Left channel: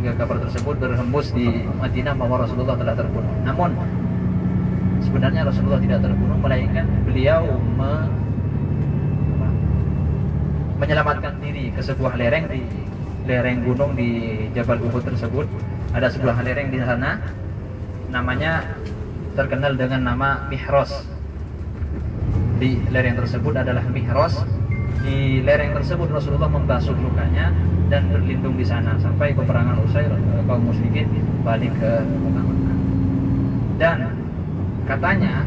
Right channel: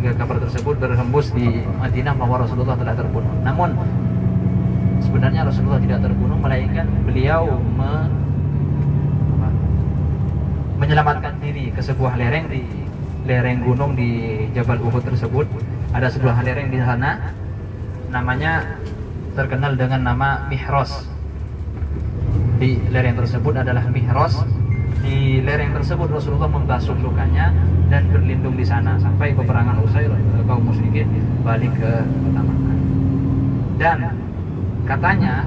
hingga kabar tersebut berhembus di Madinah bahwa Rasulullah telah terbunuh. Namun sebenarnya Rasulullah tidak terbunuh, melainkan beliau menyelamatkan diri ke sebuah lereng di lereng gunung di Jabal Uhud tersebut. Ada sebuah lereng di sana, namanya terkenal dengan nama Mihros. Di lereng tersebut adalah Mihros. Di lereng tersebut Rasulullah membasuh lukanya dan berlindung di sana sampai peperangan usai, kaum musyrikin balik ke kota Makkah. Dan katanya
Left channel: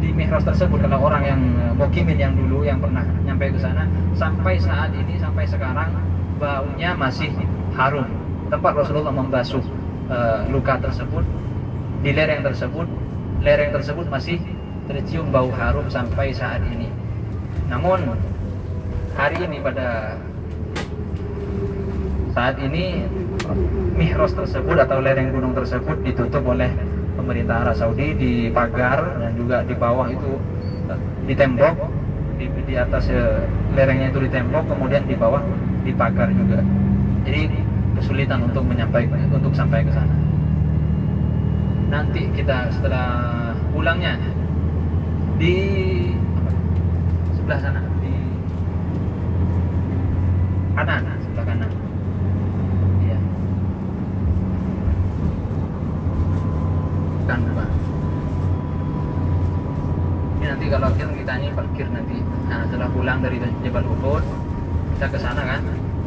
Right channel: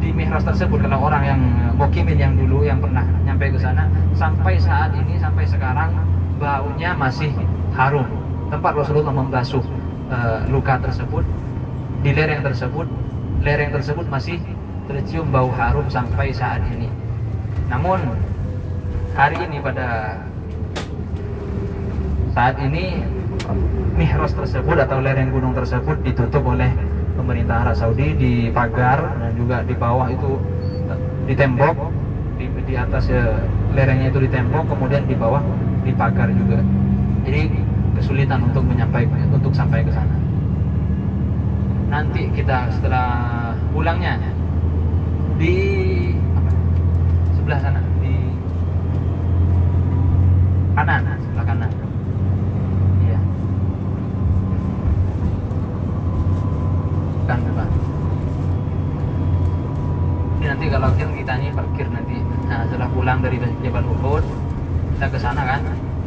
di Mihros tersebut, kalau orang yang mukimin yang dulu yang pernah nyampe ke sana, sampai saat ini, sampai sekarang baunya masih harum. Tempat Rasulullah membasuh luka tersebut di lereng tersebut masih tercium bau harum sampai saat ini. Namun hari ini, pada saat ini, Mihros tersebut atau lereng gunung tersebut ditutup oleh pemerintah Arab Saudi, dipagar, dan juga di bawah itu ditembok, di atas lerengnya itu ditembok, kemudian di bawah dipagar juga. Jadi kesulitan untuk sampai ke sana. Nanti kita setelah pulangnya di sebelah sana, di kanan, sebelah kanan. Iya. Bukan. Ini nanti kalau kita ini parkir nanti. Nah, setelah pulang dari Jabal Uhud, kita ke sana kan.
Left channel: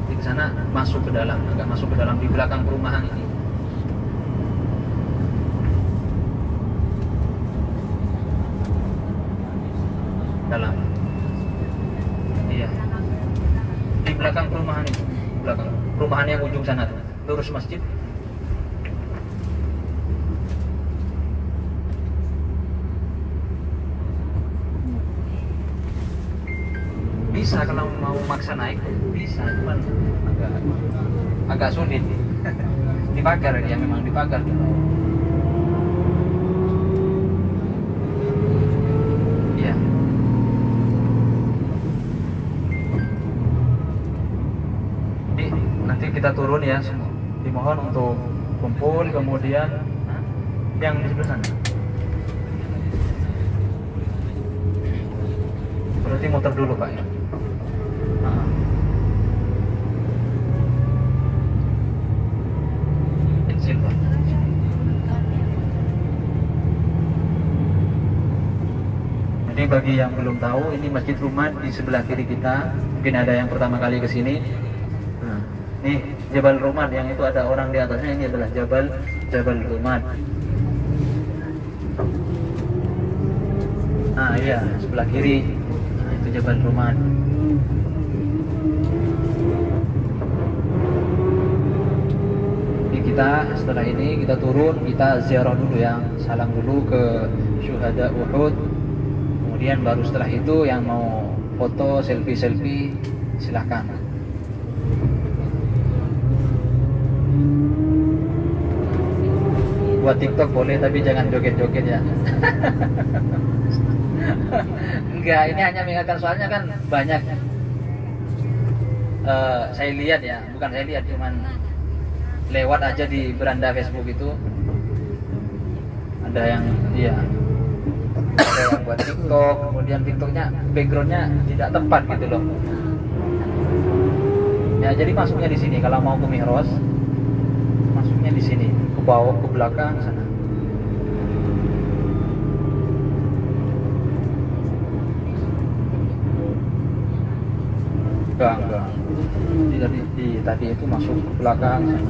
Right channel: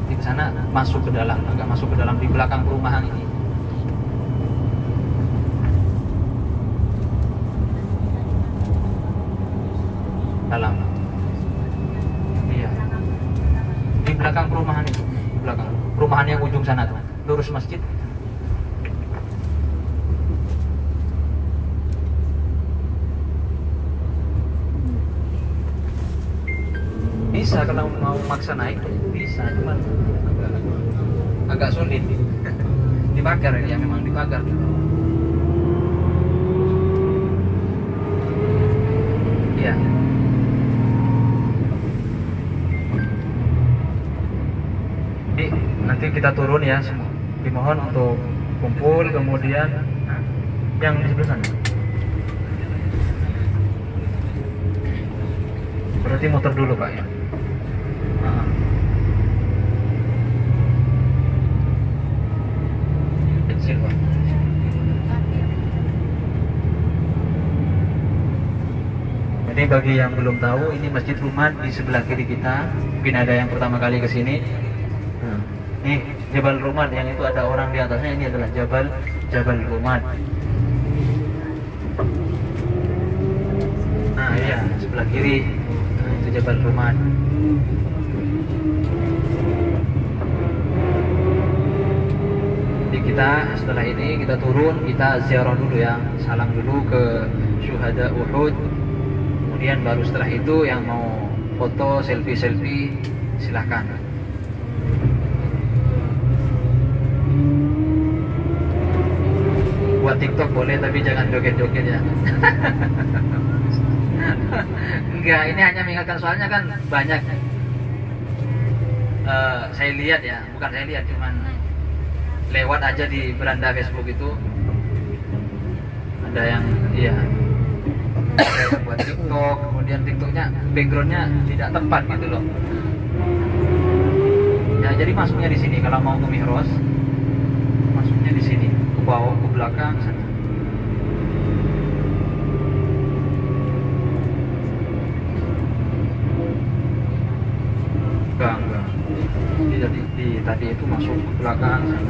Di sana masuk ke dalam, agak masuk ke dalam di belakang perumahan ini. Dalam. Iya. Di belakang perumahan itu, belakang perumahan yang ujung sana tuh, lurus masjid. Bisa kalau mau maksa naik bisa, cuman agak sulit. Dipagar dia, memang dipagar di bawah. Iya. Jadi nanti kita turun ya, semua dimohon untuk kumpul, kemudian yang di sebelah sana. Berarti motor dulu Pak ya. Kecil Pak. Jadi bagi yang belum tahu, ini Masjid Rumat di sebelah kiri kita. Mungkin ada yang pertama kali ke sini. Nih Jabal Rumat, yang itu ada orang di atasnya, ini adalah Jabal Rumat. Nah iya, sebelah kiri. Nah, itu Jabal Rumat. Jadi kita setelah ini kita turun, kita ziarah dulu ya, salam dulu ke syuhada Uhud. Kemudian baru setelah itu yang mau foto selfie silahkan. Buat TikTok boleh, tapi jangan joget-joget ya. Enggak, ini hanya mengingatkan, soalnya kan banyak saya lihat ya, bukan saya lihat, cuman lewat aja di beranda Facebook itu ada yang iya, ada yang buat TikTok, kemudian TikToknya backgroundnya tidak tepat gitu loh ya. Jadi masuknya di sini, kalau mau ke Mihros masuknya di sini, ke bawah, ke belakang sana. Enggak. Tadi itu masuk ke belakang sana.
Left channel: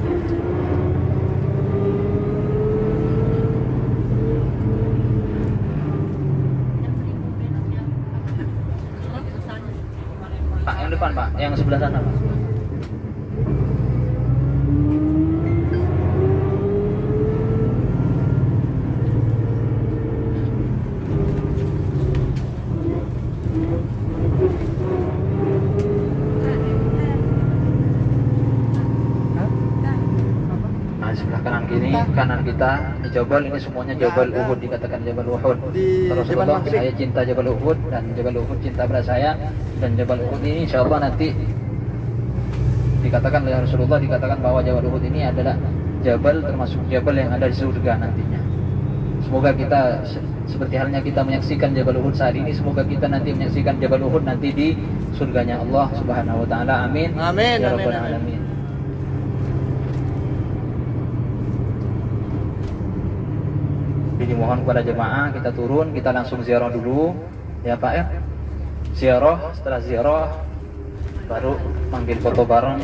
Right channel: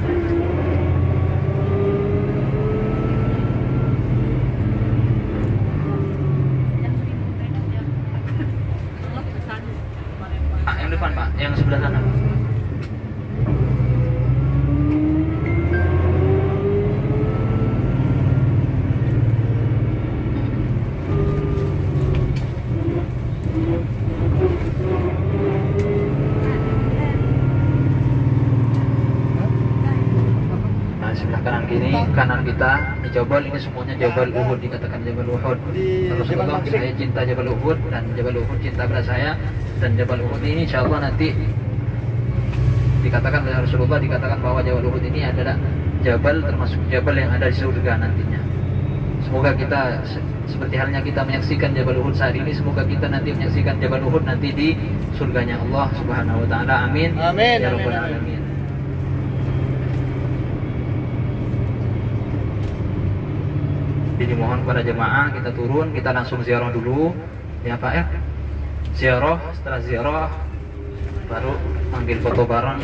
Pak, yang depan Pak, yang sebelah sana Pak. Kanan kita di Jabal ini semuanya Jabal Uhud, dikatakan Jabal Uhud. Rasulullah, saya cinta Jabal Uhud dan Jabal Uhud cinta pada saya, dan Jabal Uhud ini insyaallah nanti Dikatakan oleh Rasulullah, dikatakan bahwa Jabal Uhud ini adalah jabal termasuk jabal yang ada di surga nantinya. Semoga kita seperti halnya kita menyaksikan Jabal Uhud saat ini, semoga kita nanti menyaksikan Jabal Uhud nanti di surganya Allah Subhanahu wa taala. Amin. Amin. Ya Amin. Rabbal alamin. Jadi mohon kepada jemaah kita turun, kita langsung ziarah dulu ya Pak ya. Ziarah, setelah ziarah baru ambil foto bareng.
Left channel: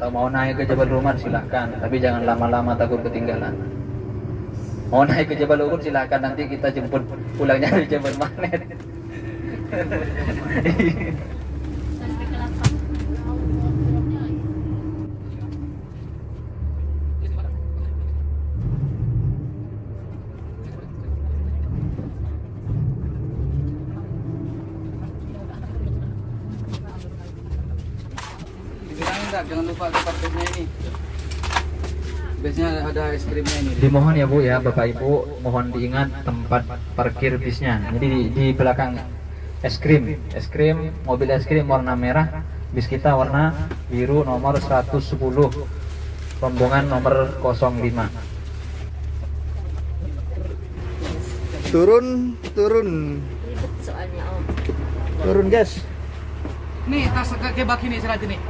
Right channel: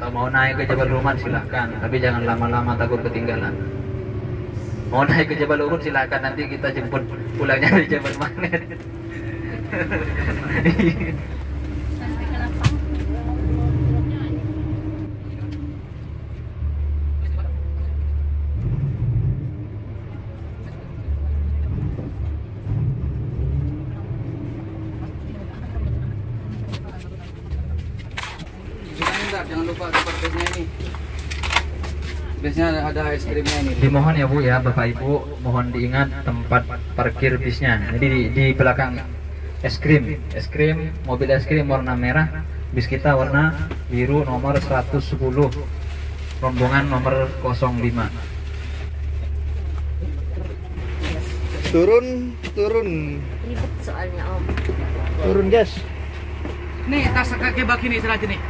Kalau mau naik ke Jabal Rumah silahkan, tapi jangan lama-lama takut ketinggalan. Mau naik ke Jabal Uhud silahkan, nanti kita jemput pulangnya dari Jabal Magnet. Jangan lupa tempat bisnya ini. Bisnya ada es krimnya ini. Dimohon ya Bu ya, Bapak Ibu, mohon diingat tempat parkir bisnya. Jadi di belakang es krim, mobil es krim warna merah, bis kita warna biru nomor 110, rombongan nomor 05. Turun. Ribet soalnya Om. Turun guys. Nih tas kaki baki nih serajin nih.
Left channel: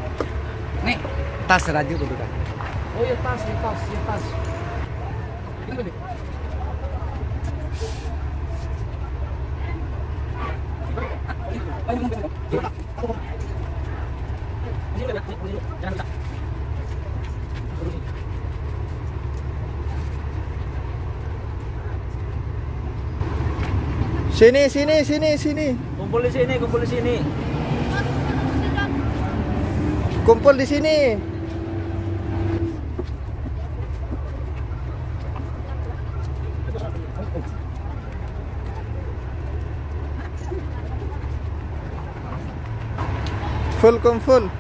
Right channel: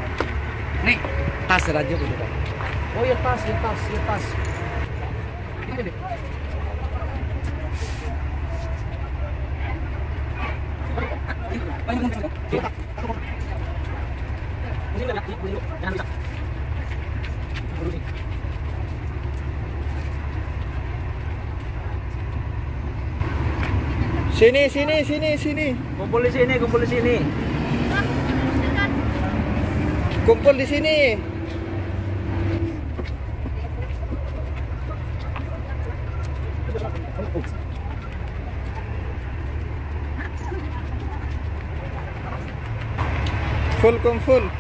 Nih tas serajin dulu kan. Oh ya tas. Sini. Kumpul di sini. Kumpul di sini. Kumpul.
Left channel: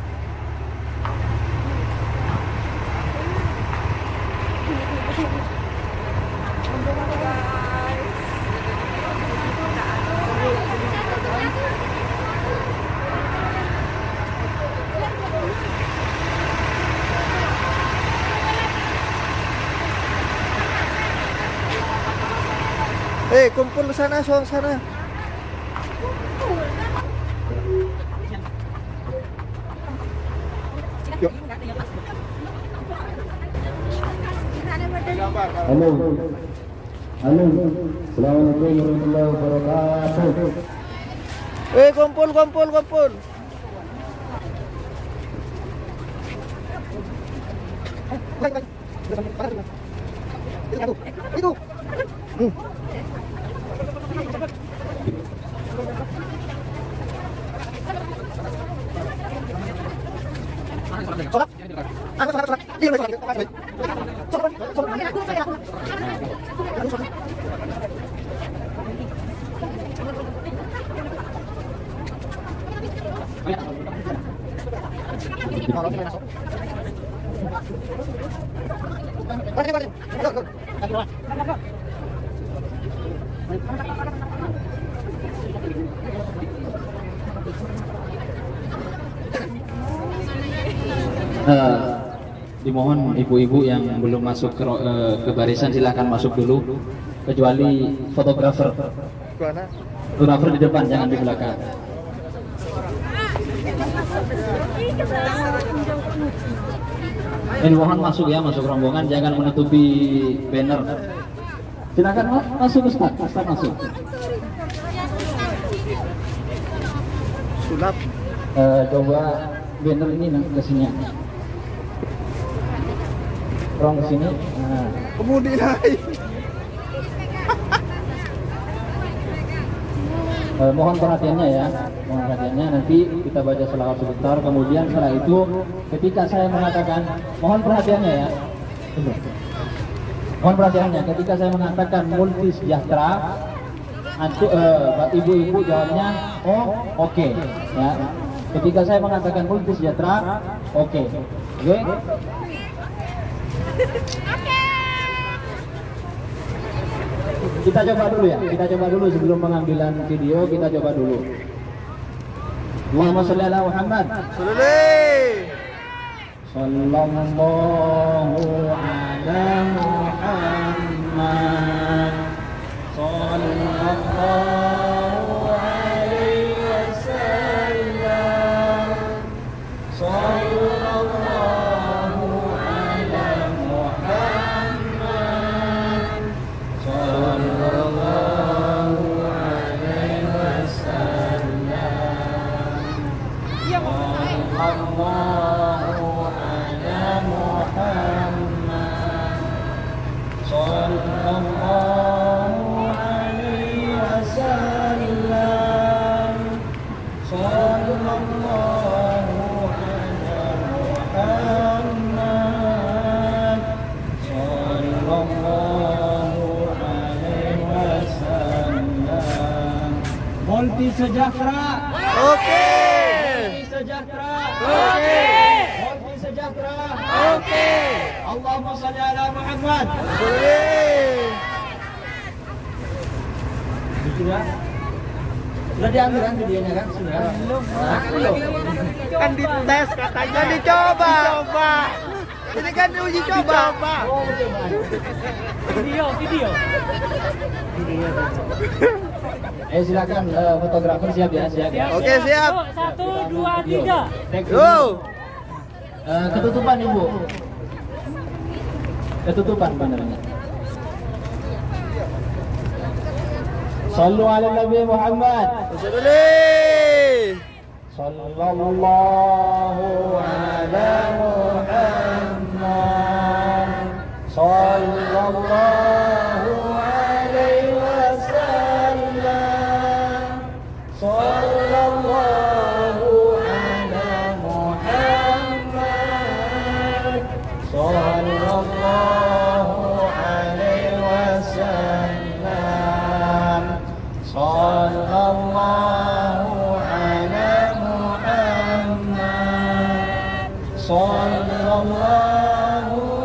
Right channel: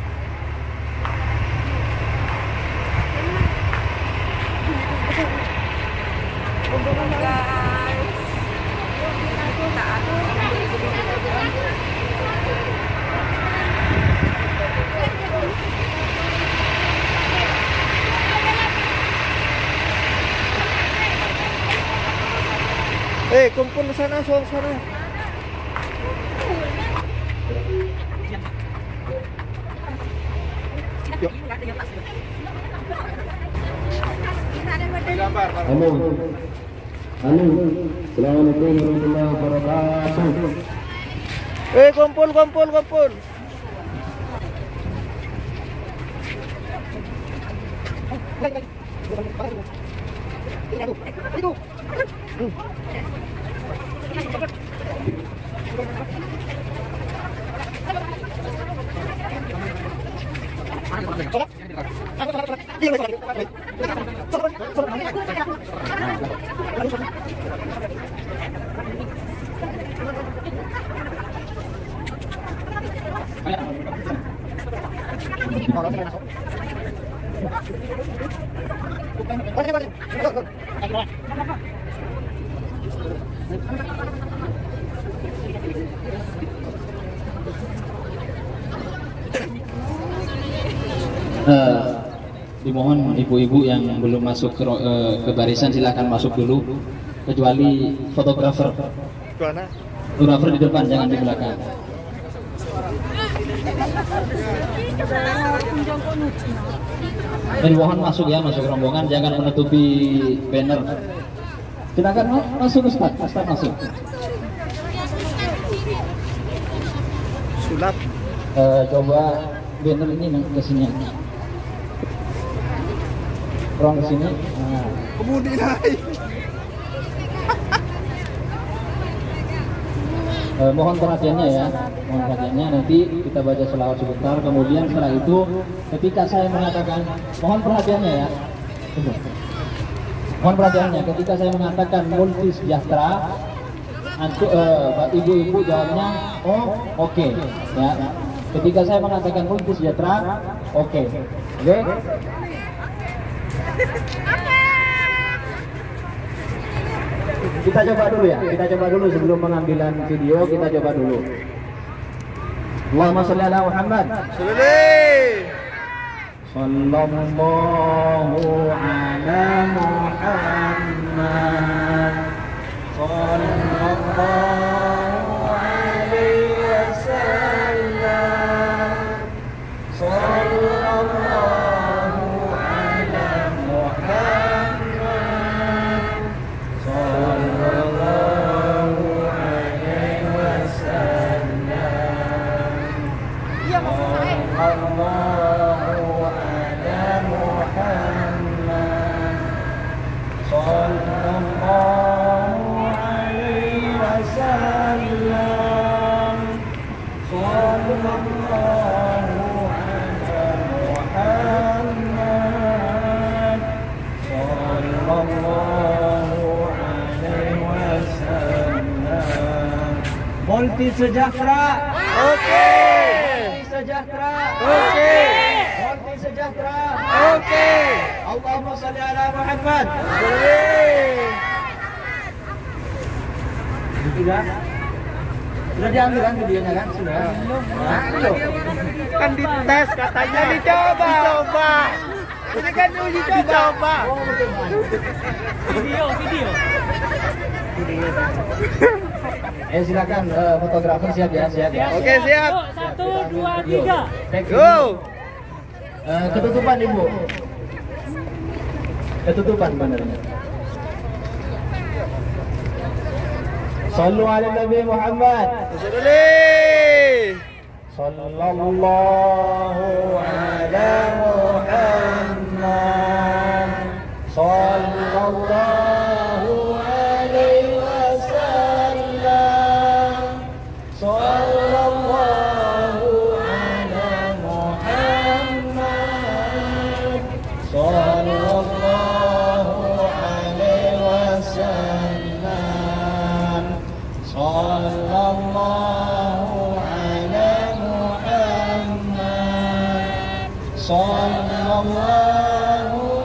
Kumpul sana. Halo. Assalamualaikum warahmatullahi wabarakatuh. Kumpul. Dimohon ibu-ibu yang belum masuk ke barisan silakan masuk dulu, kecuali fotografer. Fotografer di depan, jangan di belakang. Mohon masuk ya, masuk rombongan, jangan menutupi banner. Silakan masuk Ustaz masuk. Sulap. Coba banner ini ke sini. Rong ke sini. Nah. Kemudian mohon perhatiannya ya. Mohon perhatiannya, nanti kita baca selawat sebentar, kemudian setelah itu ketika saya mengatakan, mohon perhatiannya ya. Mohon perhatiannya, ketika saya mengatakan multi sejahtera, ibu-ibu jawabnya oke. Ya. Ketika saya mengatakan multi sejahtera, oke. Kita coba dulu ya, sebelum pengambilan video, kita coba dulu. Allahumma sholli ala Muhammad. sallallahu ala Muhammad, sallallahu alaihi wasallam, sallallahu ala Muhammad, sallallahu alaihi wasallam, sallallahu ala Muhammad, sallallahu alaihi wasallam, sallallahu ala Muhammad, sallallahu alaihi wasallam. Multi sejahtera. Oke. Multi sejahtera. Oke. Multi sejahtera. Oke. Allahumma shalli ala Muhammad. Sudah diambil kan videonya kan? Sudah. Kan dites katanya. Dicoba. Ini kan uji coba. Oh, video. Silakan fotografer siap ya. Oke, siap. 1, 2, 3. Go. Ketutupan Ibu. Ketutupan benernya. Sallu ala Nabi Muhammad. Sallallahu ala Muhammad, sallallahu alaihi wasallam, sallallahu ala Muhammad, sallallahu alaihi wasallam, sallallahu ala Muhammad, sallallahu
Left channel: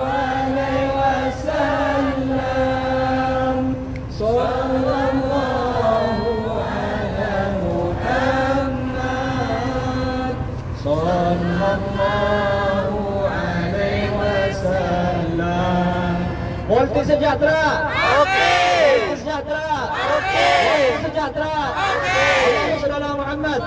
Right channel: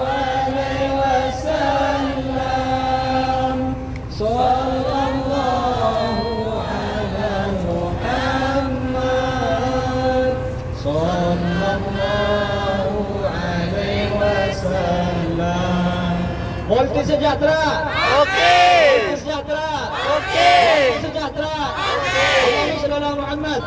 alaihi wasallam, sallallahu ala Muhammad, sallallahu alaihi wasallam. Multi sejahtera. Oke. Multi sejahtera. Oke. Multi sejahtera. Oke. Allahumma shalli ala Muhammad.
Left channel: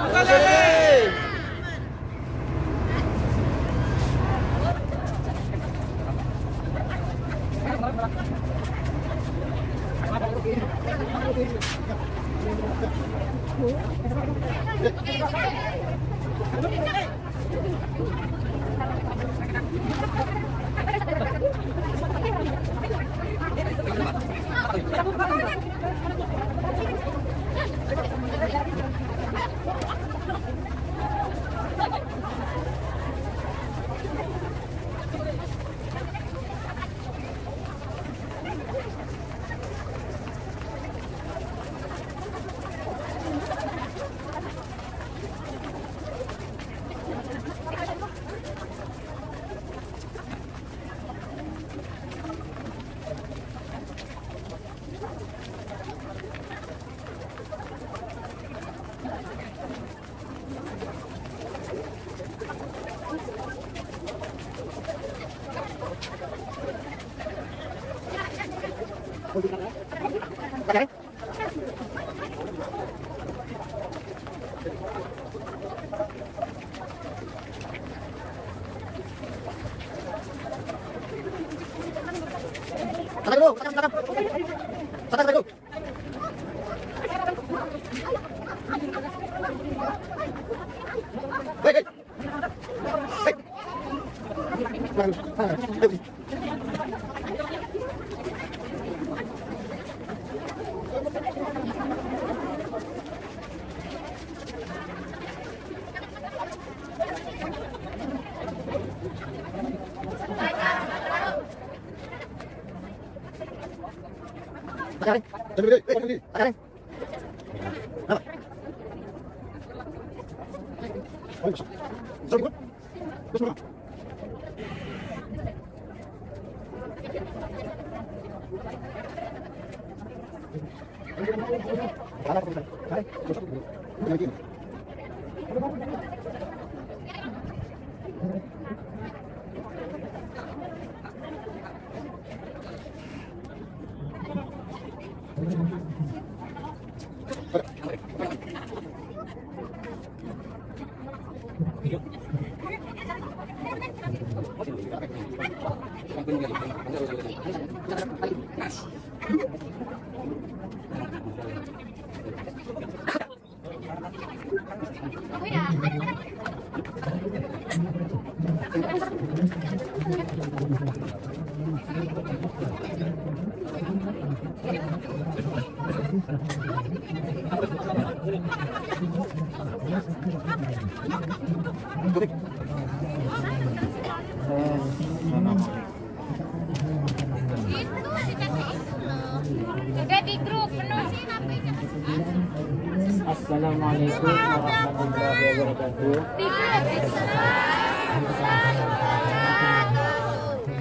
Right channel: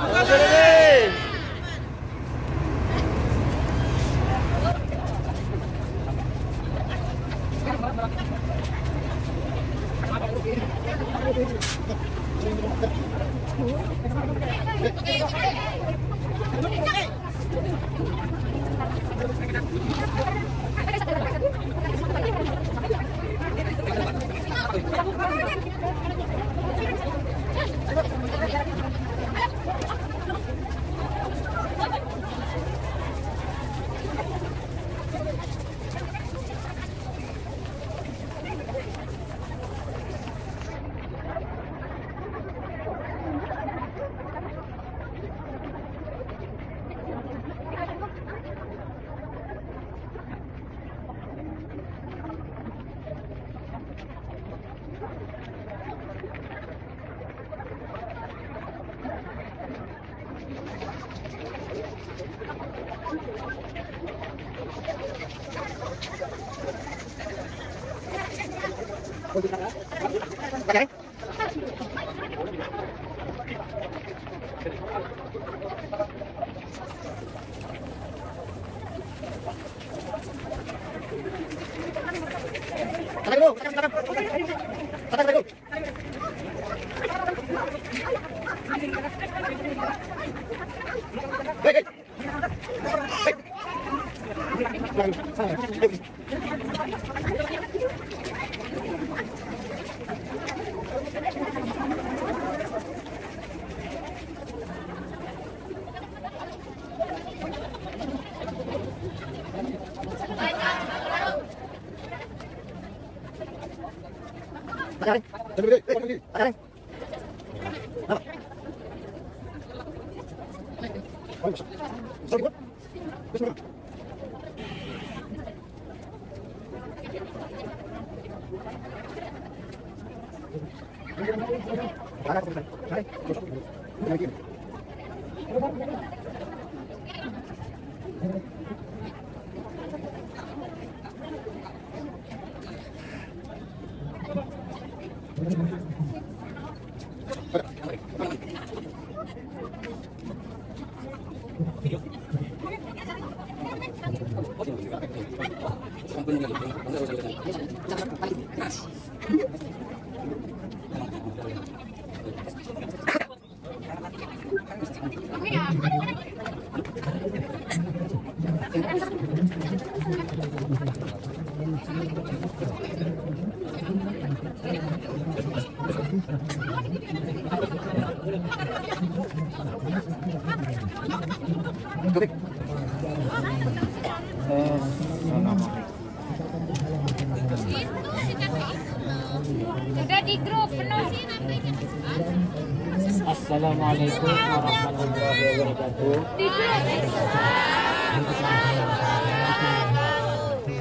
Itu si kakak itu loh. Udah di grup penuh sih namanya. Assalamualaikum warahmatullahi wabarakatuh.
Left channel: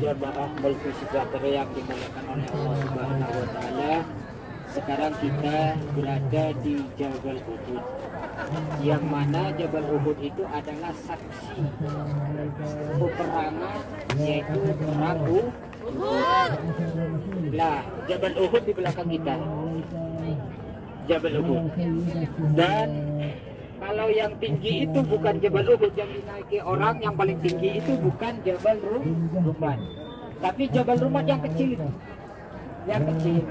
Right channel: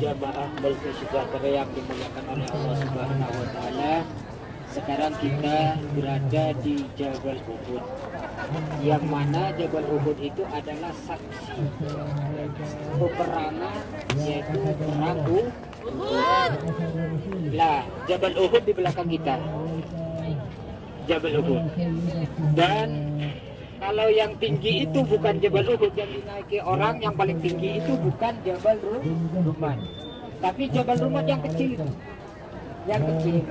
Jamaah multi sejahtera yang dimuliakan oleh Allah Subhanahu wa taala. Sekarang kita berada di Jabal Uhud. Yang mana Jabal Uhud itu adalah saksi peperangan, yaitu perang Uhud. Lah, Jabal Uhud di belakang kita. Jabal Uhud. Dan kalau yang tinggi itu bukan Jabal Uhud yang dinaiki orang, yang paling tinggi itu bukan Jabal Rumat, tapi Jabal Rumat yang kecil itu, yang kecil,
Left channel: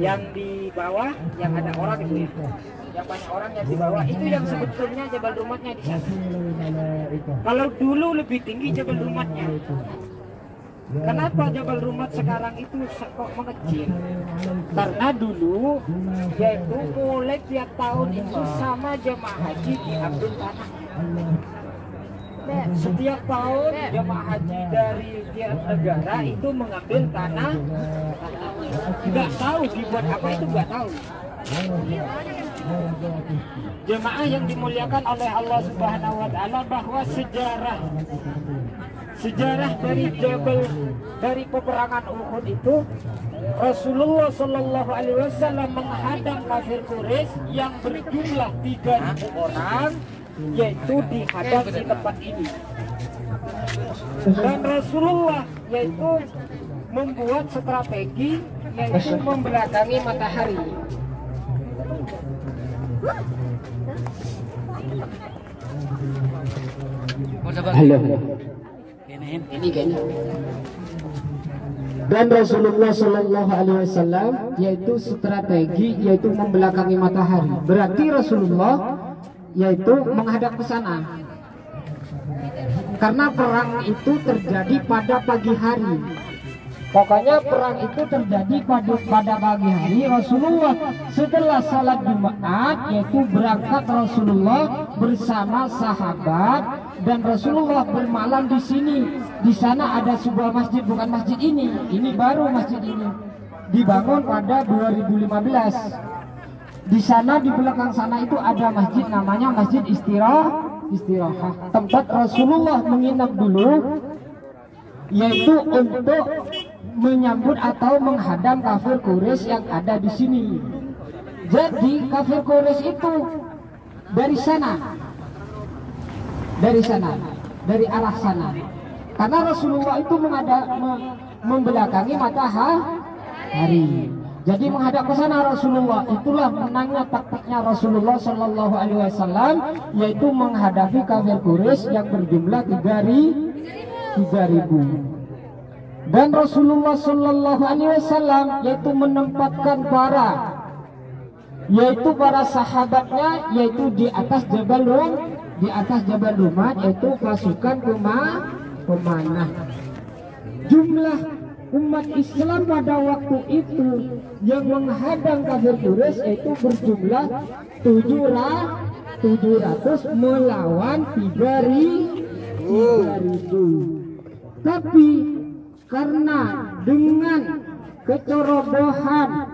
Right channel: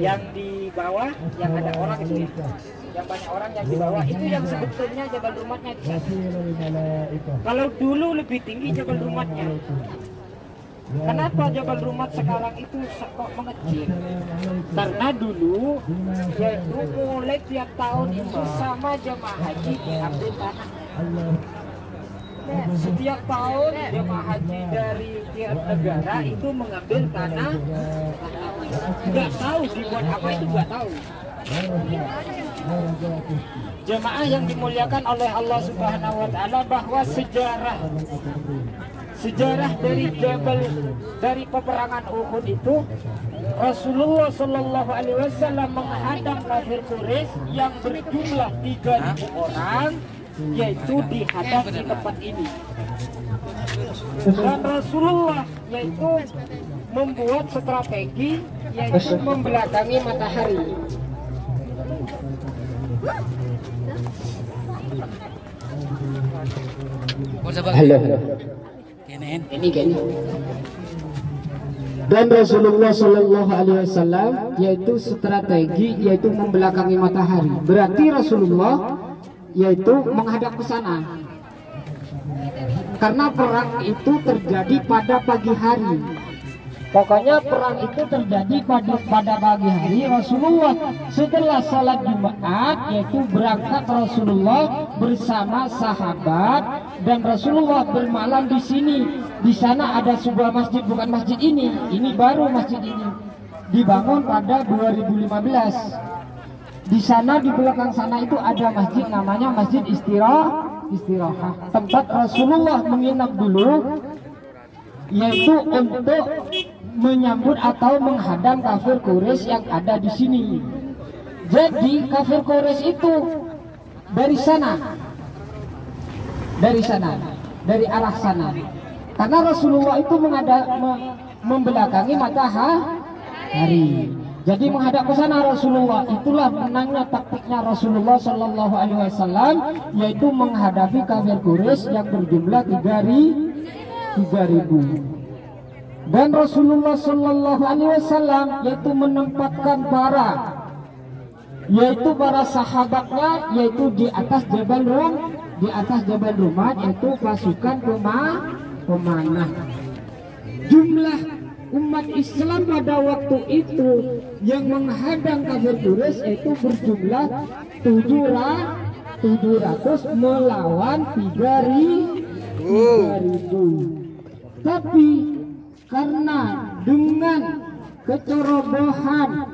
yang di bawah yang ada orang itu ya, yang banyak orang yang di bawah itu yang sebetulnya Jabal Rumatnya di sana. Kalau dulu lebih tinggi Jabal Rumatnya. Kenapa Jabal Rumat sekarang itu kok mengecil? Karena dulu yaitu mulai tiap tahun itu sama jemaah haji diambil tanah. Setiap tahun jemaah haji dari tiap negara itu mengambil tanah. Nggak tahu dibuat apa, itu nggak tahu. Jemaah yang dimuliakan oleh Allah Subhanahu wa taala, bahwa sejarah dari peperangan Uhud itu, Rasulullah Shallallahu Alaihi Wasallam menghadang kafir Quraisy yang berjumlah 3.000 orang, yaitu dihadang di tempat ini. Dan Rasulullah yaitu membuat strategi, yaitu membelakangi matahari. Halo. Ini kan. Dan Rasulullah Shallallahu Alaihi Wasallam yaitu strategi, yaitu membelakangi matahari. Berarti Rasulullah yaitu menghadap ke sana. Karena perang itu terjadi pada pagi hari. Pokoknya perang itu terjadi pada pagi hari. Rasulullah setelah salat Jumat yaitu berangkat Rasulullah bersama sahabat, dan Rasulullah bermalam di sini. Di sana ada sebuah masjid, bukan masjid ini baru masjid ini dibangun pada 2015. Di sana di belakang sana itu ada masjid namanya Masjid Istirahat. Tempat Rasulullah menginap dulu, yaitu untuk menyambut atau menghadang kafir Quraisy yang ada di sini. Jadi kafir Quraisy itu dari arah sana. Karena Rasulullah itu membelakangi matahari. Jadi menghadap ke sana Rasulullah. Itulah menangnya taktiknya Rasulullah Shallallahu Alaihi Wasallam, yaitu menghadapi kafir Quraisy yang berjumlah 3.000. Dan Rasulullah Shallallahu Alaihi Wasallam yaitu menempatkan para sahabatnya yaitu di atas Jabal Rumat, yaitu pasukan pemanah. Jumlah umat Islam pada waktu itu yang menghadang kafir Quraisy yaitu berjumlah 700 melawan 3.000. Tapi karena dengan kecerobohan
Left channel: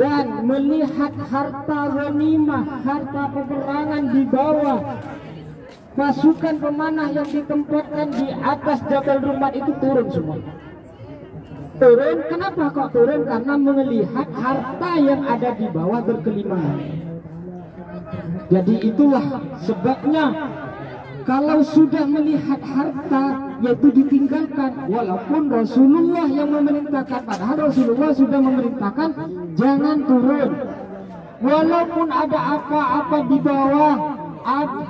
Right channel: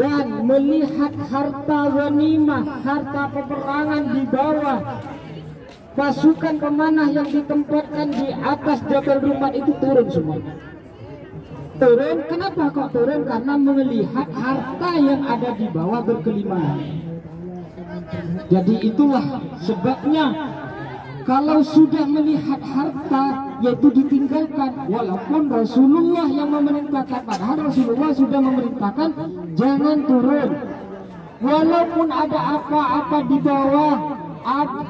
dan melihat harta ghanimah, harta peperangan di bawah pasukan pemanah yang ditempatkan di atas Jabal Rumat itu turun semuanya. Turun, kenapa kok turun? Karena melihat harta yang ada di bawah berkelimpahan. Jadi itulah sebabnya kalau sudah melihat harta yaitu ditinggalkan, walaupun Rasulullah yang memerintahkan, padahal Rasulullah sudah memerintahkan jangan turun. Walaupun ada apa-apa di bawah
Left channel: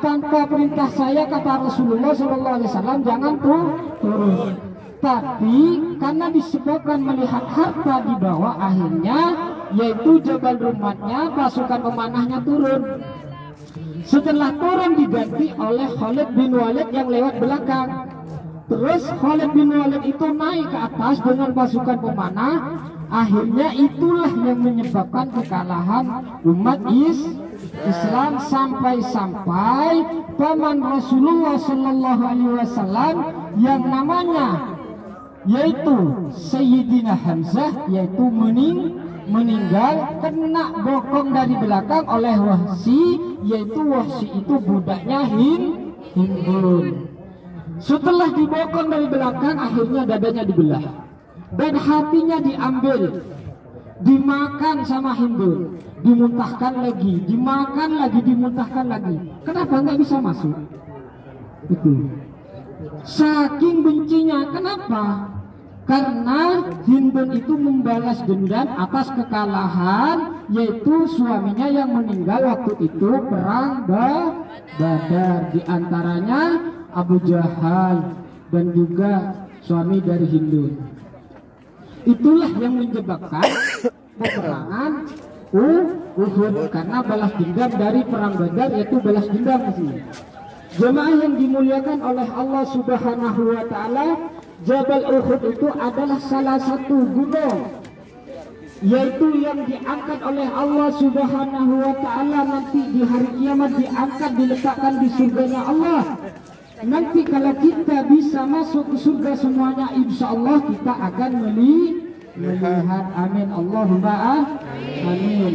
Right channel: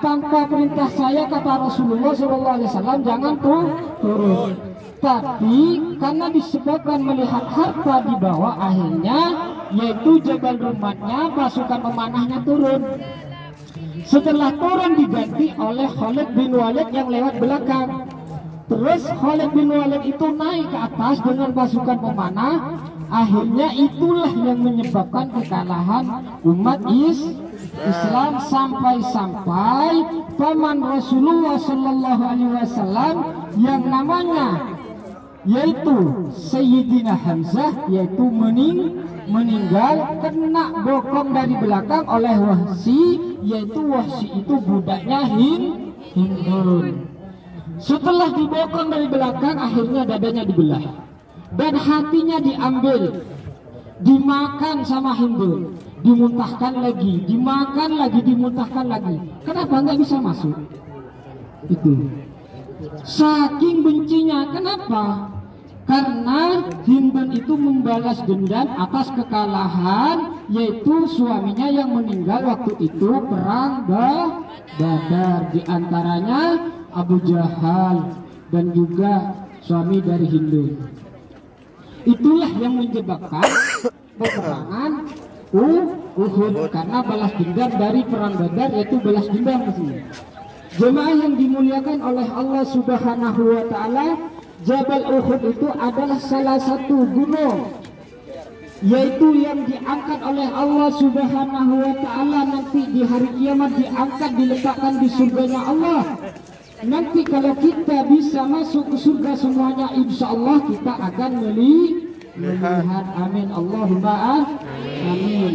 tanpa perintah saya, kata Rasulullah SAW, jangan turun. Tapi karena disebabkan melihat harta di bawah, akhirnya yaitu Jabal Rumatnya, pasukan pemanahnya turun. Setelah turun diganti oleh Khalid bin Walid yang lewat belakang. Terus Khalid bin Walid itu naik ke atas dengan pasukan pemanah. Akhirnya itulah yang menyebabkan kekalahan umat Islam sampai-sampai paman Rasulullah Shallallahu Alaihi Wasallam yang namanya yaitu Sayyidina Hamzah yaitu meninggal kena bokong dari belakang oleh Wahsy, yaitu Wahsy itu budaknya Hindun. Setelah dibokong dari belakang, akhirnya dadanya dibelah dan hatinya diambil, dimakan sama Hindun, dimuntahkan lagi, dimakan lagi, dimuntahkan lagi. Kenapa nggak bisa masuk? Itu saking bencinya. Kenapa? Karena Hindun itu membalas dendam atas kekalahan, yaitu suaminya yang meninggal waktu itu perang Badar, di antaranya Abu Jahal dan juga suami dari Hindun. Itulah yang menyebabkan peperangan Uhud, karena balas dendam dari perang Badar, yaitu balas dendam maksudnya. Jemaah yang dimuliakan oleh Allah Subhanahu wa taala, Jabal Uhud itu adalah salah satu gunung yaitu yang diangkat oleh Allah Subhanahu wa taala nanti di hari kiamat, diangkat, diletakkan di surganya Allah. Nanti kalau kita bisa masuk ke surga semuanya, insya Allah kita akan melihat. Amin, Allahumma amin.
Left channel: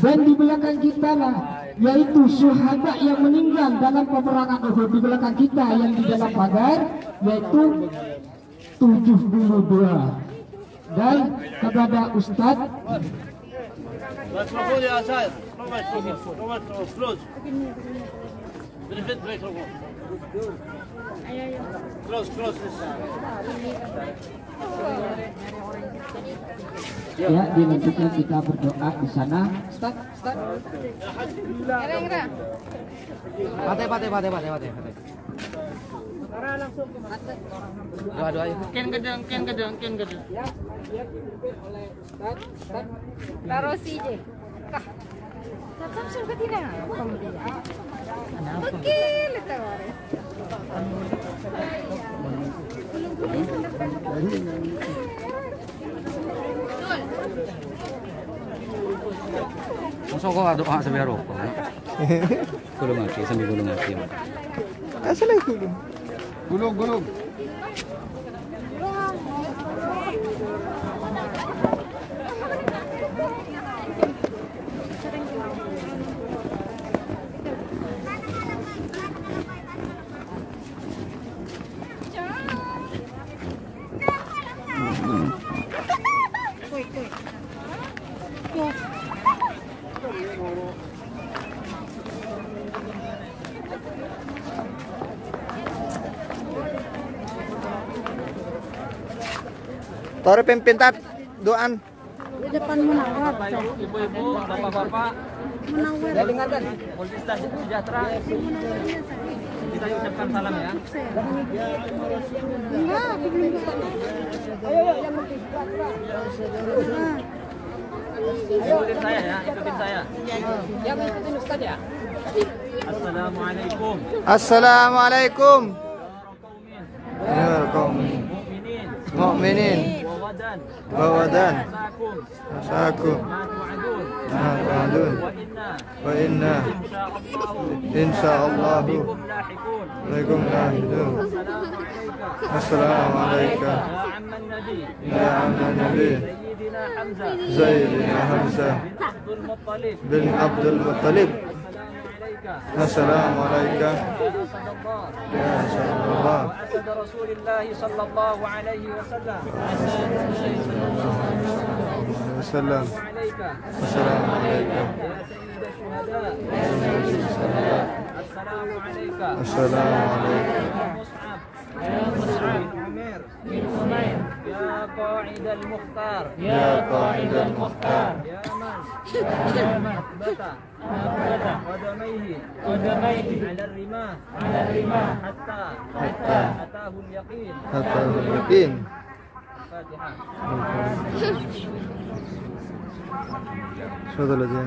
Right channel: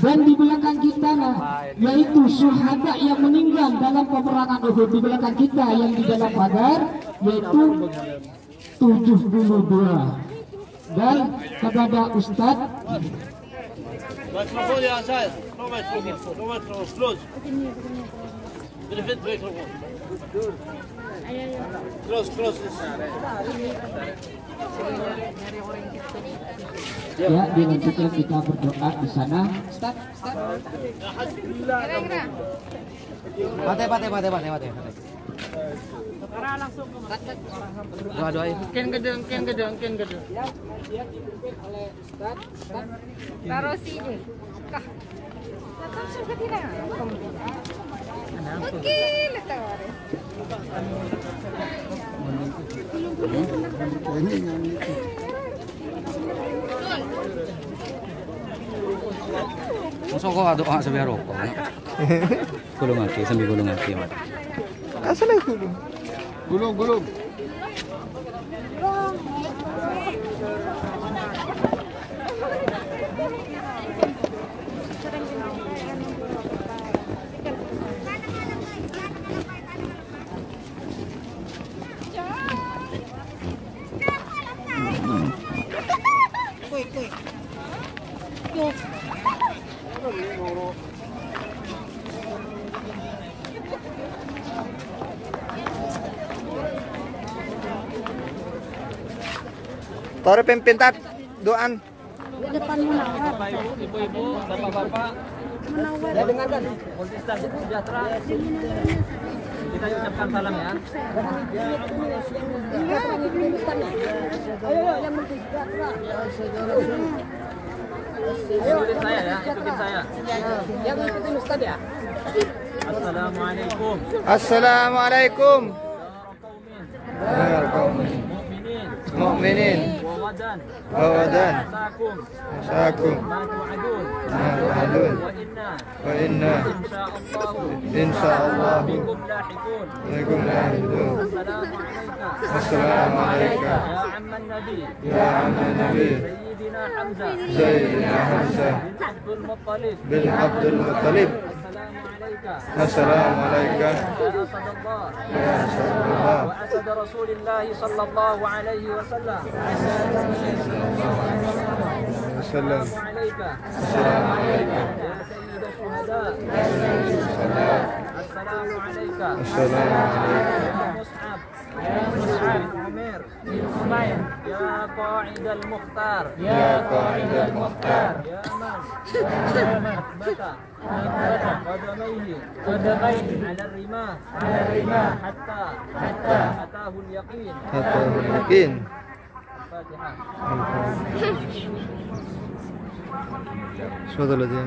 Dan di belakang kita lah yaitu syuhada yang meninggal dalam peperangan Uhud. Di belakang kita yang di dalam Badar yaitu 72. Dan kepada Ustadz ya, dilanjutkan kita berdoa di sana. Ustaz. Mate. Ken gedeng. Taruh sini. Macam suka tidak? Oke, letak waris. Masuk kok doa sambil rokok. Gulung lagi sambil gulung lagi. Asal gulung. Gulung. Taruh pimpintat doan. Di depan mana? Bapak Ibu, Ibu-ibu, Bapak-bapak, saya dengarkan Polisi Sejahtera. Kita ucapkan salam ya. Ikutin saya ya, ikutin saya. Yang ikutin Ustaz ya. Assalamualaikum. Assalamualaikum. Ya qaumin mu'minin wawadan asakum ma'adun wa inna insyaallah bikum lahikun. Assalamualaikum ya amman nabi Sayyidina Hamzah bin Abdul Muttalib. Assalamualaikum ya Rasulullah wa asad Rasulillah sallallahu alaihi wasallam السلام عليك السلام عليكم يا سيد الشهداء السلام عليك السلام عليكم يا مصعب بن عمير يا قائد المختار يا قائد المختار يا من أثبت قدميه على الرماح حتى أتاه اليقين. أتاه اليقين. الفاتحة. شو هذا الذي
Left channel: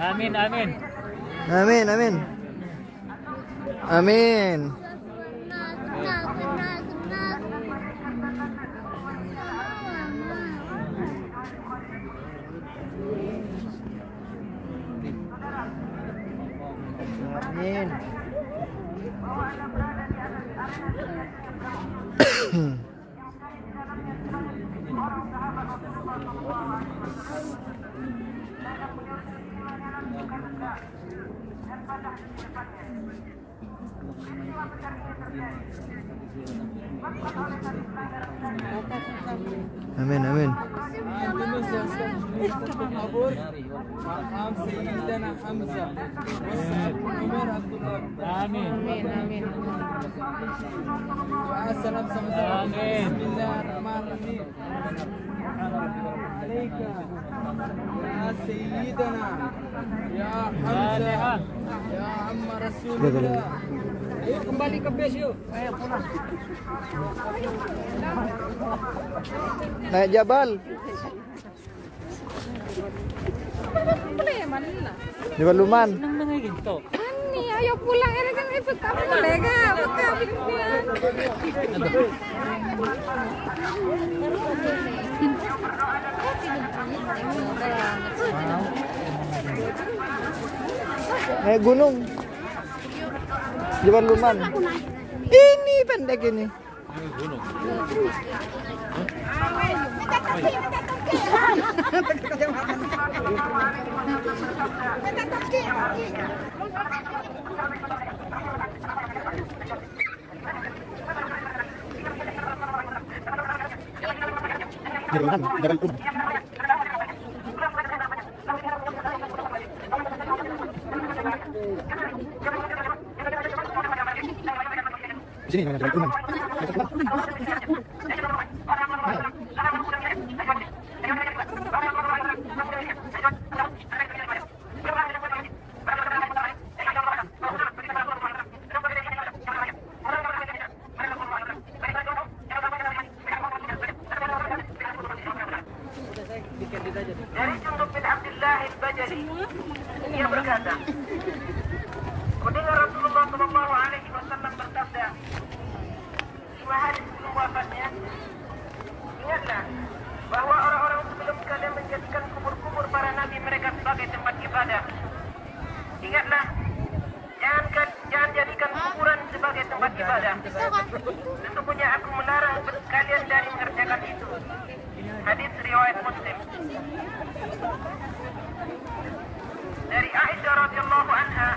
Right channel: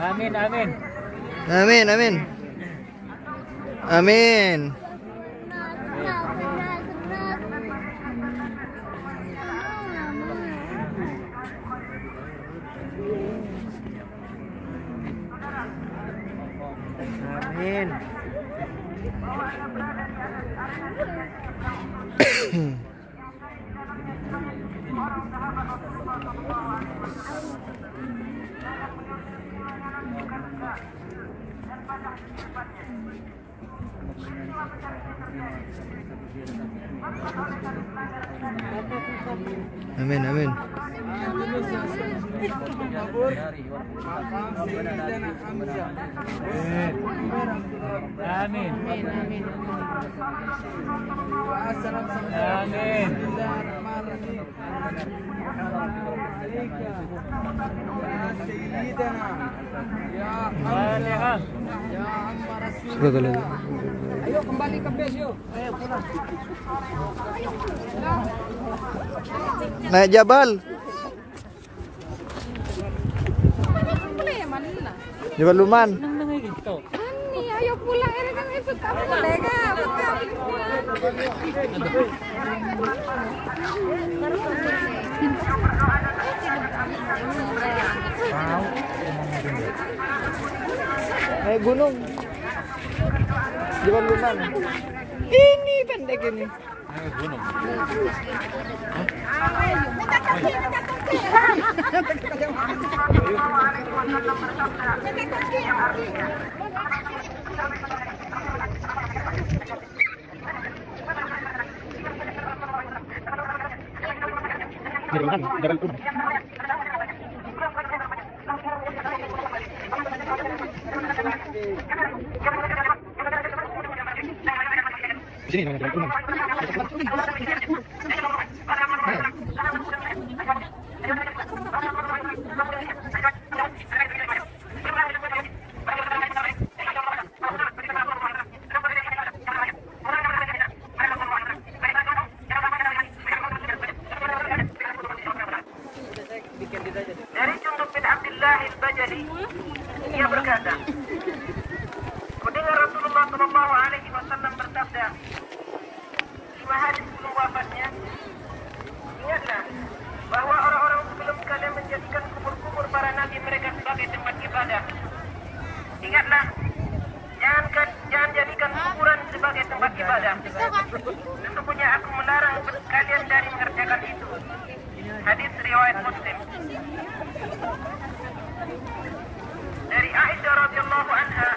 Amin, amin. Amin, amin. Amin. Amin, amin. Ayo kembali ke base yuk. Ayo pulang. Naik jabal. Jabal Luman. Ani, ayo pulang. Ada kan ikut kamu mereka. Naik gunung. Jabal Luman. Ini pendek ini. Di sini namanya Jabal Luman. Dari Jundub bin Abdullah al-Bajali, ia berkata, mendengar Rasulullah Shallallahu Alaihi Wasallam bersabda, 5 hari sebelum wafatnya, ingatlah bahwa orang-orang sebelum kalian menjadikan kubur-kubur para nabi mereka sebagai tempat ibadah. Ingatlah, jangan jadikan kuburan sebagai tempat ibadah. Sesungguhnya aku melarang kalian dari mengerjakan itu. Hadis riwayat Muslim. Dari Aisyah radhiyallahu anha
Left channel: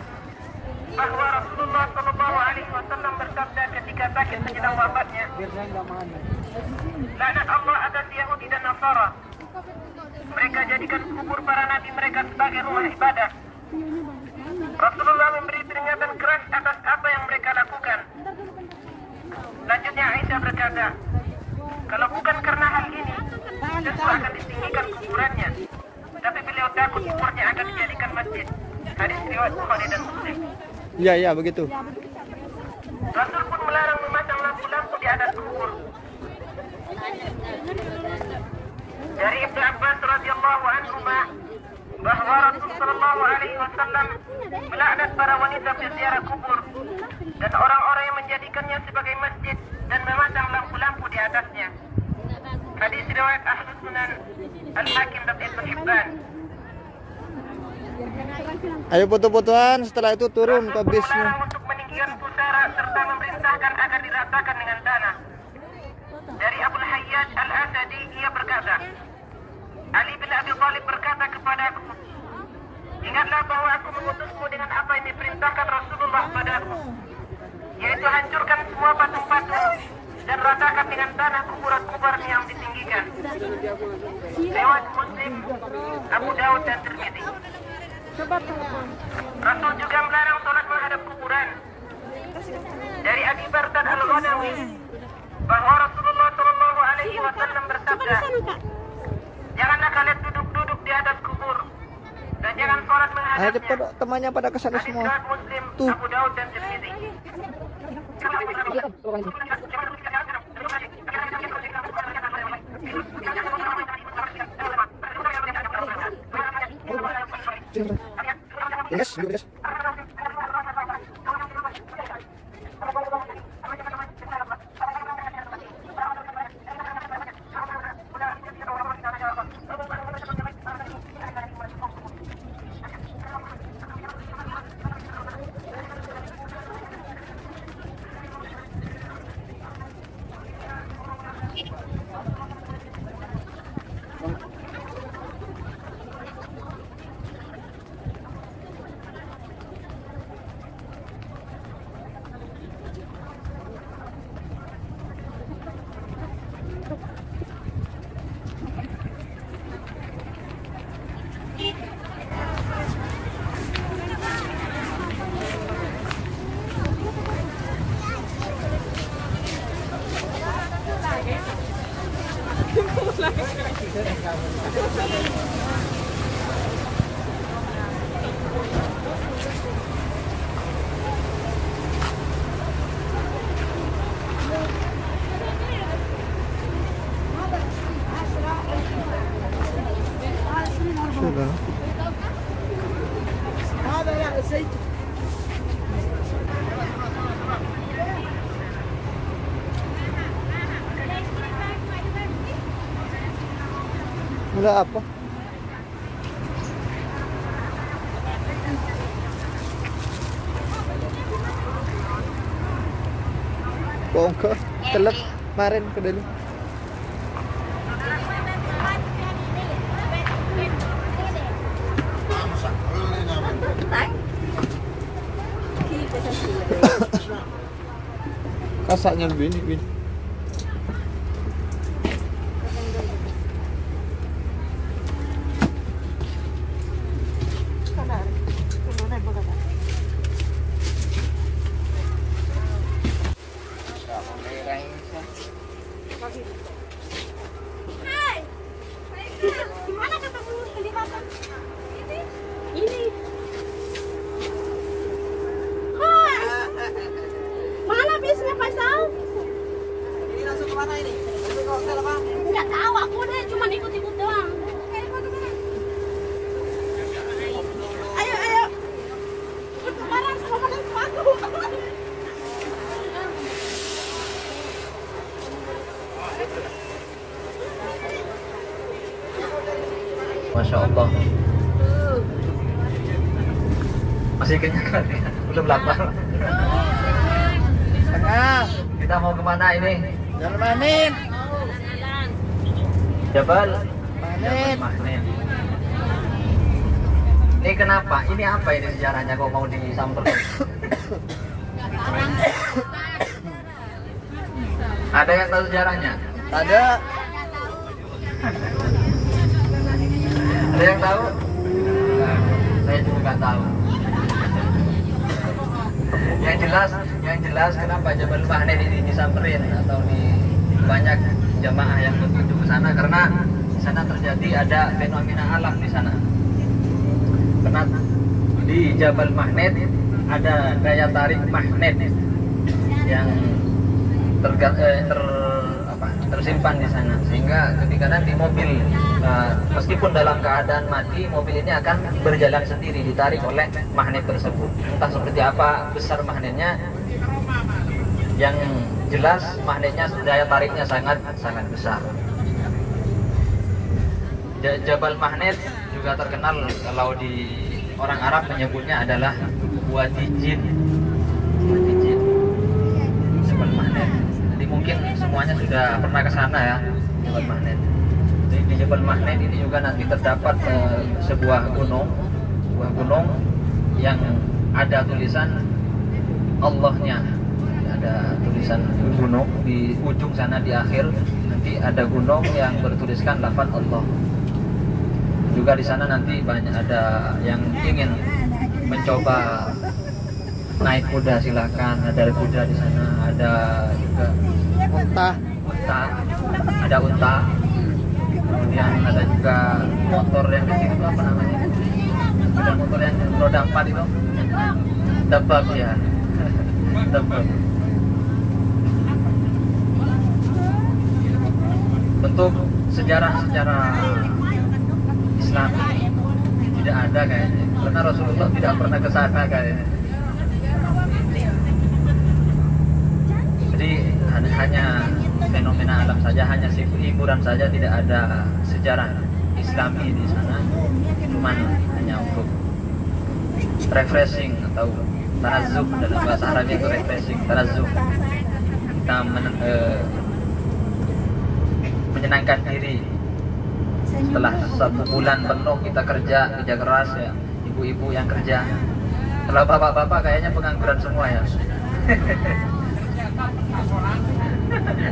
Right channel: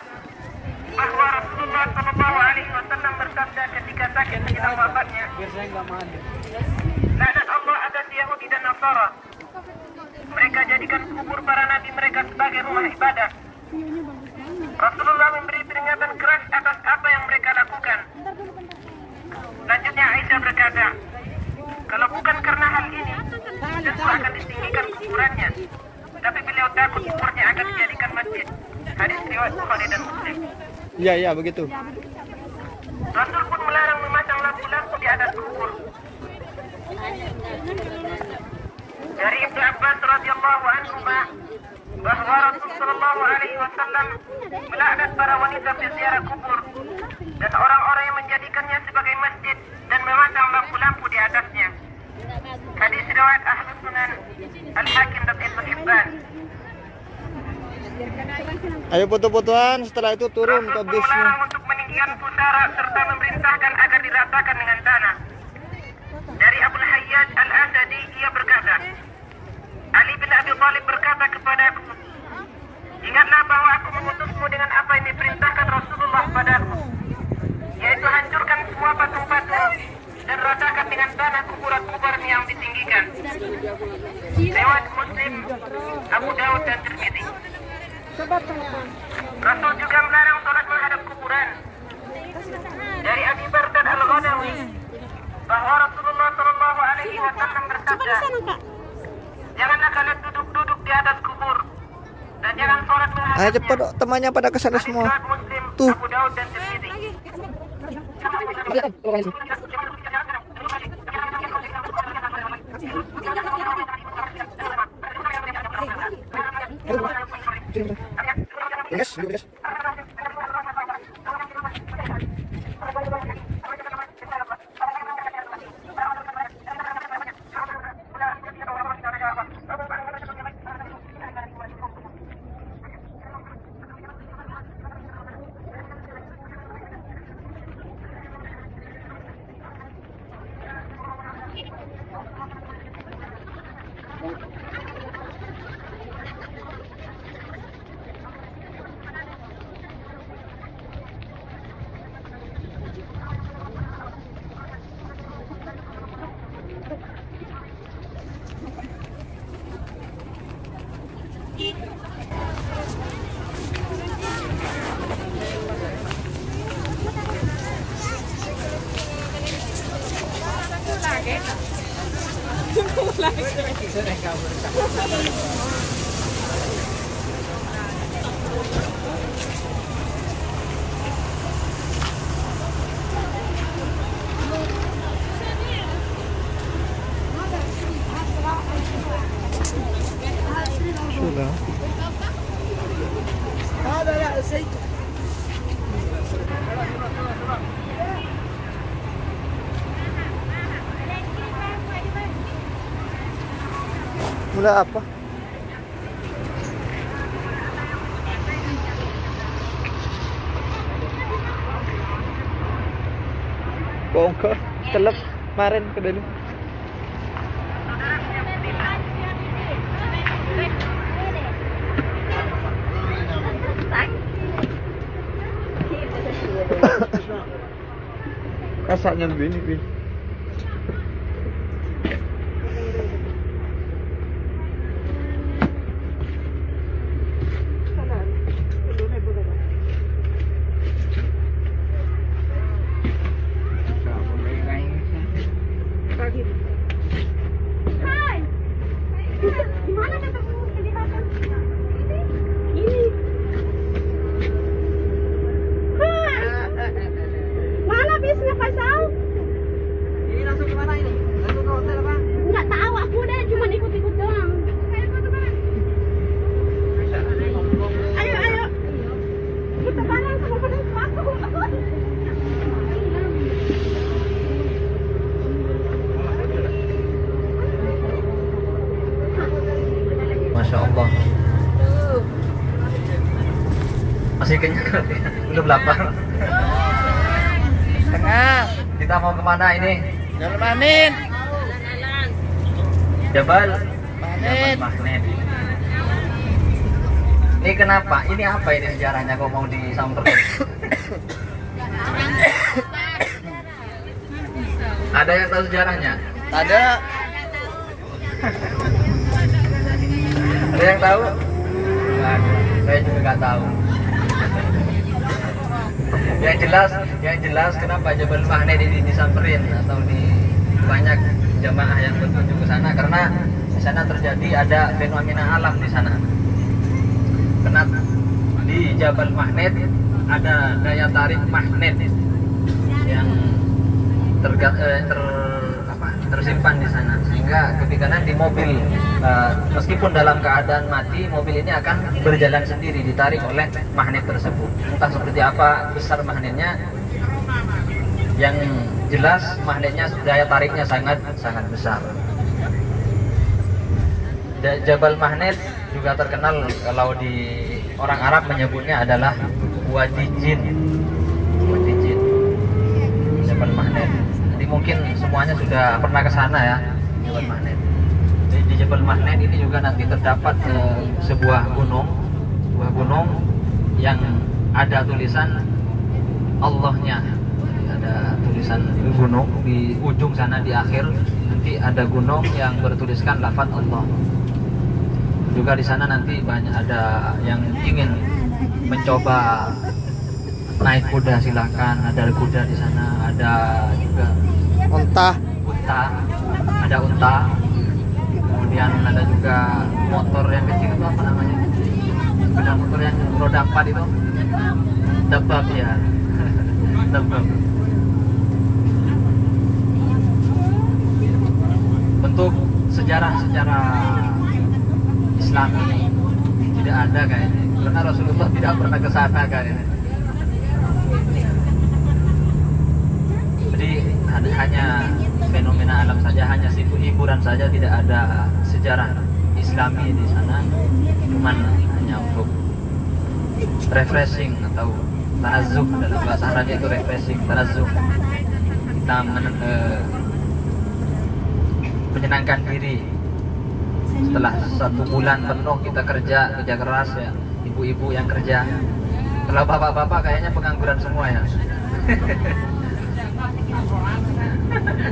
bahwa Rasulullah sallallahu alaihi wasallam bersabda ketika sakit menjelang wafatnya, laknat Allah atas Yahudi dan Nasara. Mereka jadikan kubur para nabi mereka sebagai rumah ibadah. Rasulullah memberi peringatan keras atas apa yang mereka lakukan. Selanjutnya Aisyah berkata, kalau bukan karena hal ini, tentu akan ditinggikan kuburannya. Tapi beliau takut kuburnya akan dijadikan masjid. Hadis riwayat Bukhari dan Muslim. Iya, iya begitu. Rasul pun melarang memasang lampu-lampu di atas kubur. Dari Ibnu Abbas radhiyallahu anhu bahwa Rasul sallallahu alaihi wasallam melaknat para wanita berziarah kubur dan orang-orang yang menjadikannya sebagai masjid dan memasang lampu-lampu di atasnya. Hadis riwayat Ahlus Sunan Al-Hakim dan Ibnu Hibban. Ayo foto-fotoan, setelah itu turun ke Rasul bisnya. melarang untuk meninggikan pusara serta memerintahkan agar diratakan dengan tanah. Dari Abu Hayyaj Al-Asadi ia berkata, Ali bin Abi Thalib berkata kepadaku, ingatlah bahwa aku mengutusmu dengan apa yang diperintahkan Rasulullah padaku, yaitu hancurkan semua batu-batu dan ratakan dengan tanah kuburan-kuburan yang ditinggikan. Riwayat Muslim, Abu Daud dan Tirmidzi. Rasul juga melarang sholat menghadap kuburan. Dari Abi Bardan Al-Ghanawi bahwa Rasulullah Shallallahu Alaihi Wasallam bersabda, janganlah kalian duduk-duduk di atas kubur dan jangan sholat menghadapnya. Ayo cepat temannya pada kesana semua. Tuh. Abu Daud dan Tirmidzi. Yes, yes. Sudah. Mulai apa? Bohong ke? Telat kemarin ke dalam. Kasaknya begini. Gimana ketemu kelihatan? Ini. Hai. Mana bisnya Faisal? Ini langsung ke mana ini? Langsung ke hotel apa? Enggak tahu aku deh, cuma ikut-ikut doang. Ayo. Bertebaran sama penumpang aku. Masya Allah. Masih kenyang kan ya? Udah lapar. Tengah. Kita mau kemana ini? Jalan Manin. Jabal Manin. Mahnet. Ini kenapa? Ini apa ini sejarahnya kok mau disambung terus? Ada yang tahu sejarahnya? Ada. Ada yang tahu? Nggak ada. Saya juga nggak tahu. Yang jelas kenapa Jabal Mahnet ini disamperin atau di banyak jamaah yang berkunjung ke sana karena di sana terjadi ada fenomena alam di sana. Karena di Jabal Mahnet ada daya tarik magnet yang tersimpan di sana, sehingga ketika nanti mobil meskipun dalam keadaan mati, mobil ini akan berjalan sendiri ditarik oleh magnet tersebut. Entah seperti apa besar magnetnya, yang jelas magnetnya daya tariknya sangat besar. Jabal Mahnet juga terkenal kalau di orang Arab menyebutnya adalah Wadi Jin. Jabal Mahnet. Jadi mungkin semuanya sudah pernah ke sana ya, Jabal Mahnet. Jadi di Jabal Mahnet ini juga nanti terdapat sebuah gunung sebuah gunung yang ada tulisan Allahnya. Ada tulisan gunung di ujung sana, di akhir nanti ada gunung yang bertuliskan lafaz Allah. Juga di sana nanti banyak ada yang ingin mencoba naik kuda, silakan. Ada kuda di sana, ada juga unta, ada unta. Kemudian ada juga motor yang kecil itu apa namanya? Ada motor yang roda 4 itu. Dabab ya. Dabab. Untuk sejarah-sejarah Islami tidak ada kayaknya, karena Rasulullah tidak pernah ke sana kayaknya. Jadi hanya fenomena alam saja, hanya hiburan saja, tidak ada sejarah Islami di sana. Cuman hanya untuk refreshing atau tanazzuk, dalam bahasa Arab itu refreshing, tanazzuk. Kita menyenangkan diri setelah 1 bulan penuh kita kerja keras ya, ibu-ibu yang kerja. Kalau bapak-bapak kayaknya pengangguran semua ya.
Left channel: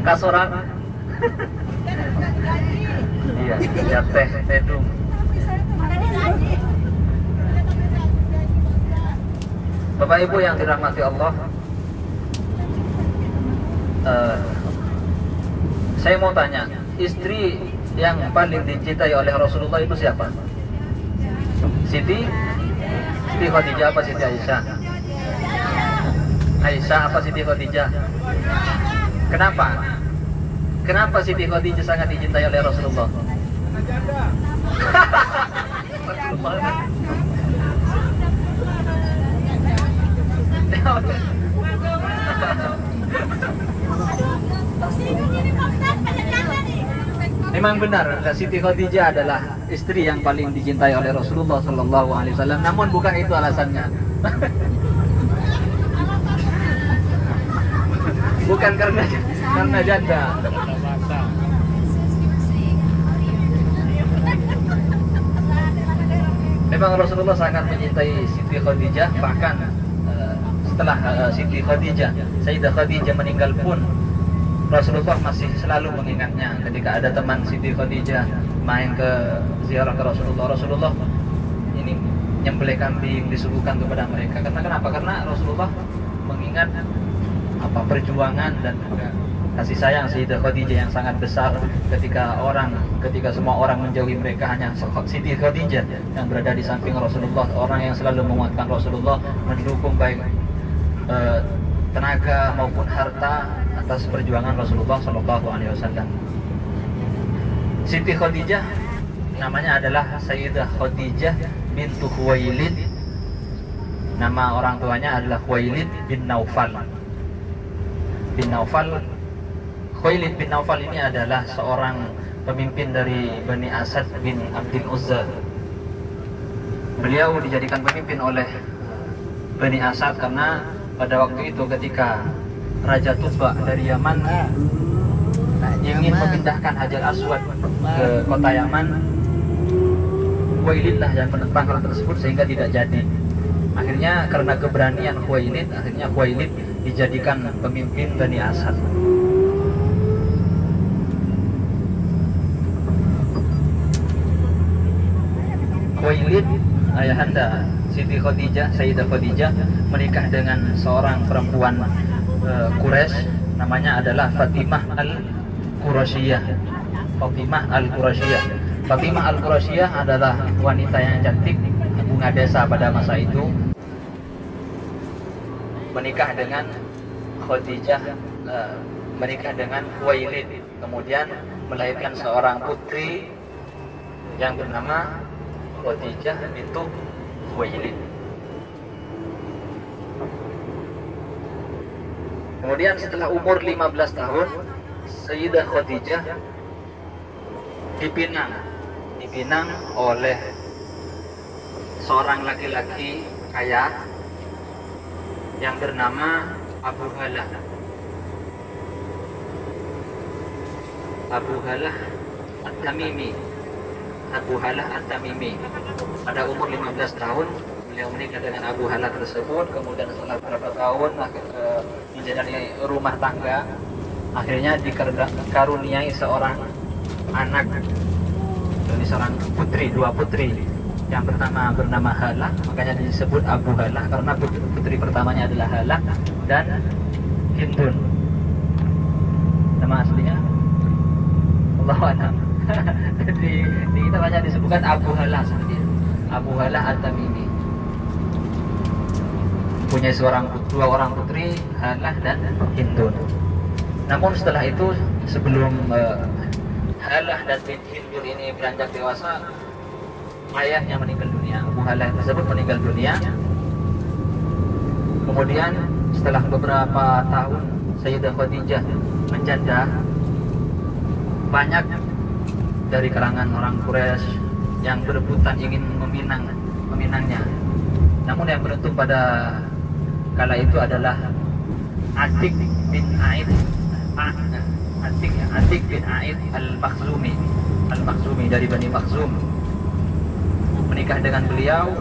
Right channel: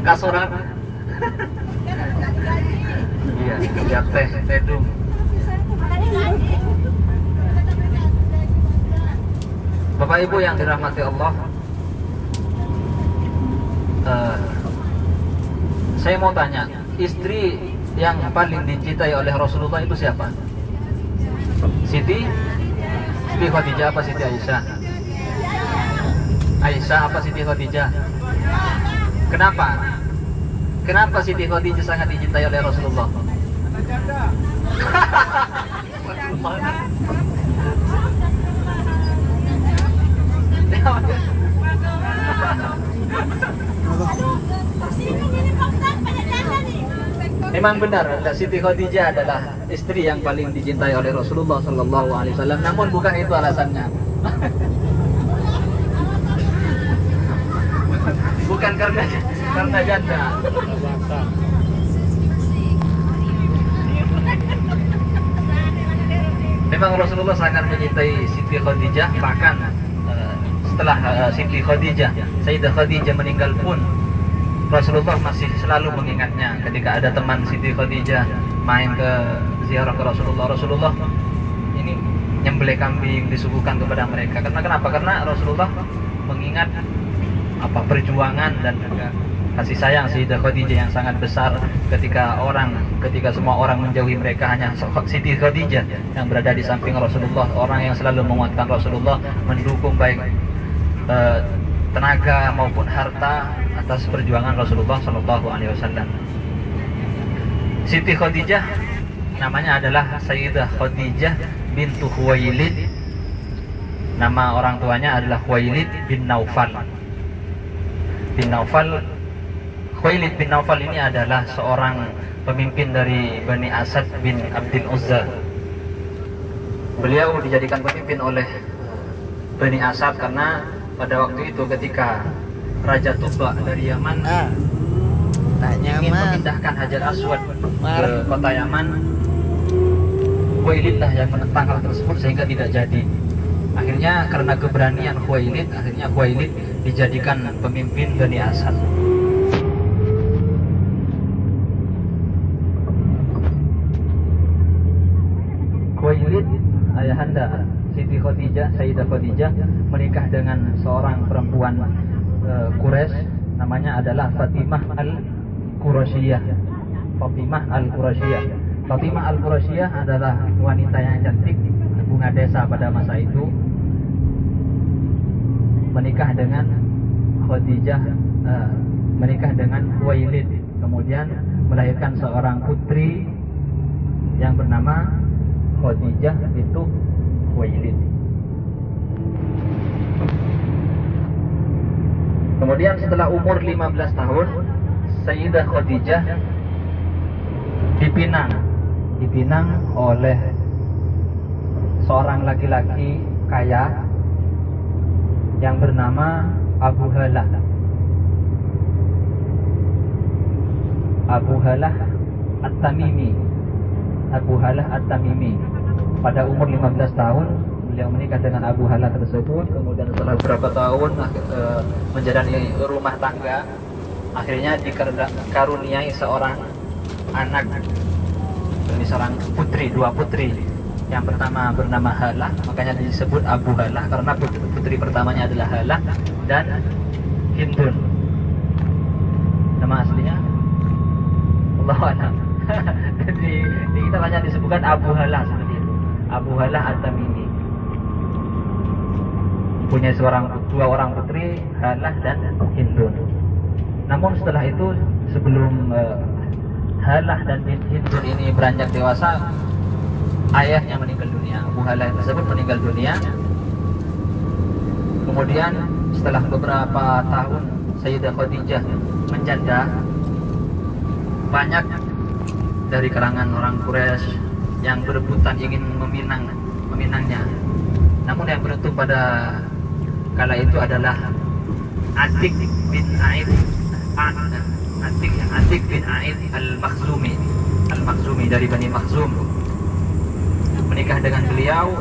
Kasoran. Iya, ya tedung. Bapak Ibu yang dirahmati Allah, saya mau tanya, istri yang paling dicintai oleh Rasulullah itu siapa? Siti Khadijah apa Siti Aisyah? Aisyah apa Siti Khadijah? Kenapa? Kenapa Siti Khadijah sangat dicintai oleh Rasulullah? Memang benar, Siti Khadijah adalah istri yang paling dicintai oleh Rasulullah Sallallahu Alaihi Wasallam. Namun bukan itu alasannya. Bukan karena janda. Memang Rasulullah sangat mencintai Siti Khadijah. Bahkan setelah Siti Khadijah, Sayyidah Khadijah meninggal pun, Rasulullah masih selalu mengingatnya. Ketika ada teman Siti Khadijah main ke ziarah ke Rasulullah, Rasulullah ini nyembelih kambing disuguhkan kepada mereka. Karena kenapa? Karena Rasulullah mengingat perjuangan dan juga kasih sayang Sayyidah Khadijah yang sangat besar ketika semua orang menjauhi mereka, hanya Siti Khadijah yang berada di samping Rasulullah, orang yang selalu menguatkan Rasulullah, mendukung baik tenaga maupun harta atas perjuangan Rasulullah Shallallahu Alaihi Wasallam. Siti Khadijah namanya adalah Sayyidah Khadijah bintu Khuwailid. Nama orang tuanya adalah Khuwailid bin Naufal. Khuwailid bin Naufal ini adalah seorang pemimpin dari Bani Asad bin Abdul Uzza. Beliau dijadikan pemimpin oleh Bani Asad karena pada waktu itu ketika Raja Tuba dari Yaman ingin memindahkan Hajar Aswad ke kota Yaman, Khuwailid lah yang menentang hal tersebut sehingga tidak jadi. Akhirnya karena keberanian Khuwailid dijadikan pemimpin Bani Asad. Khuwailid, ayahanda Siti Khadijah, Sayyidah Khadijah, menikah dengan seorang perempuan Quraisy, namanya adalah Fatimah Al-Qurasiyah. Fatimah Al-Qurasiyah adalah wanita yang cantik, bunga desa pada masa itu. Menikah dengan Khuwailid, kemudian melahirkan seorang putri yang bernama Khadijah bintu Khuwailid. Kemudian setelah umur 15 tahun, Sayyidah Khadijah dipinang oleh seorang laki-laki kaya yang bernama Abu Halah At-Tamimi. pada umur 15 tahun beliau menikah dengan Abu Hala tersebut. Kemudian setelah beberapa tahun menjalani rumah tangga, akhirnya dikaruniai seorang anak, ini seorang putri, 2 putri. Yang pertama bernama Halah, makanya disebut Abu Halah karena putri pertamanya adalah Halah dan Hindun. Nama aslinya Allahu a'lam. di kita banyak disebutkan Abu Halah seperti itu. Abu Halah At-Tamimi. Punya 2 orang putri, Halah dan Hindun. Namun setelah itu, sebelum Halah dan Hindun ini beranjak dewasa, ayahnya meninggal dunia. Abu Halah tersebut meninggal dunia. Kemudian setelah beberapa tahun Sayyidah Khadijah menjanda, banyak dari kalangan orang Quraisy yang berebutan ingin meminangnya. Namun yang beruntung pada kala itu adalah Atik bin Aid Al-Makhzumi dari Bani Makhzum, menikah dengan beliau.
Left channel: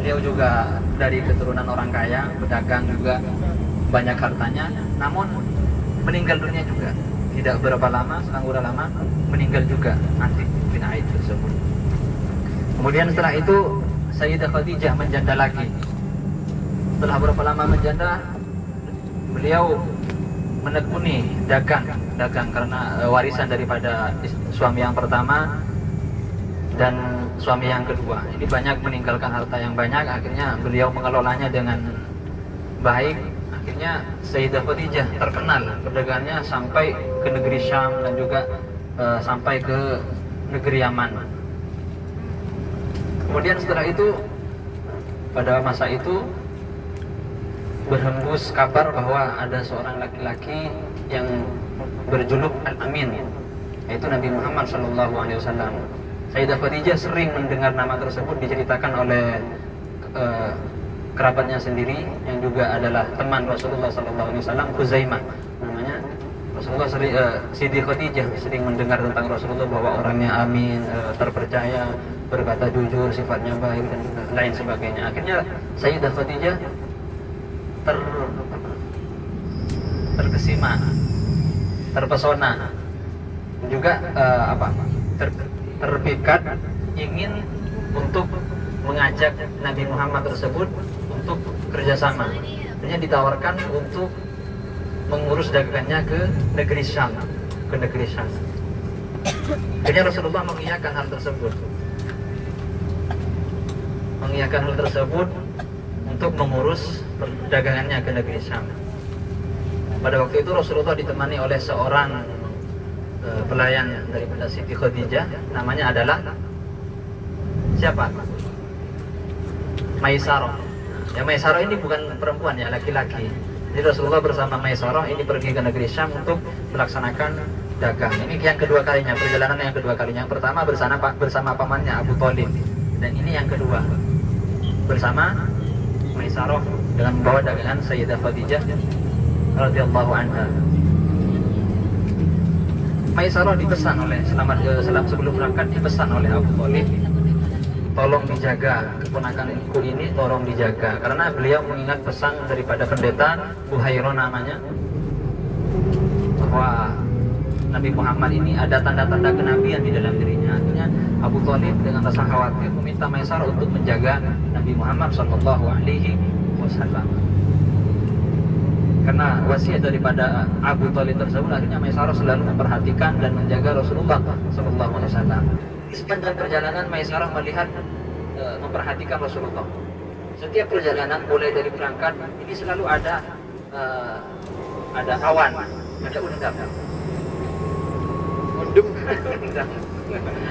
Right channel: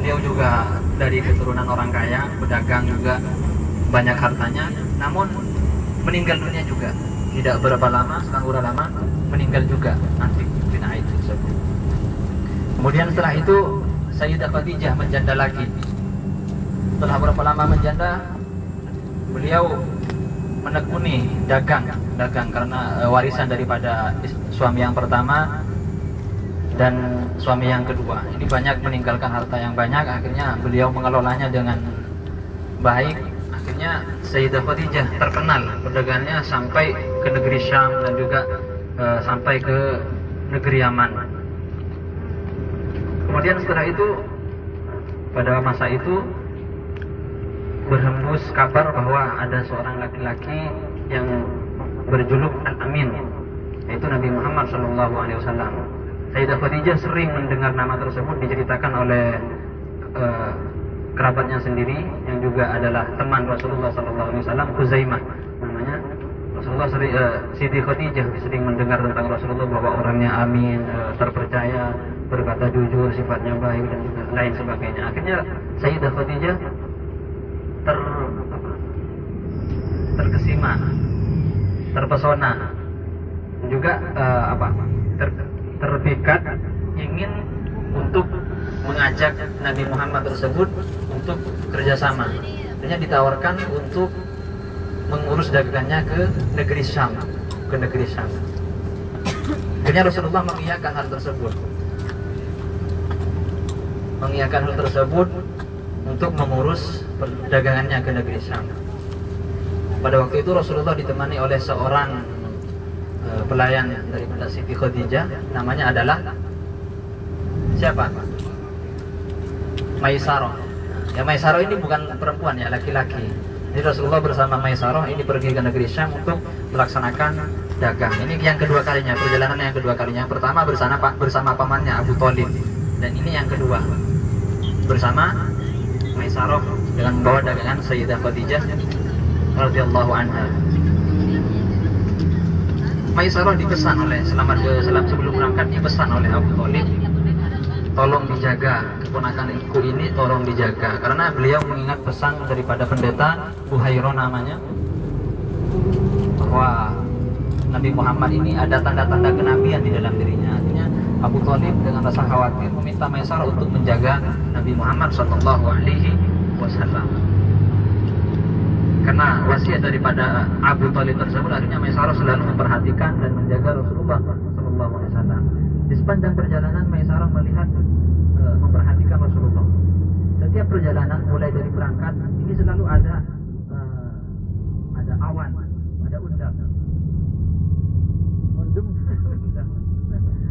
Beliau juga dari keturunan orang kaya, pedagang juga, banyak hartanya. Namun meninggal dunia juga. Tidak berapa lama, selang udah lama, meninggal juga Atik bin Aid tersebut. Kemudian setelah itu Sayyidah Khadijah menjanda lagi. Setelah berapa lama menjanda, beliau menekuni dagang karena warisan daripada suami yang pertama dan suami yang kedua. Ini banyak meninggalkan harta yang banyak, akhirnya beliau mengelolanya dengan baik. Akhirnya Sayyidah Khadijah terkenal perdagangannya sampai ke negeri Syam dan juga sampai ke negeri Yaman. Kemudian setelah itu, pada masa itu berhembus kabar bahwa ada seorang laki-laki yang berjuluk Al-Amin, yaitu Nabi Muhammad SAW. Sayyidah Khadijah sering mendengar nama tersebut diceritakan oleh kerabatnya sendiri yang juga adalah teman Rasulullah SAW, Khuzaimah namanya. Rasulullah Siti Khadijah sering mendengar tentang Rasulullah bahwa orangnya amin, terpercaya, berkata jujur, sifatnya baik dan lain sebagainya. Akhirnya Sayyidah Khadijah terkesima, terpesona, juga terpikat ingin untuk mengajak Nabi Muhammad tersebut untuk kerjasama. Akhirnya ditawarkan untuk mengurus dagangannya ke negeri Syam, Akhirnya Rasulullah mengiyakan hal tersebut untuk mengurus perdagangannya ke negeri Syam. Pada waktu itu Rasulullah ditemani oleh seorang pelayan daripada Siti Khadijah, namanya adalah siapa? Maisarah. Ya, Maisarah ini bukan perempuan ya, laki-laki. Jadi Rasulullah bersama Maisarah ini pergi ke negeri Syam untuk melaksanakan dagang. Ini yang kedua kalinya, perjalanan yang kedua kalinya. Yang pertama bersama pamannya Abu Thalib, dan ini yang kedua bersama Maisarah dengan membawa dagangan Sayyidah Khadijah radhiyallahu anha. Maisarah dipesan oleh sebelum berangkat dipesan oleh Abu Thalib, tolong dijaga keponakanku ini, tolong dijaga, karena beliau mengingat pesan daripada pendeta Buhairah namanya, bahwa Nabi Muhammad ini ada tanda-tanda kenabian di dalam dirinya. Akhirnya Abu Thalib dengan rasa khawatir meminta Maisarah untuk menjaga Nabi Muhammad SAW. Karena wasiat daripada Abu Thalib tersebut, akhirnya Maisarah selalu memperhatikan dan menjaga Rasulullah SAW. Di sepanjang perjalanan Maisarah melihat, memperhatikan Rasulullah. Setiap perjalanan mulai dari berangkat ini selalu ada awan, ada undang.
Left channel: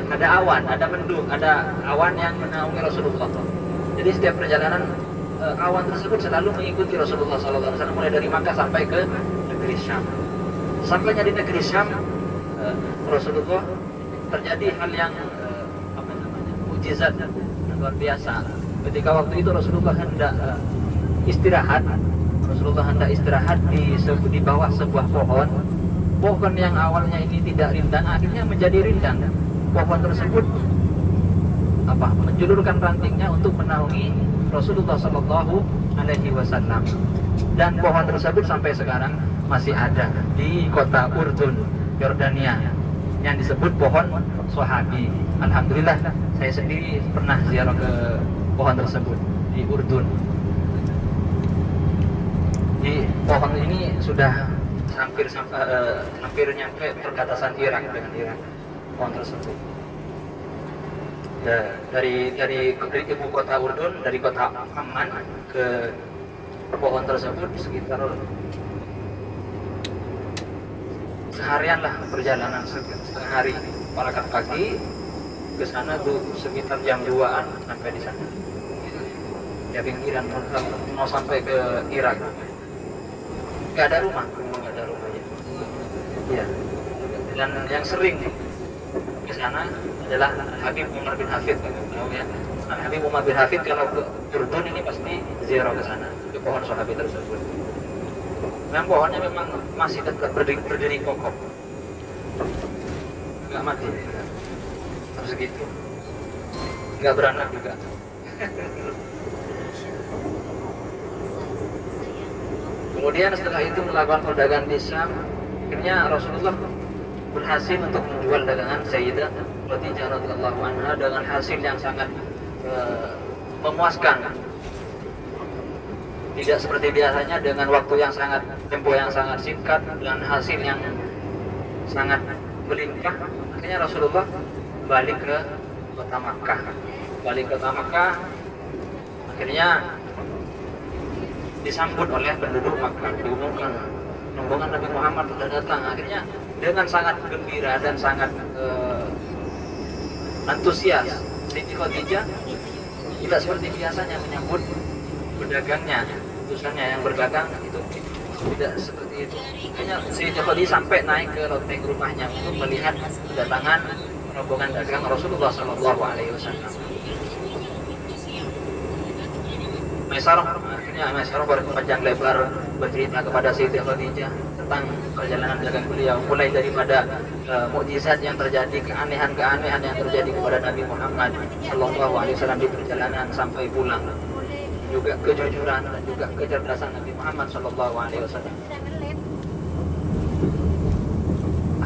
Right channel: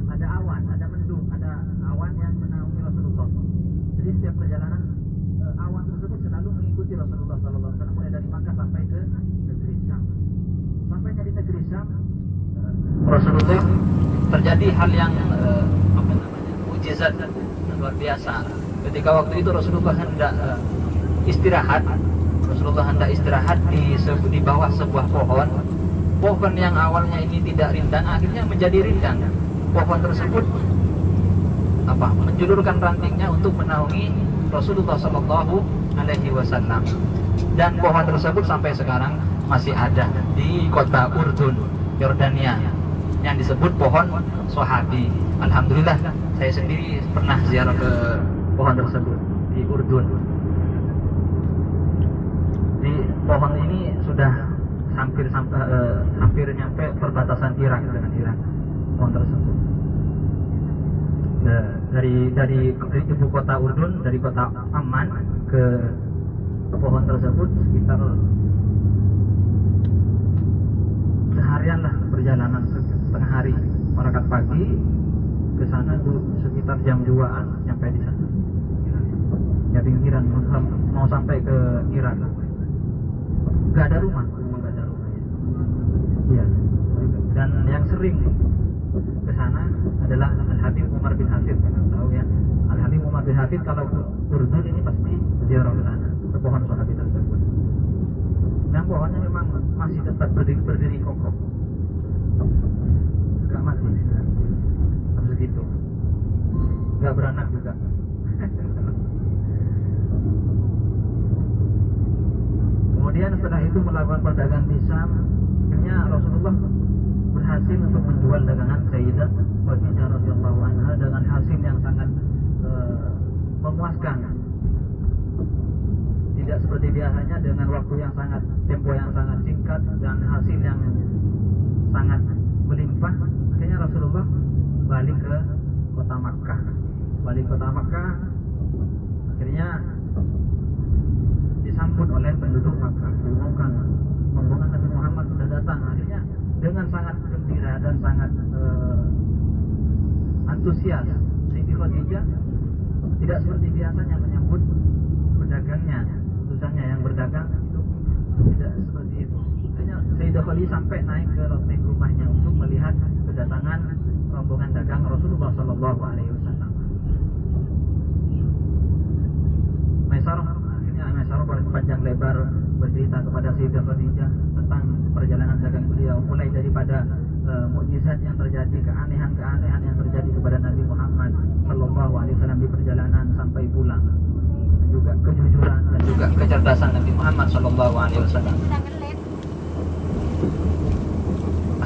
Ada awan, ada mendung, ada awan yang menaungi Rasulullah. Jadi setiap perjalanan awan tersebut selalu mengikuti Rasulullah SAW mulai dari Makkah sampai ke negeri Syam. Sampainya di negeri Syam, Rasulullah terjadi hal yang mukjizat luar biasa. Ketika waktu itu Rasulullah hendak istirahat di bawah sebuah pohon yang awalnya ini tidak rindang, akhirnya menjadi rindang. Pohon tersebut menjulurkan rantingnya untuk menaungi Rasulullah Shallallahu Alaihi Wasallam. Dan pohon tersebut sampai sekarang masih ada di kota Urdun, Yordania, yang disebut pohon Sahabi. Alhamdulillah, saya sendiri pernah ziarah ke pohon tersebut di Urdun. Di pohon ini sudah hampir nyampe perbatasan Irak dengan Irak, pohon tersebut. Dari ibu kota Urdun, dari kota Amman ke pohon tersebut sekitar seharian lah perjalanan, setengah hari. Berangkat pagi ke sana tuh sekitar jam 2-an sampai di sana. Ya pinggiran mau sampai ke Irak. Gak ada rumah, gak ada rumahnya. Iya. Dan yang sering ke sana adalah Habib Umar bin Hafid, tahu ya. Habib Umar bin Hafid kalau ke Urdun ini pasti ziarah ke sana, ke pohon Sahabi tersebut. Memang pohonnya memang masih tetap berdiri kokoh, nggak mati, harus segitu, nggak beranak juga. Kemudian setelah itu melakukan perdagangan di Syam, akhirnya Rasulullah berhasil untuk menjual dagangan Sayyidah Khadijah radhiyallahu anha dengan hasil yang sangat memuaskan. Tidak seperti biasanya dengan waktu yang sangat tempo yang sangat singkat, dengan hasil yang sangat melimpah. Akhirnya Rasulullah balik ke kota Makkah. Akhirnya disambut oleh penduduk Makkah, diumumkan rombongan Nabi Muhammad sudah datang. Akhirnya dengan sangat gembira dan sangat antusias, Siti Khadijah tidak seperti biasanya menyambut pedagangnya, utusannya yang berdagang itu tidak seperti itu. Akhirnya Siti Khadijah sampai naik ke loteng rumahnya untuk melihat kedatangan rombongan dagang Rasulullah Shallallahu Alaihi Wasallam. Maisarah berpanjang lebar bercerita kepada Siti Khadijah tentang perjalanan dagang beliau, mulai daripada mukjizat yang terjadi, keanehan-keanehan yang terjadi kepada Nabi Muhammad Shallallahu Alaihi Wasallam di perjalanan sampai pulang, juga kejujuran dan juga kecerdasan Nabi Muhammad Shallallahu Alaihi Wasallam.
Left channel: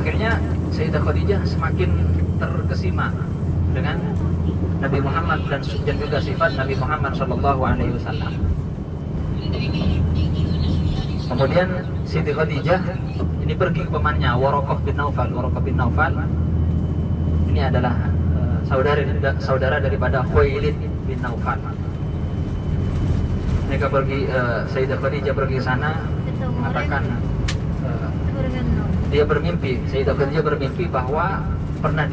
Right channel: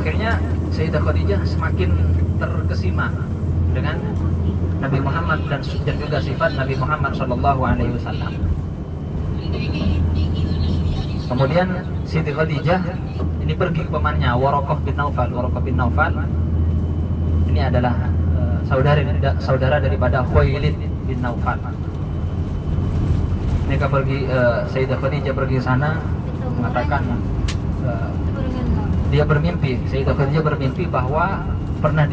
Akhirnya Sayyidah Khadijah semakin terkesima dengan Nabi Muhammad dan juga sifat Nabi Muhammad Shallallahu Alaihi Wasallam. Kemudian Siti Khadijah ini pergi ke pamannya Waraqah bin Naufal. Ini adalah saudara daripada Khuwailid bin Naufal. Mereka pergi, Sayyidah Khadijah pergi ke sana mengatakan Sayyidah Khadijah bermimpi bahwa pernah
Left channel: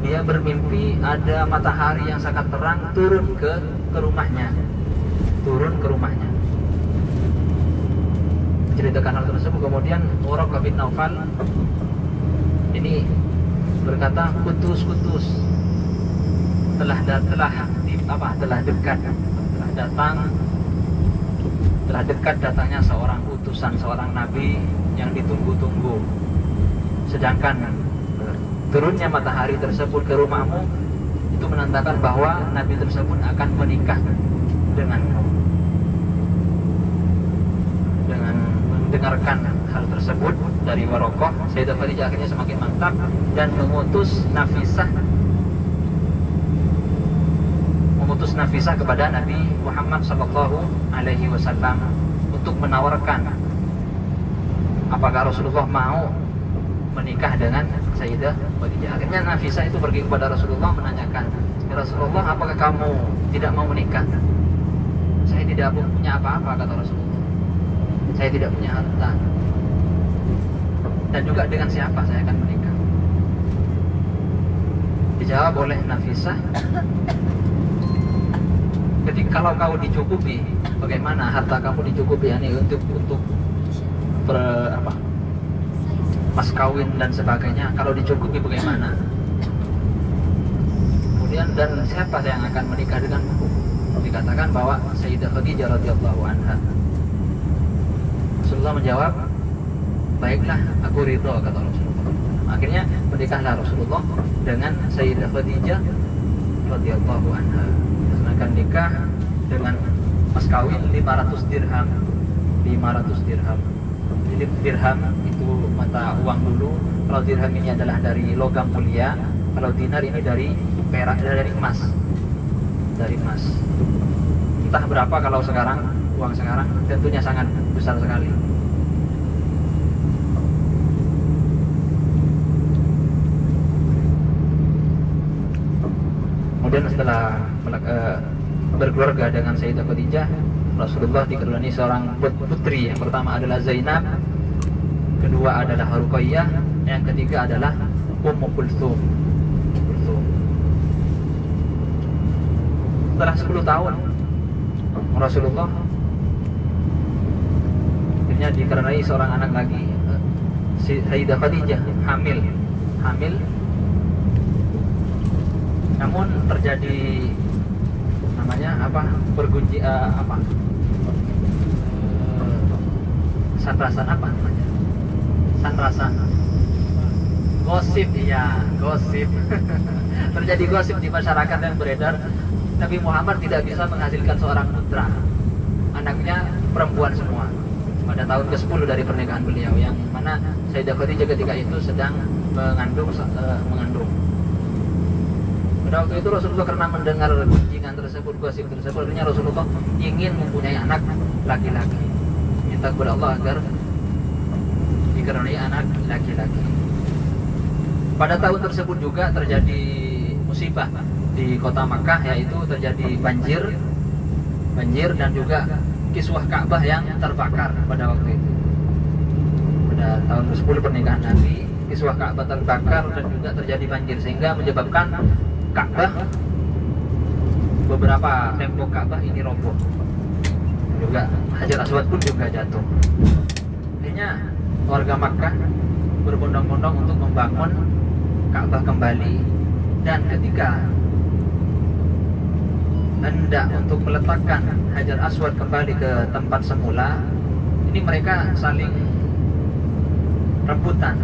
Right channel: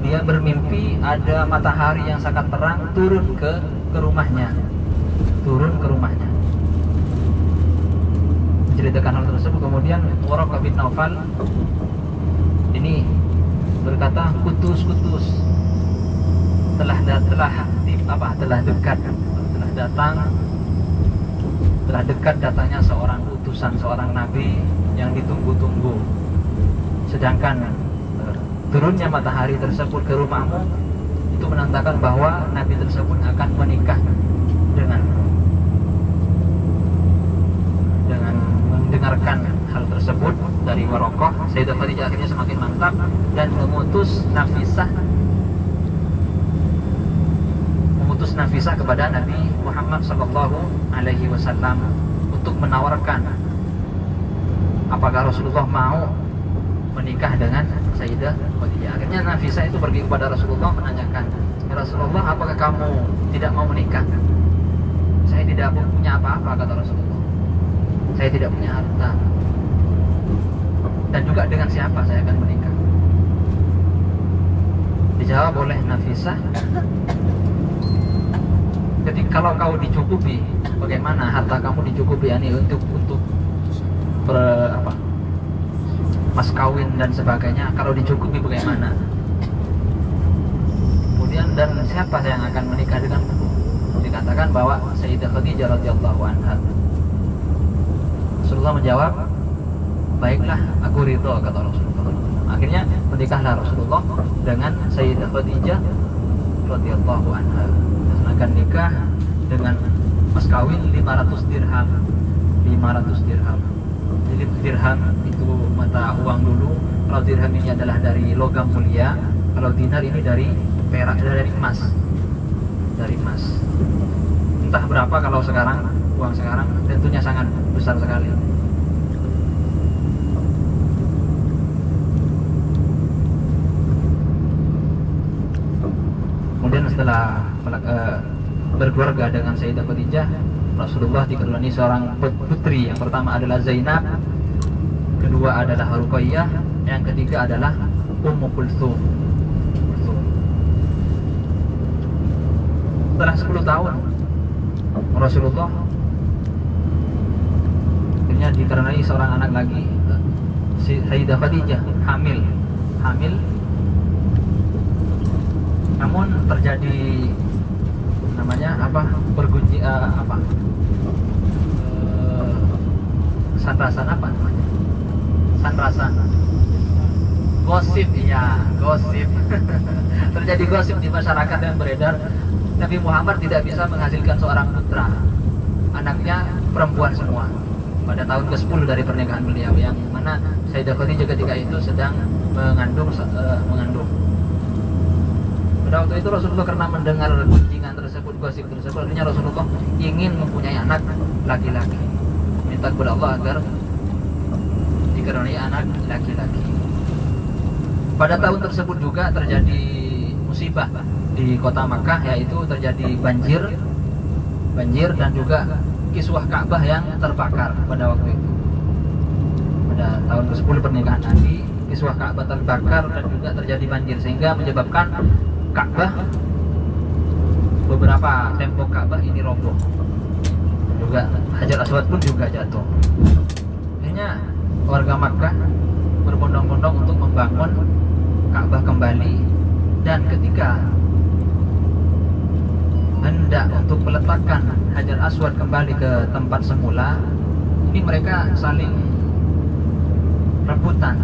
dia bermimpi ada matahari yang sangat terang turun ke rumahnya. Menceritakan hal tersebut. Kemudian Waraqah bin Naufal ini berkata, kutus telah dekat datangnya seorang utusan, seorang nabi yang ditunggu-tunggu. Sedangkan turunnya matahari tersebut ke rumahmu itu menandakan bahwa nabi tersebut akan menikah denganmu. Dengan mendengarkan hal tersebut dari Waraqah, Sayyidah Khadijah akhirnya semakin mantap dan mengutus Nafisah kepada Nabi Muhammad Sallallahu Alaihi Wasallam untuk menawarkan apakah Rasulullah mau menikah dengan Sayyidah Khadijah. Akhirnya Nafisah itu pergi kepada Rasulullah menanyakan, Rasulullah, apakah kamu tidak mau menikah? Saya tidak punya apa-apa, kata Rasulullah. Saya tidak punya harta. Dan juga dengan siapa saya akan menikah? Dijawab oleh Nafisah, jadi kalau kau dicukupi, bagaimana harta kamu dicukupi ini untuk mas kawin dan sebagainya, kalau dicukupi bagaimana? Kemudian, dan siapa yang akan menikah denganmu? Dikatakan bahwa Sayyidah Khadijah radhiyallahu anha. Rasulullah menjawab, baiklah, aku ridho, kata Rasulullah. Akhirnya menikahlah Rasulullah dengan Sayyidah Khadijah radhiyallahu anha melaksanakan nikah dengan mas kawin 500 dirham. 500 dirham. Jadi dirham itu mata uang dulu. Kalau dirham ini adalah dari logam mulia, kalau dinar ini dari perak, dari emas. Dari emas. Entah berapa kalau sekarang, uang sekarang tentunya sangat besar sekali. Kemudian setelah berkeluarga dengan Sayyidah Khadijah, Rasulullah dikaruniai seorang putri. Yang pertama adalah Zainab, kedua adalah Ruqayyah, yang ketiga adalah Ummu Kulthum. Setelah 10 tahun Rasulullah akhirnya dikaruniai seorang anak lagi, Sayyidah Khadijah hamil. Namun terjadi namanya sanrasan apa namanya? Sanrasan. Gosip, iya, gosip. Terjadi gosip di masyarakat yang beredar. Nabi Muhammad tidak bisa menghasilkan seorang putra. Anaknya perempuan semua. Pada tahun ke-10 dari pernikahan beliau, yang mana Sayyidah Khadijah ketika itu sedang mengandung. Pada waktu itu Rasulullah karena mendengar gunjingan tersebut, gosip tersebut, akhirnya Rasulullah ingin mempunyai anak laki-laki. Minta kepada Allah agar dikaruniai anak laki-laki. Pada tahun tersebut juga terjadi musibah di kota Makkah, yaitu terjadi banjir dan juga kiswah Ka'bah yang terbakar pada waktu itu. Pada tahun ke-10 pernikahan Nabi, kiswah Ka'bah terbakar dan juga terjadi banjir, sehingga menyebabkan Ka'bah, beberapa tembok Ka'bah ini roboh. Juga Hajar Aswad pun juga jatuh. Akhirnya warga Makkah berbondong-bondong untuk membangun Ka'bah kembali, dan ketika hendak untuk meletakkan Hajar Aswad kembali ke tempat semula, ini mereka saling rebutan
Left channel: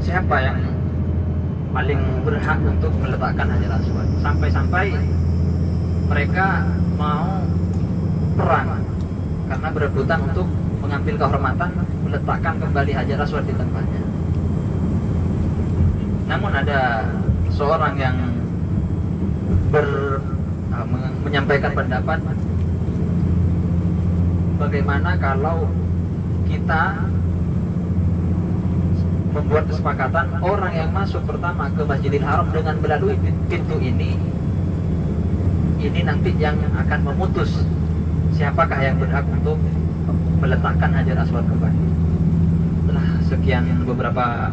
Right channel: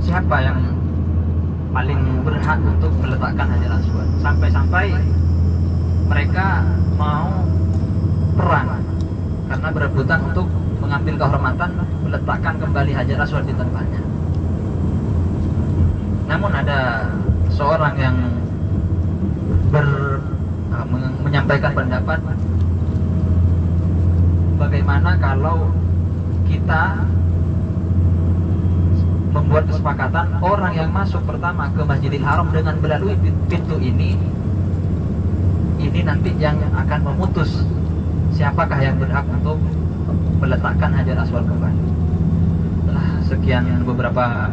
siapa yang paling berhak untuk meletakkan Hajar Aswad. Sampai-sampai mereka mau perang karena berebutan untuk mengambil kehormatan meletakkan kembali Hajar Aswad di tempatnya. Namun ada seorang yang menyampaikan pendapat, bagaimana kalau kita membuat kesepakatan orang yang masuk pertama ke Masjidil Haram dengan melalui pintu ini nanti yang akan memutus siapakah yang berhak untuk meletakkan Hajar Aswad kembali. Setelah sekian beberapa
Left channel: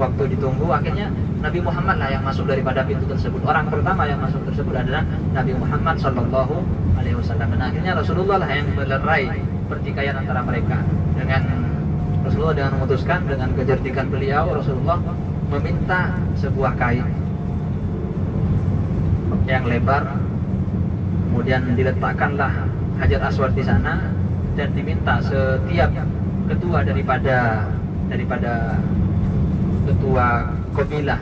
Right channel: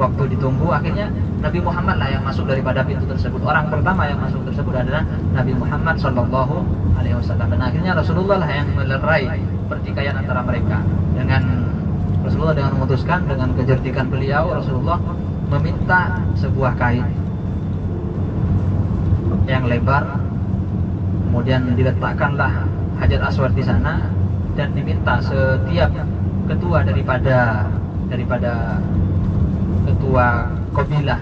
waktu ditunggu, akhirnya Nabi Muhammad lah yang masuk daripada pintu tersebut. Orang pertama yang masuk tersebut adalah Nabi Muhammad Sallallahu Alaihi Wasallam. Dan akhirnya Rasulullah lah yang melerai pertikaian antara mereka. Dengan Rasulullah dengan memutuskan, dengan kecerdikan beliau, Rasulullah meminta sebuah kain yang lebar, kemudian diletakkanlah Hajar Aswad di sana, dan diminta setiap ketua daripada ketua kabilah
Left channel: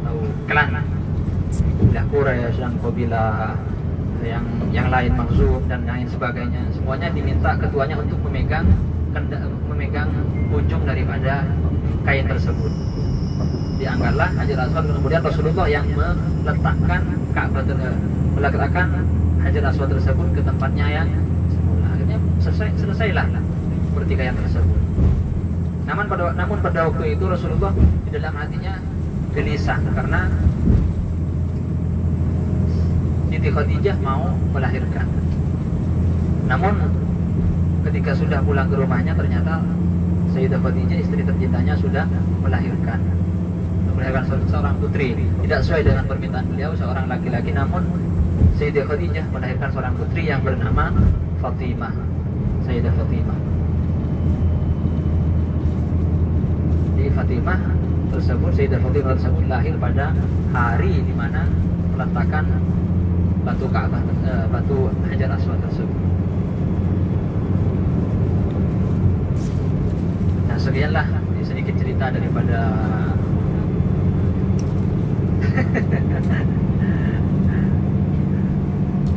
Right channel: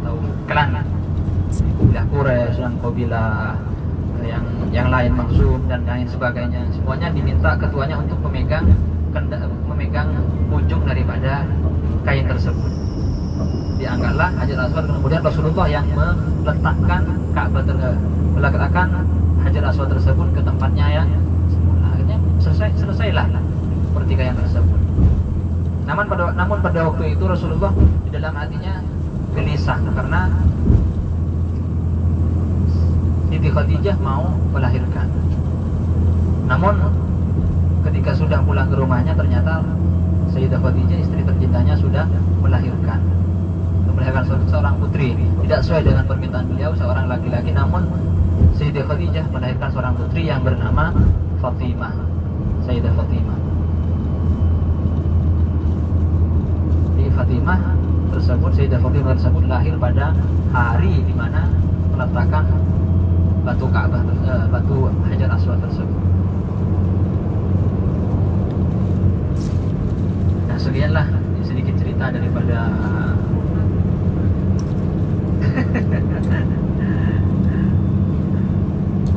atau klan, kabilah Quraisy dan kabilah yang lain, Makhzum dan lain sebagainya, semuanya diminta ketuanya untuk memegang ujung daripada kain tersebut. Dianggarlah Hajar Aswad, kemudian Rasulullah yang meletakkan meletakkan Hajar Aswad tersebut ke tempatnya yang akhirnya selesailah pertikaian tersebut. Namun pada waktu itu Rasulullah di dalam hatinya gelisah karena Siti Khadijah mau melahirkan. Namun ketika sudah pulang ke rumahnya, ternyata Sayyidah Khadijah, istri tercintanya, sudah melahirkan seorang putri. Tidak sesuai dengan permintaan beliau, seorang laki-laki. Namun Sayyidah Khadijah melahirkan seorang putri yang bernama Fatimah, Sayyidah Fatimah. Fatimah tersebut, Sayyidah Fatimah tersebut lahir pada hari di mana peletakan batu Ka'bah, batu Hajar Aswad tersebut. Nah, sekianlah sedikit cerita daripada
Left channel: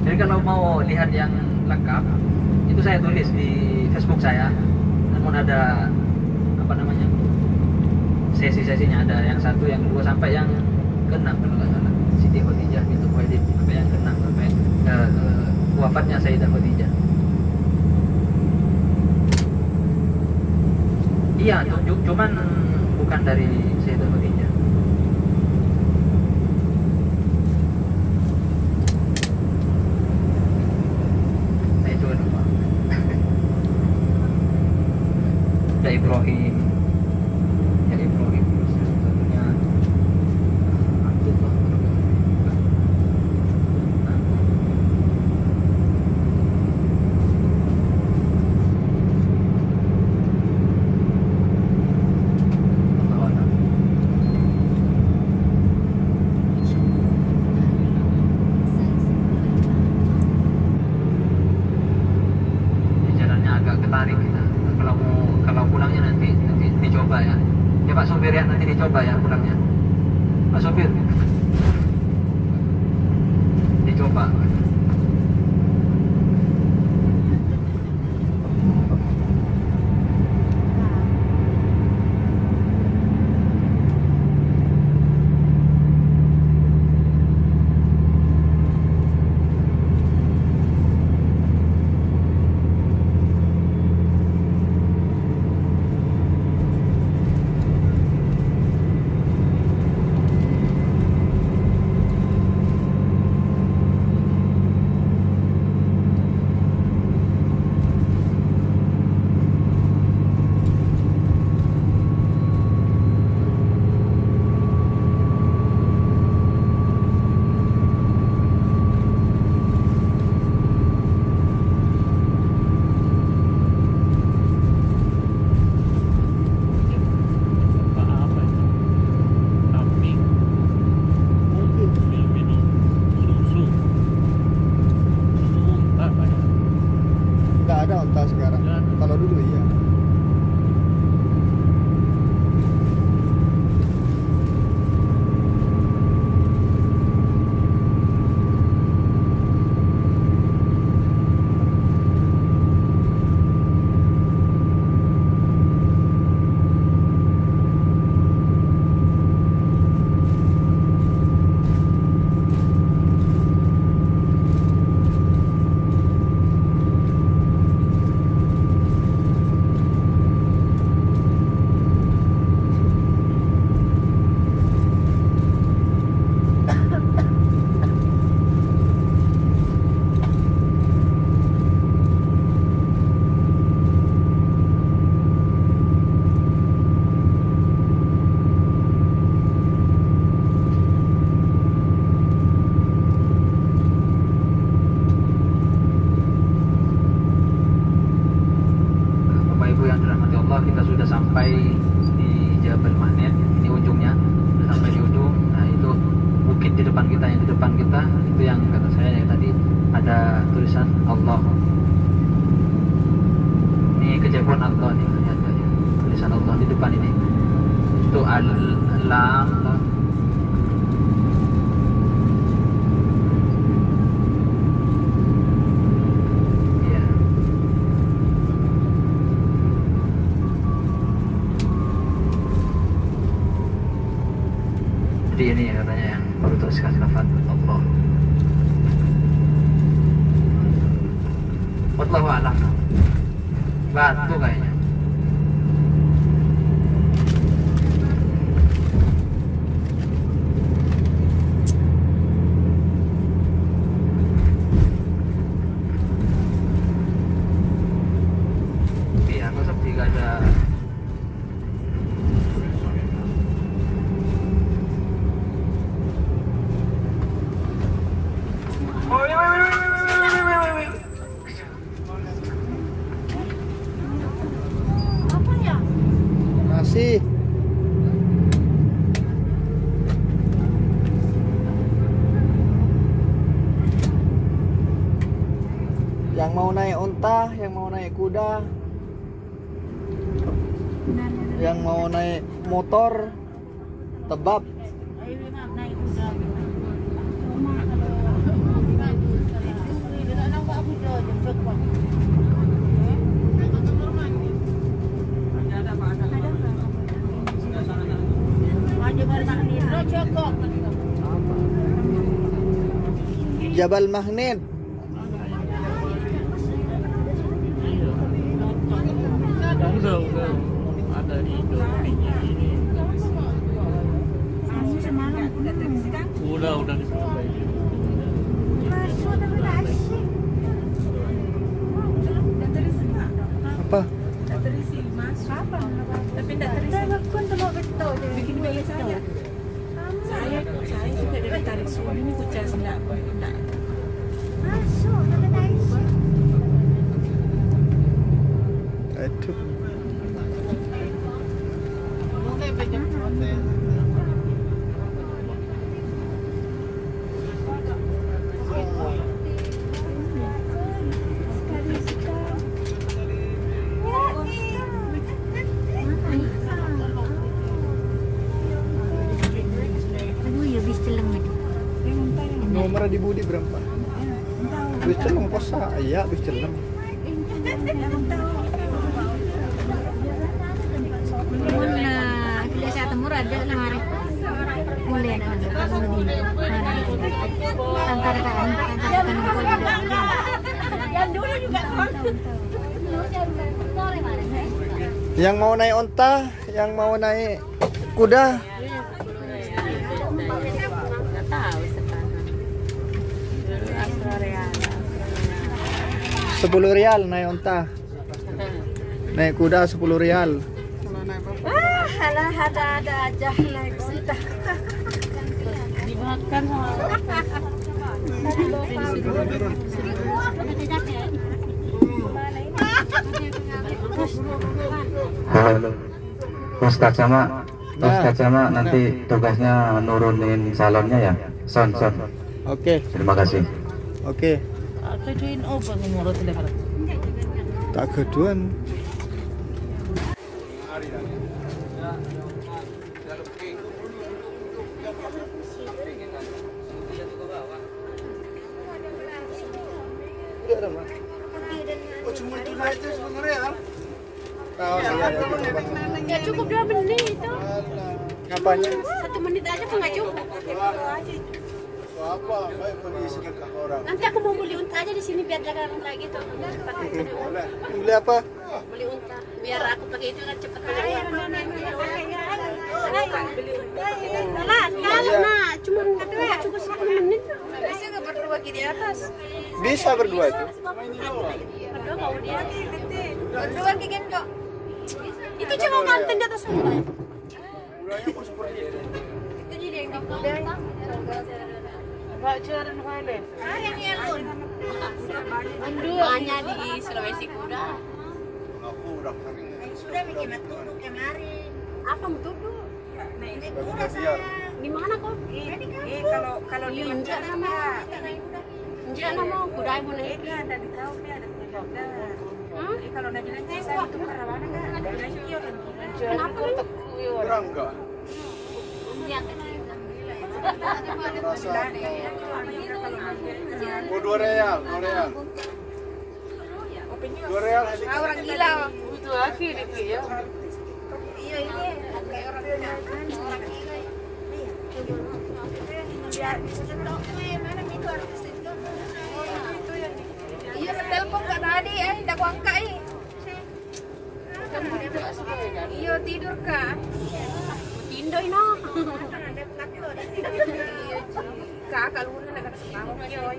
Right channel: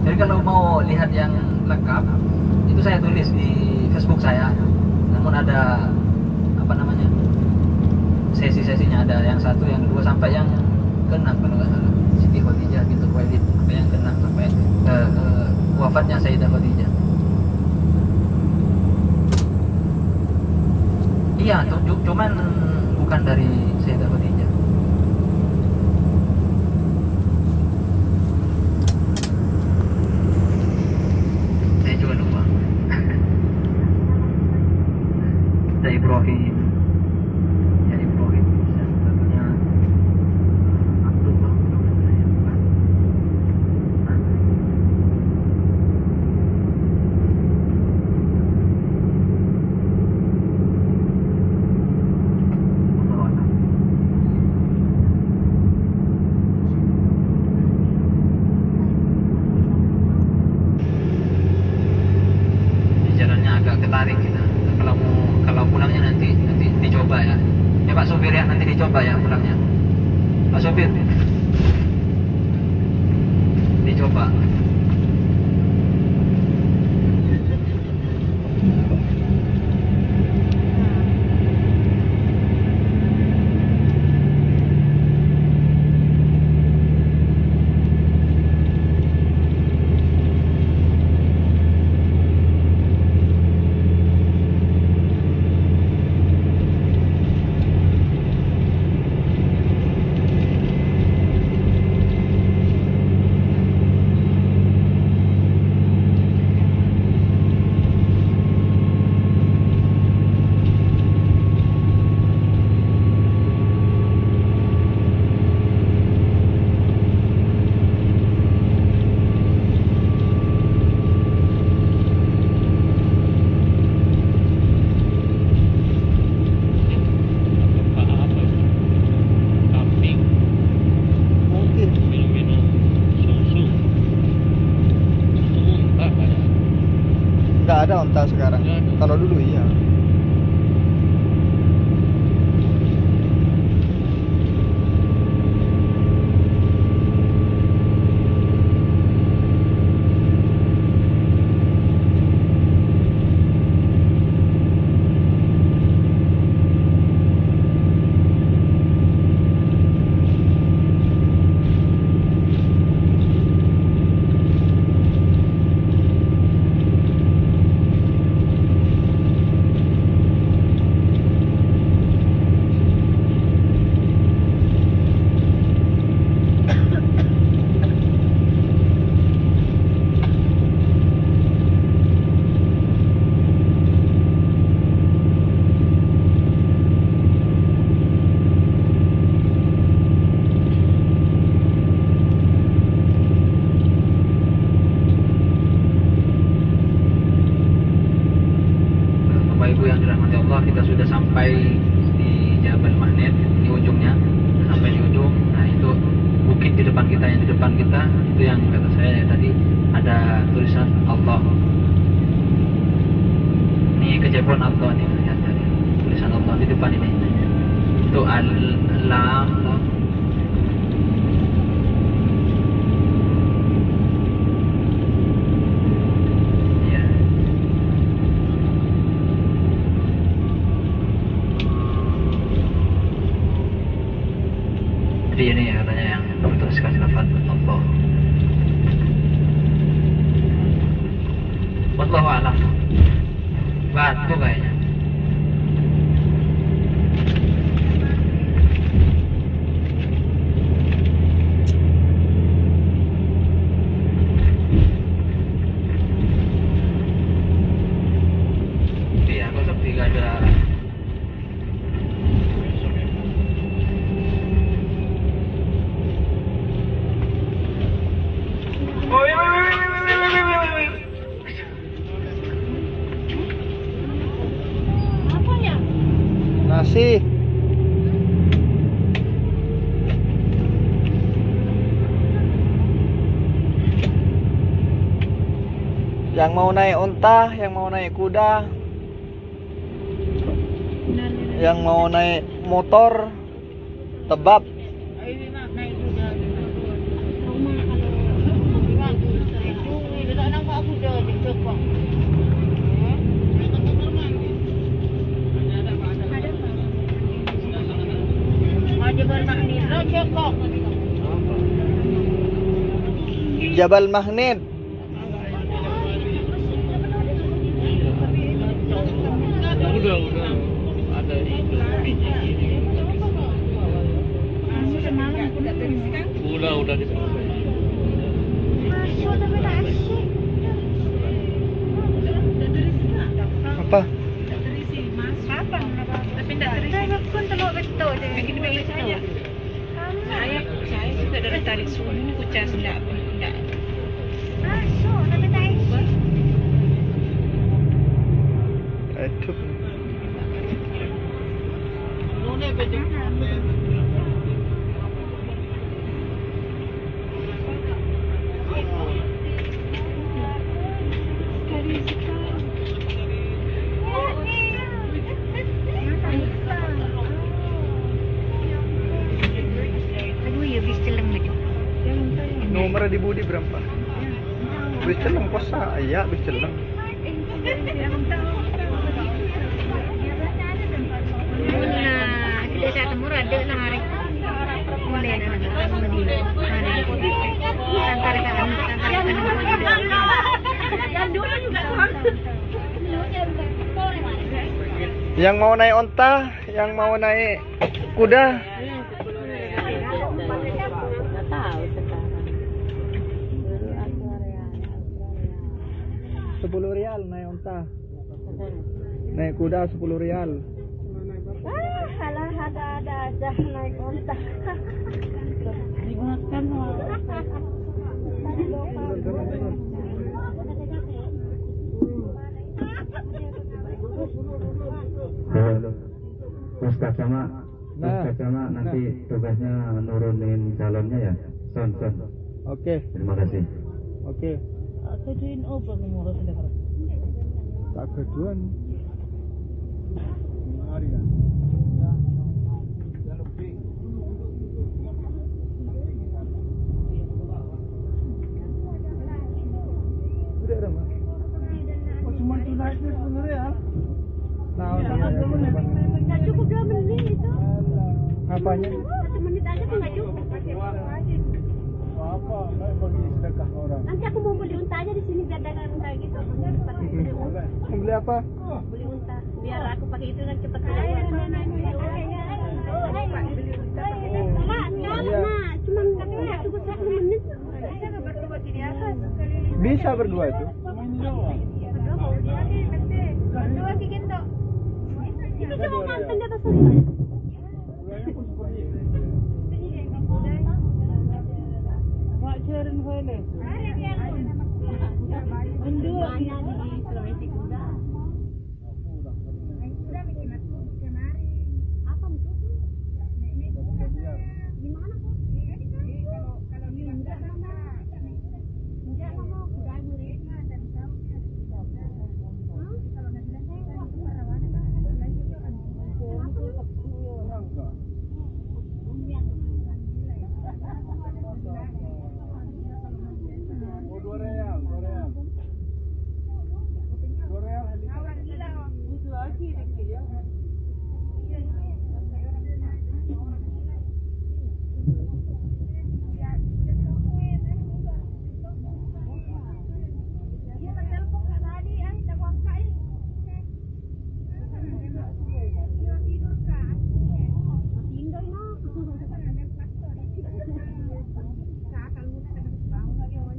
Jadi kalau mau lihat yang lengkap itu saya tulis di Facebook saya. Namun ada apa namanya, sesi-sesinya, ada yang 1, yang 2 sampai yang ke-6 kalau nggak salah. Siti Khadijah bintu Khuwailid sampai yang ke-6, sampai ke wafatnya Sayyidah Khadijah. Iya, cuman bukan dari Sayyidah Khadijah. Saya juga lupa. Ada Ibrahim. Ya Ibrahim satunya Abdullah kalau nggak salah ya. Nah. Allahu a'lam. Ini jalannya agak ketarik kita. Kalau pulangnya nanti dicoba ya. Ya Pak Sopir ya, nanti dicoba ya pulangnya. Pak Sopir. Dicoba. Nggak ada onta sekarang. Kalau dulu iya. Kita sudah sampai di Jabal Mahnet, di ujungnya, sampai di ujung. Nah itu bukit di depan kita, yang di depan kita itu yang kata saya yang tadi ada tulisan Allah. Ini kejabuan Allah nih, lihat tadi tulisan Allah di depan ini. Itu Al-Lam. Jadi ini katanya yang perlu teruskan lafaz Allah. Wallahu a'lam. Batu kayaknya. Iya, kok sepi gak ada. Nasi. Yang mau naik unta, yang mau naik kuda, yang mau naik motor, tebab. Jabal Magnet. Udah Apa? Tapi tidak terisi. Kan telur betul je. Bikin balik saya. Saya juga dari tarik sungai ni kucing sendak. Masuk tapi tak isi. Aduh. Nomor di Budi berapa? Bis celeng kosa, iya bis celeng. Tidak saya temu ada lah hari. Boleh Yang mau naik onta, yang mau naik kuda. Rp10 naik onta. Naik kuda 10 rial. Alah ada aja naik kuda. Dimakan Halo, Ustaz Sama nanti tugasnya nurunin salonnya ya, son. Oke. Terima kasih. Oke. Keduin apa ngomong tidak ada. Tak keduan. Udah ada mah. Oh cuma itu naik itu 10 rial. Ya cukup 2 menit itu. Ngapanya? 1 menit aja kok nggak cukup. Apa? Baik mau disedekah orang. Nanti aku mau beli unta aja di sini biar dagang unta gitu. Boleh. Beli apa? Beli unta biar aku pakai itu kan cepat beli unta. Karena cuma cukup 10 menit. Bisa nggak berdua di atas? Bisa berdua itu. Berdua mau di atas nanti. Berdua gigi dok. Itu cuma konten di atas unta. Itu jadi yang kuda. Bacaran Thailand. Banyak di Sulawesi kuda. Sudah bikin tuduk kemarin. Apa tuduk? Naik kuda saya. Di mana kok? Kalau di Unja nama. Unja nama kuda ibu naik. Tadi tahu dia ada kuda. Kalau nabi nanti saya itu karawana kan ada lagi orang. Kenapa teku ya orang? Enggak. Iya kan. Oh 2 real. 2 real. Orang gila. Itu lagi itu ya. Iya ini kayak orang gila. Orang gila. Biar bisa cetok mana itu artis itu. Iya telepon Kak tadi tidak aku angkat Iya tidur Kak. Tindo ini. Kakak lu nak kena semalam dia.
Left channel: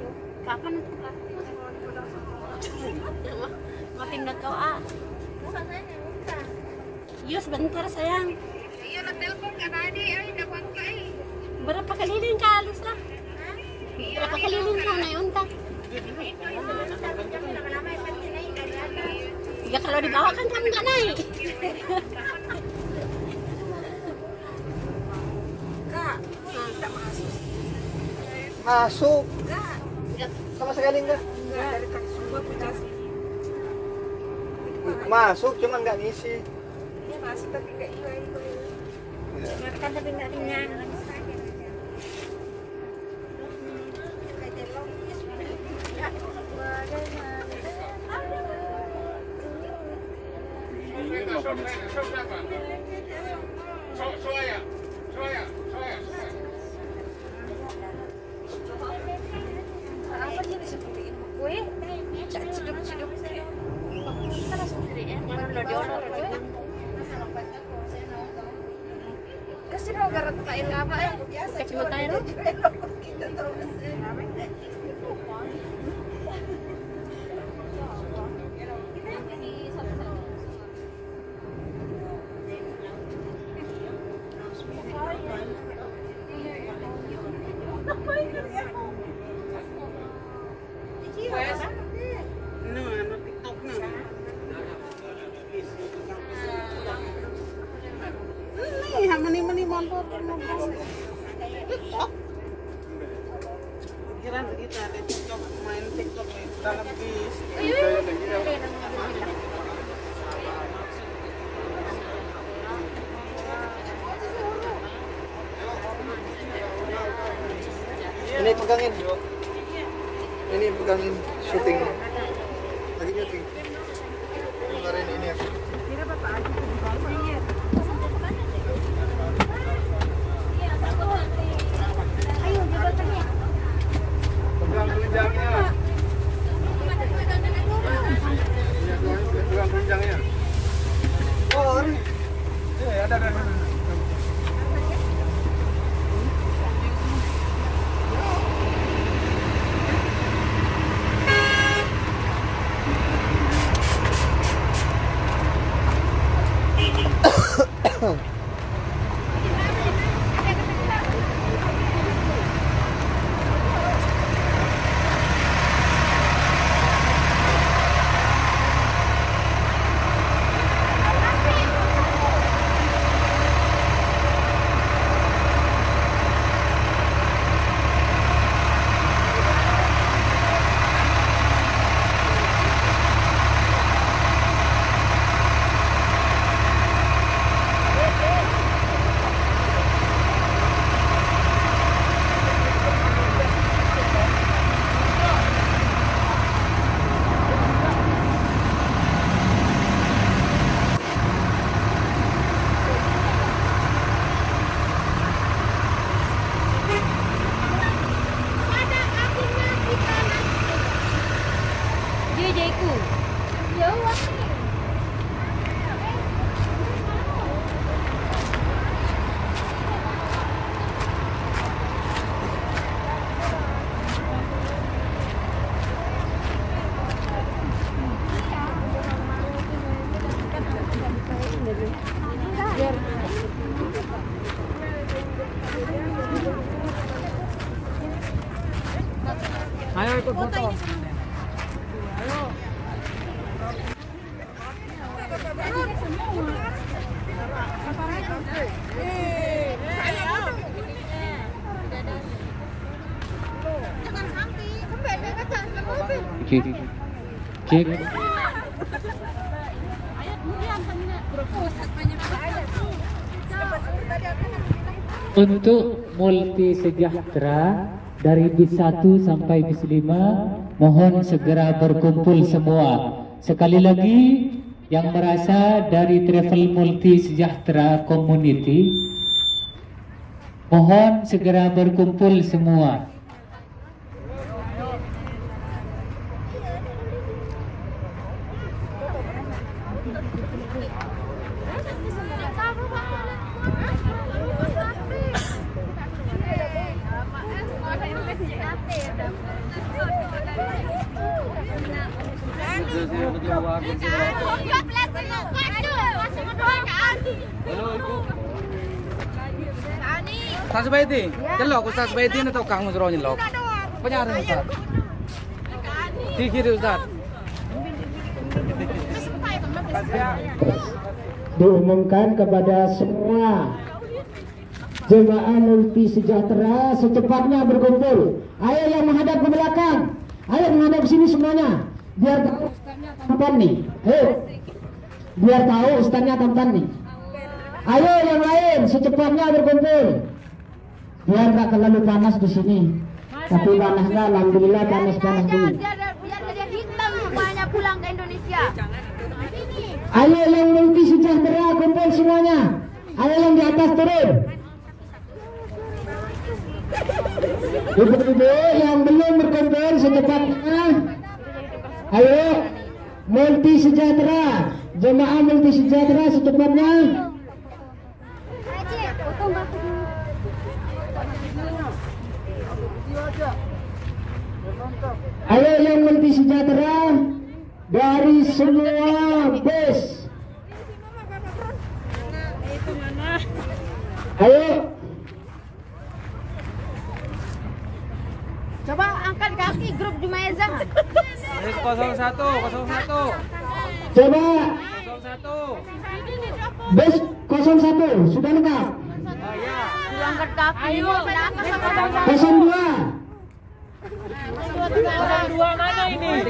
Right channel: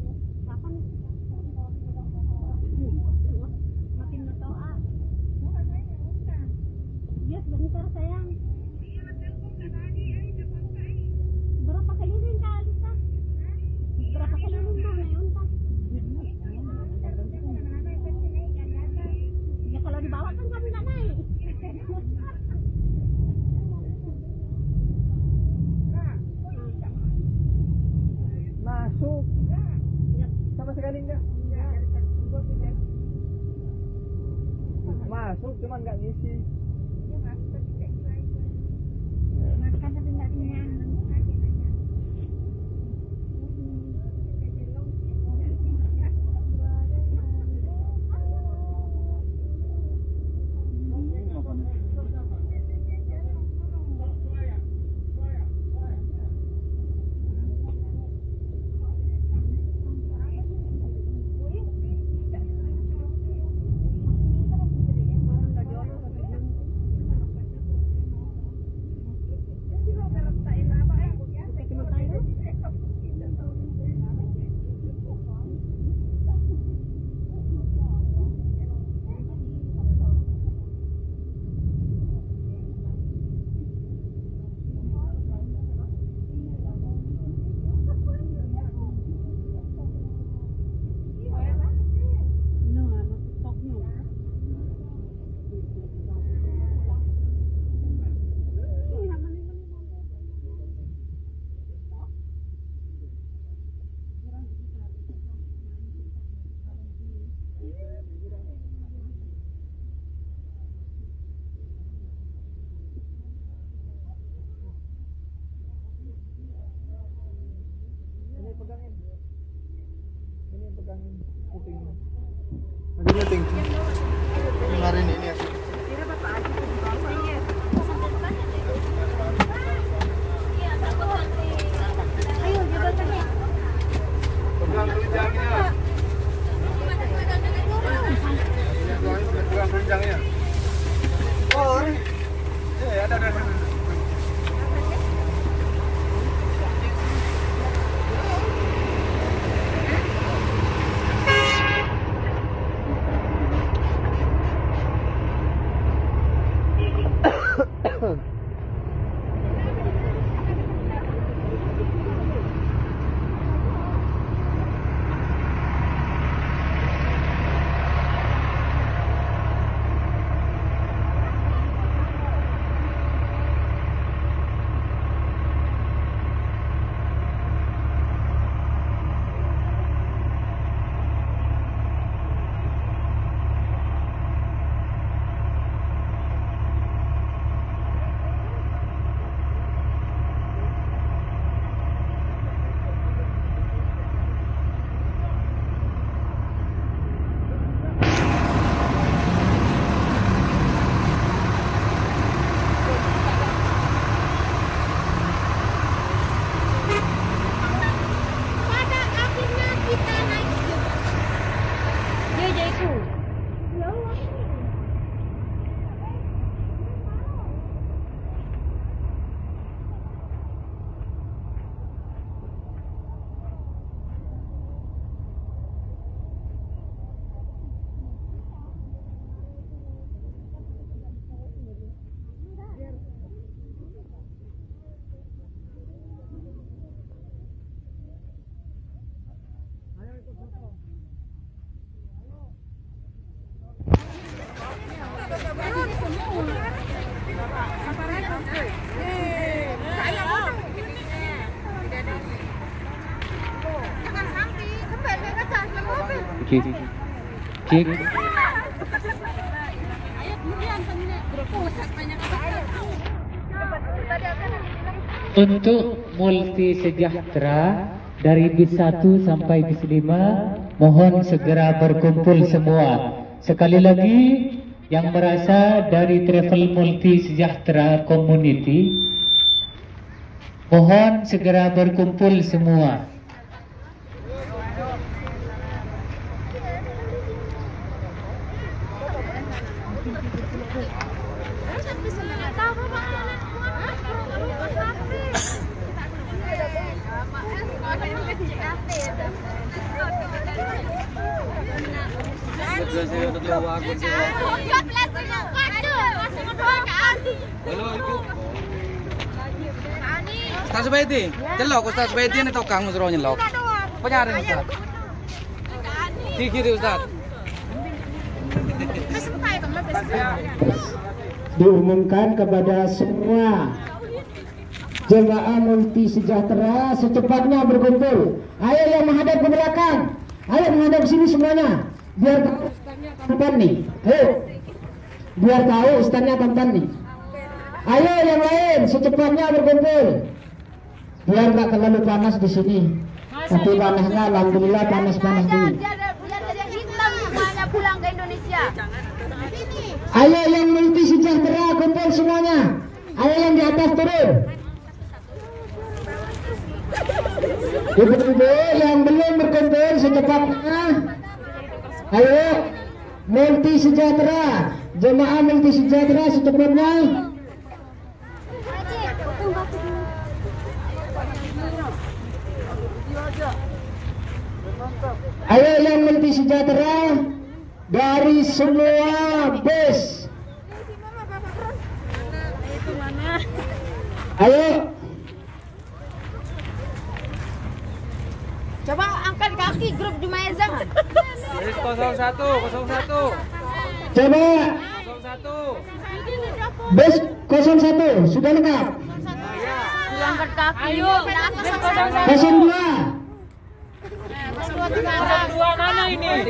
Kapan itu Kak? Makin dah kau Bukan saya bukan. Iya sebentar sayang. Iya nak telepon Kak tadi dah aku angkat Berapa keliling kali lah? Berapa keliling kau naik unta? Ya kalau di bawah kan kami nggak naik. Kak, kita Masuk. Sama sekali enggak? Enggak, dari kaki semua punya sih. Masuk cuman nggak ngisi. Iya masuk tapi nggak iya. Ya. Makan tapi nggak kenyang. Ini pegangin. Ini pegangin syuting. Lagi syuting. Kemarin ini. Pegang renjangnya. Pegang renjangnya. Oh, ini. Ada. Ayo ikut foto. Untuk multi sejahtera dari bis 1 sampai bis 5 mohon segera berkumpul semua. Sekali lagi yang merasa dari Travel Multi Sejahtera Community mohon segera berkumpul semua. Ustaz Baiti, celok Ustaz Baiti na tau kang musro nyelok. Penyarin Ustaz. Dikiri Ustaz. Diumumkan kepada semua jemaah multi sejahtera secepatnya berkumpul. Ayo yang menghadap ke belakang, ayo menghadap sini semuanya, biar tampan nih. Ayo, biar tahu ustaznya tampan nih. Ayo yang lain secepatnya berkumpul, biar nggak terlalu panas di sini. Tapi panasnya alhamdulillah panas-panas dulu. Biar jadi hitam banyak pulang ke Indonesia. Ayo yang multi sejahtera kumpul semuanya. Ayo yang di atas turun. Ibu-ibu yang belum berkumpul secepatnya. Ayo multi sejahtera, jemaah multi sejahtera secepatnya. Ayo yang multi sejahtera dari semua bus. Ayo. Coba angkat kaki grup Jumaizah. 01. Coba 01. bus 01 sudah lengkap. Angkat kaki. Ayo. 02. Mana ini?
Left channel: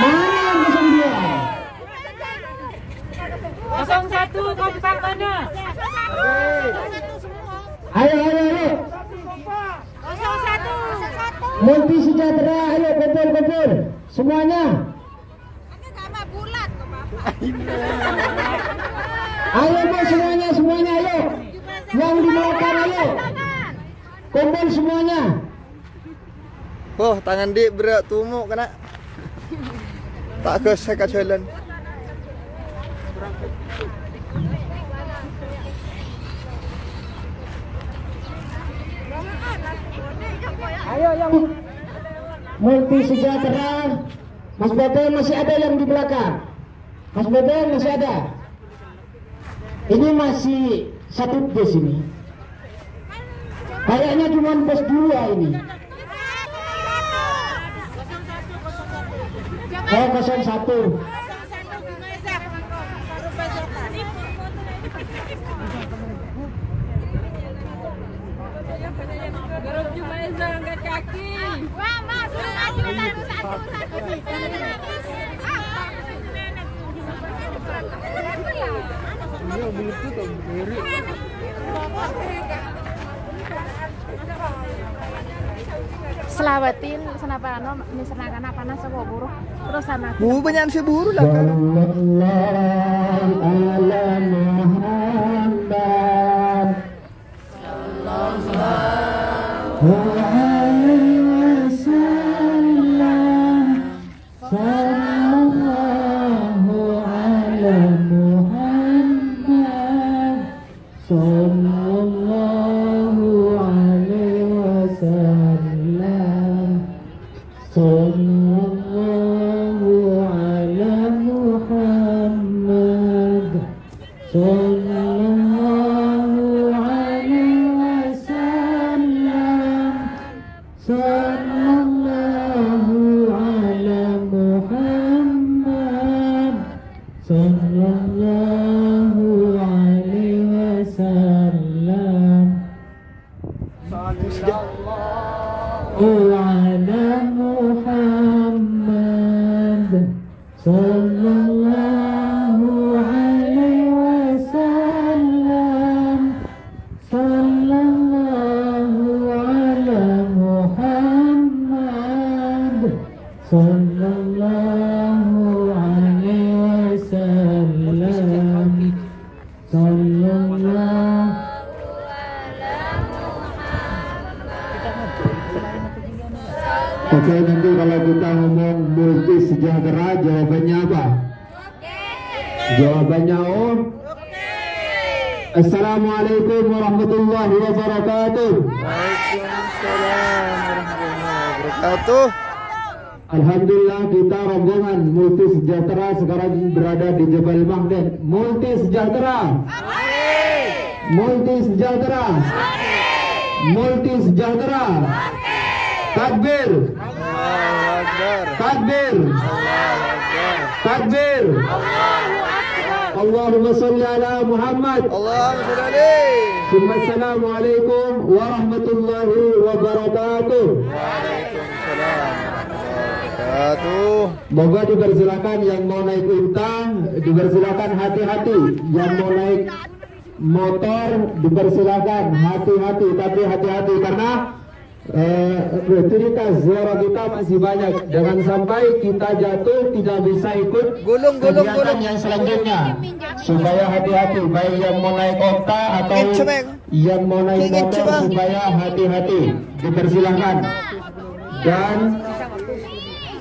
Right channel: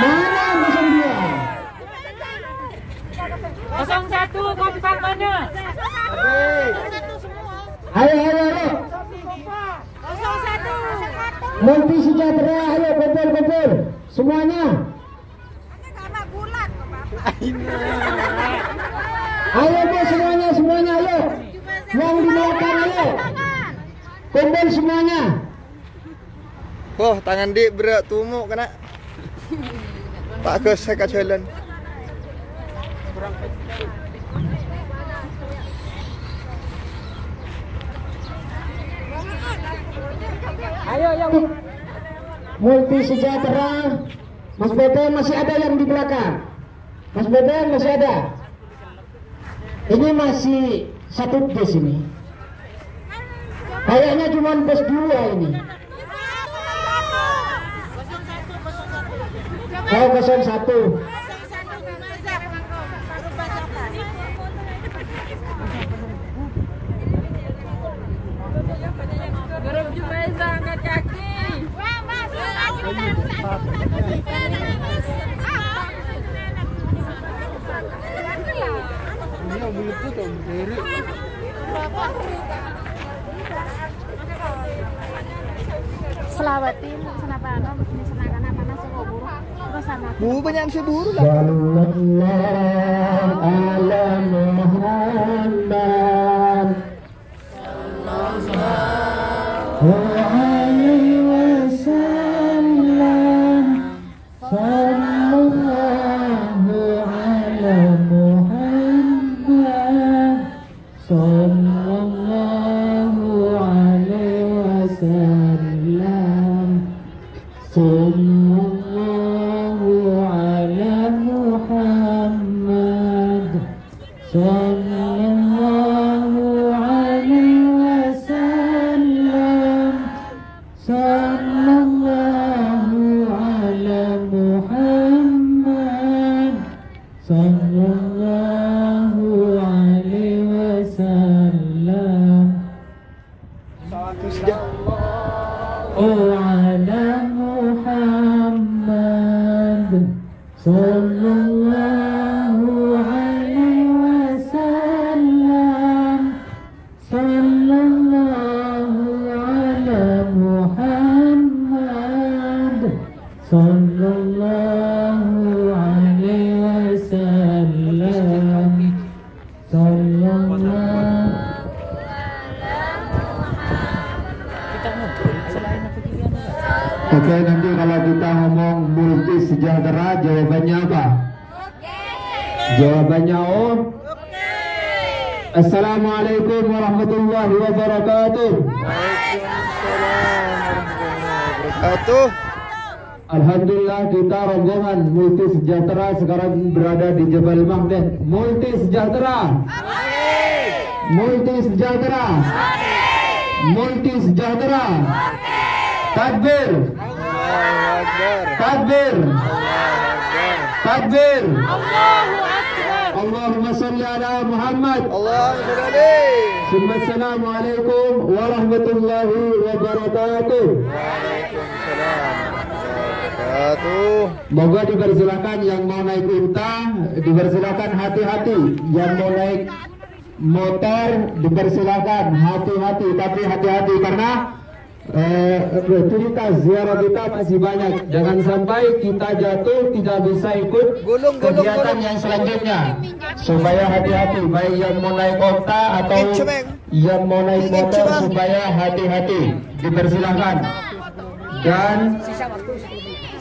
Mana 02? 01 kompak mana? Ayo. Multi Sejahtera, ayo kumpul semuanya. Ayo semuanya ayo. Yang di belakang ayo. Kumpul semuanya. Oh, tangan dik berat tumuk kena. Tak ke saya jalan. Ayo yang Multi Sejahtera. Mas Bebe masih ada yang di belakang. Mas Bebe masih ada. Ini masih satu bus ini. Kayaknya cuma bus 2 ini. Oh 01. Angkat kaki. Selawatin senapana ini senakan panas sama buru. Terus sama. Bu banyak si buru lah. Oke, nanti kalau kita ngomong Multi Sejahtera, jawabannya apa? Jawabannya O. Assalamualaikum warahmatullahi wabarakatuh. Waalaikumsalam warahmatullahi wabarakatuh. Alhamdulillah kita rombongan Multi Sejahtera sekarang berada di Jabal Mahden. Multi Sejahtera. Multi Sejahtera. Multi Sejahtera. Takbir. Allahu Akbar. Takbir. Allahu Akbar. Takbir. Allahu Akbar. Allahumma salli ala Muhammad. Allahumma salli alaihi. Assalamualaikum warahmatullahi wabarakatuh. Waalaikumsalam warahmatullahi wabarakatuh. Moga dipersilakan yang mau naik unta, dipersilakan hati-hati. Yang mau naik motor, dipersilakan hati-hati. Tapi hati-hati karena rutinitas ziarah kita masih banyak. Jangan sampai kita jatuh tidak bisa ikut kegiatan yang selanjutnya. Supaya hati-hati, baik yang mau naik onta atau yang mau naik motor, supaya hati-hati. Dipersilakan. Dan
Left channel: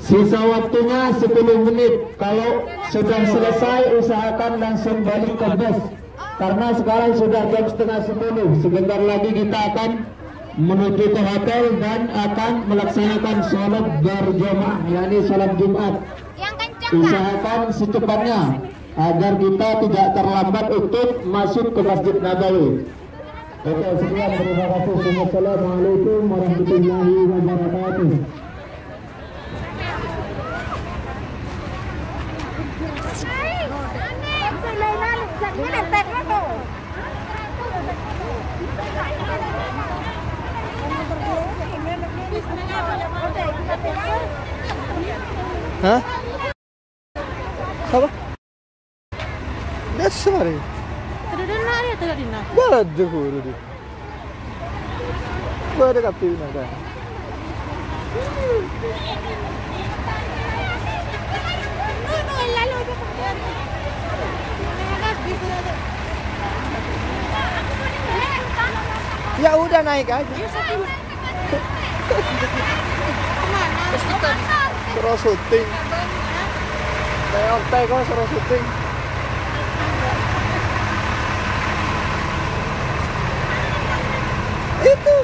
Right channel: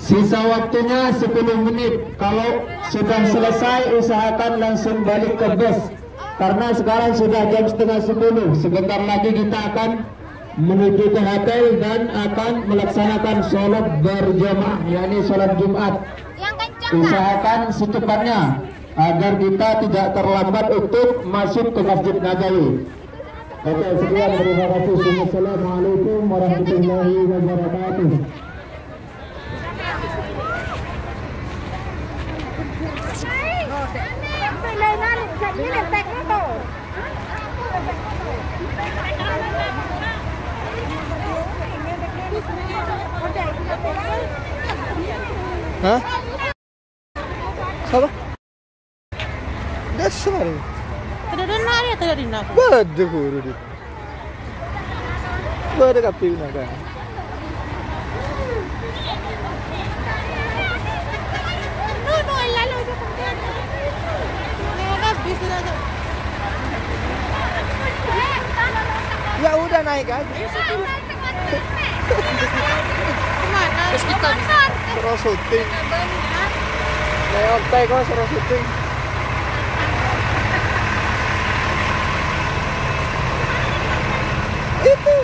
sisa waktunya 10 menit. Kalau sudah selesai, usahakan langsung balik ke bus. Karena sekarang sudah jam 9:30. Sebentar lagi kita akan menuju ke hotel dan akan melaksanakan sholat berjamaah, yakni sholat Jumat. Usahakan secepatnya agar kita tidak terlambat untuk masuk ke Masjid Nabawi. Oke, sekian, terima kasih. Assalamualaikum warahmatullahi wabarakatuh. Hah? Apa? Dasar. Tidak ya, tidak dina. Bade guru di. Bade kapi naga. Ya udah naik aja. Suruh syuting. Neontek kok suruh syuting. Itu.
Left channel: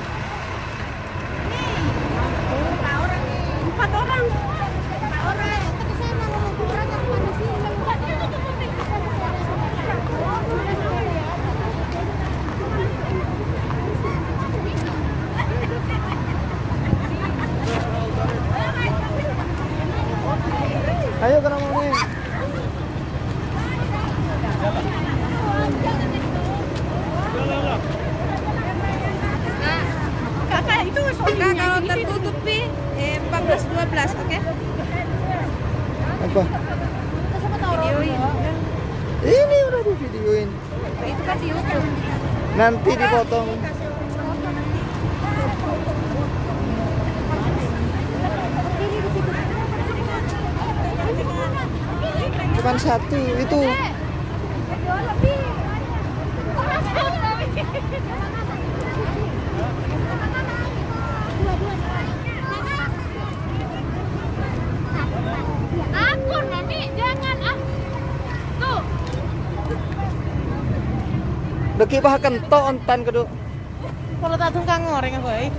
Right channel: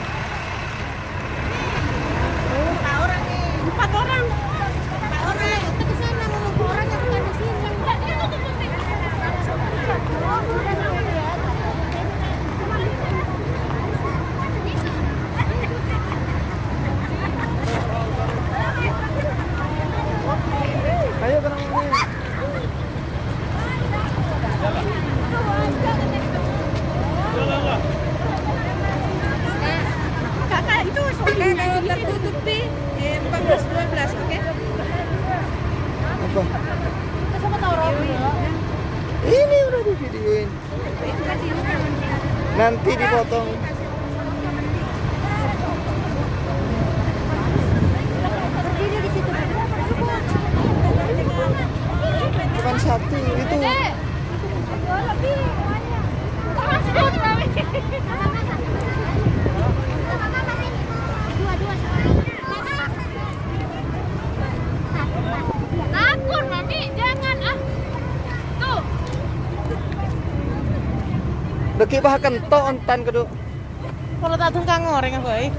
Ayo ke nomornya. Kakak itu kalau tertutupi 14-12, oke? Apa? Ini udah di videoin. Nanti dipotong. Cuman satu itu. Aku nanti jangan tuh. Deki bah kentok ontan kedua. Kalau tak tungkang ngoreng apa ya?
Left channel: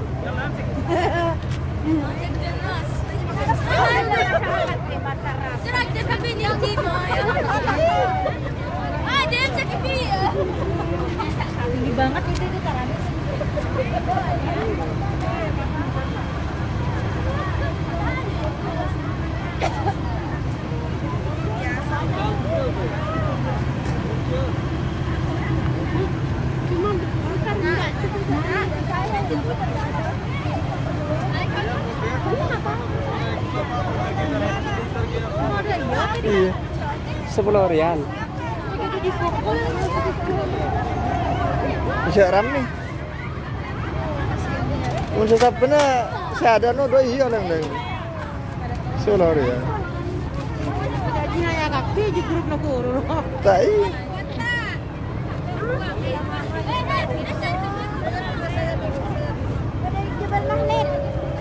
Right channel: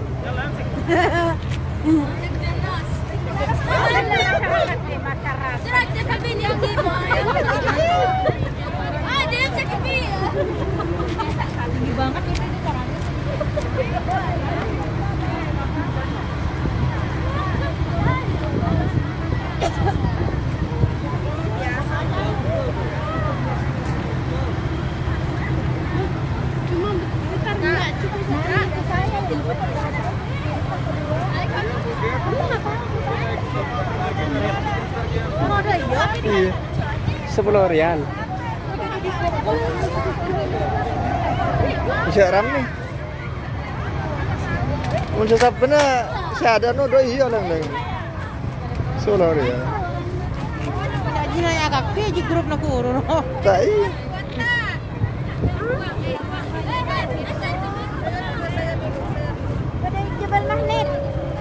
Tinggi banget itu karena. Iya. 10 rial. Jaram nih. Mun sesabena sadano do iya lang lang. 10 rial. Aji ya kakek aji grup na puro. Tai.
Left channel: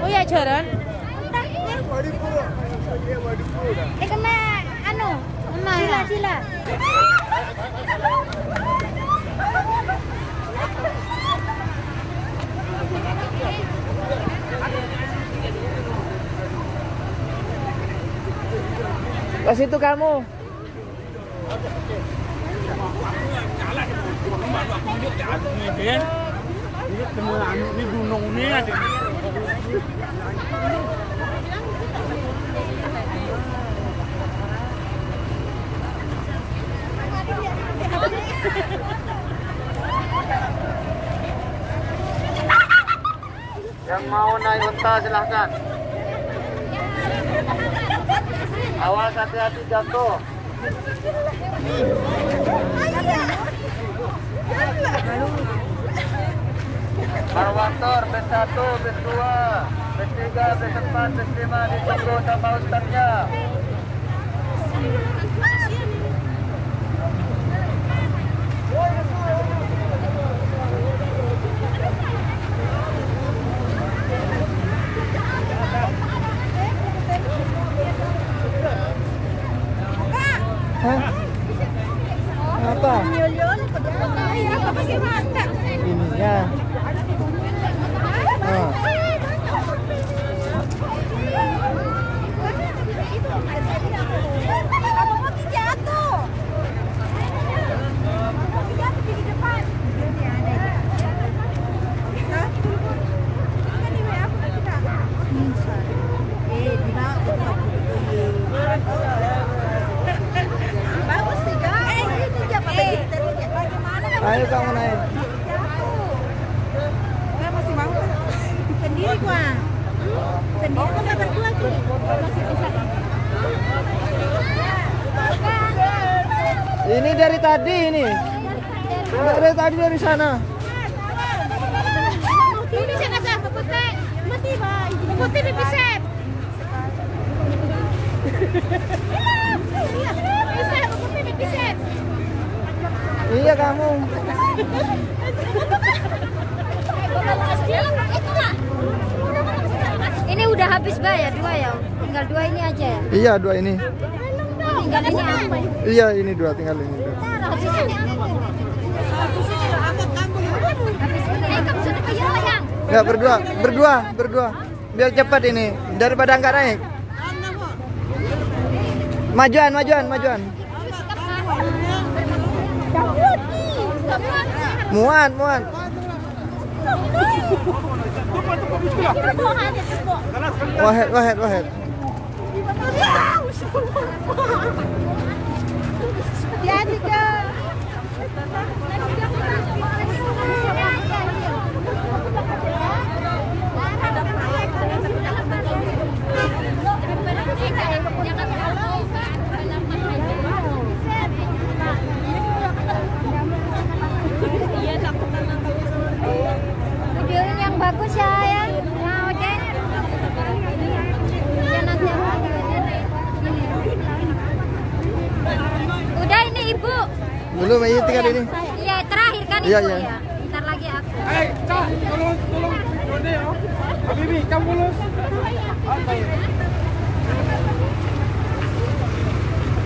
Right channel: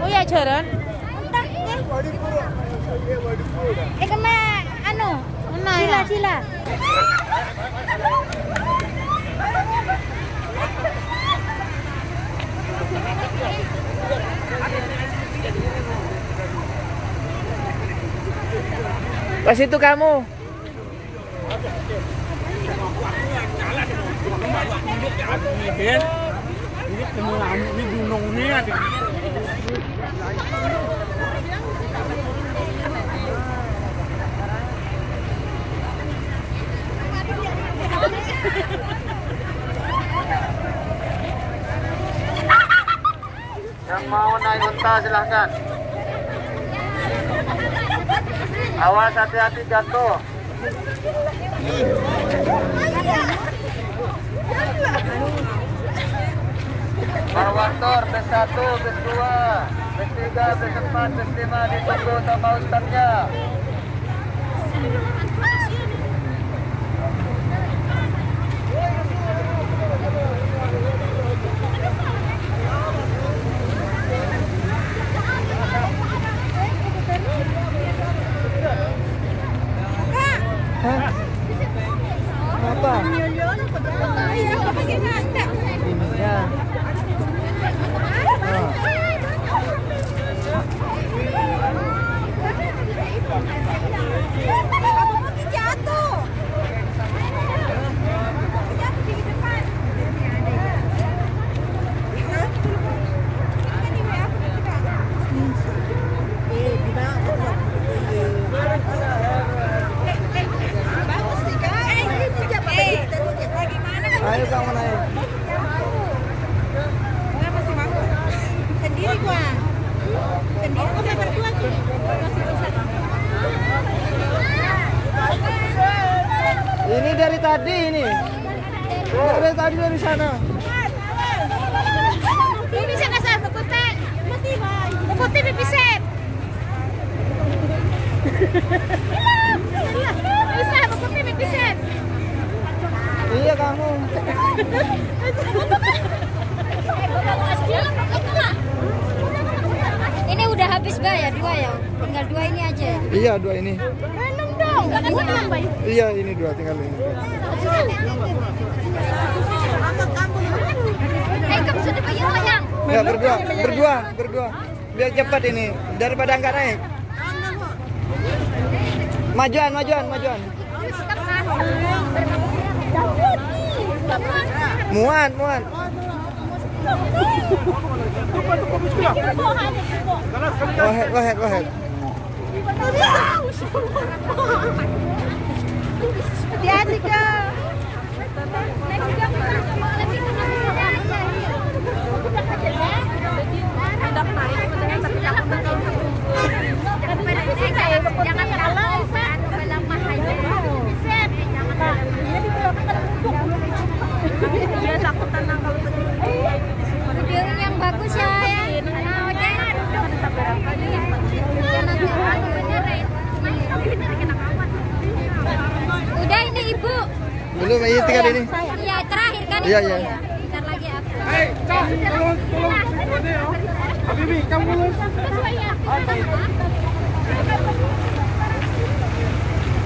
Oh ya jaran. Kena anu, sila. Pas itu kamu. Yang mau naik unta silahkan. Awas hati-hati jatuh. Barwakor B1, B2, B3, B4, B5 ditunggu sama ustaznya. Hah? Apa? Ini ya. Oh. Ini dari tadi ini. Dari tadi dari sana. Ini sana satu putih. Putih bisa. Bisa putih bisa. Iya kamu. Ini udah habis ya, 2 ya. Tinggal 2 ini aja ya. Iya 2 ini. Tinggal ini. Iya ini 2 tinggal ini. Enggak berdua. Biar cepat ini daripada enggak naik. Majuan. Muat. Wahed. Hati-hati kak. Yang bagus ya. Udah ini ibu. Belum ini tinggal ini. Iya terakhir kan. Iya. Bentar lagi aku. Habibi, kamu lulus.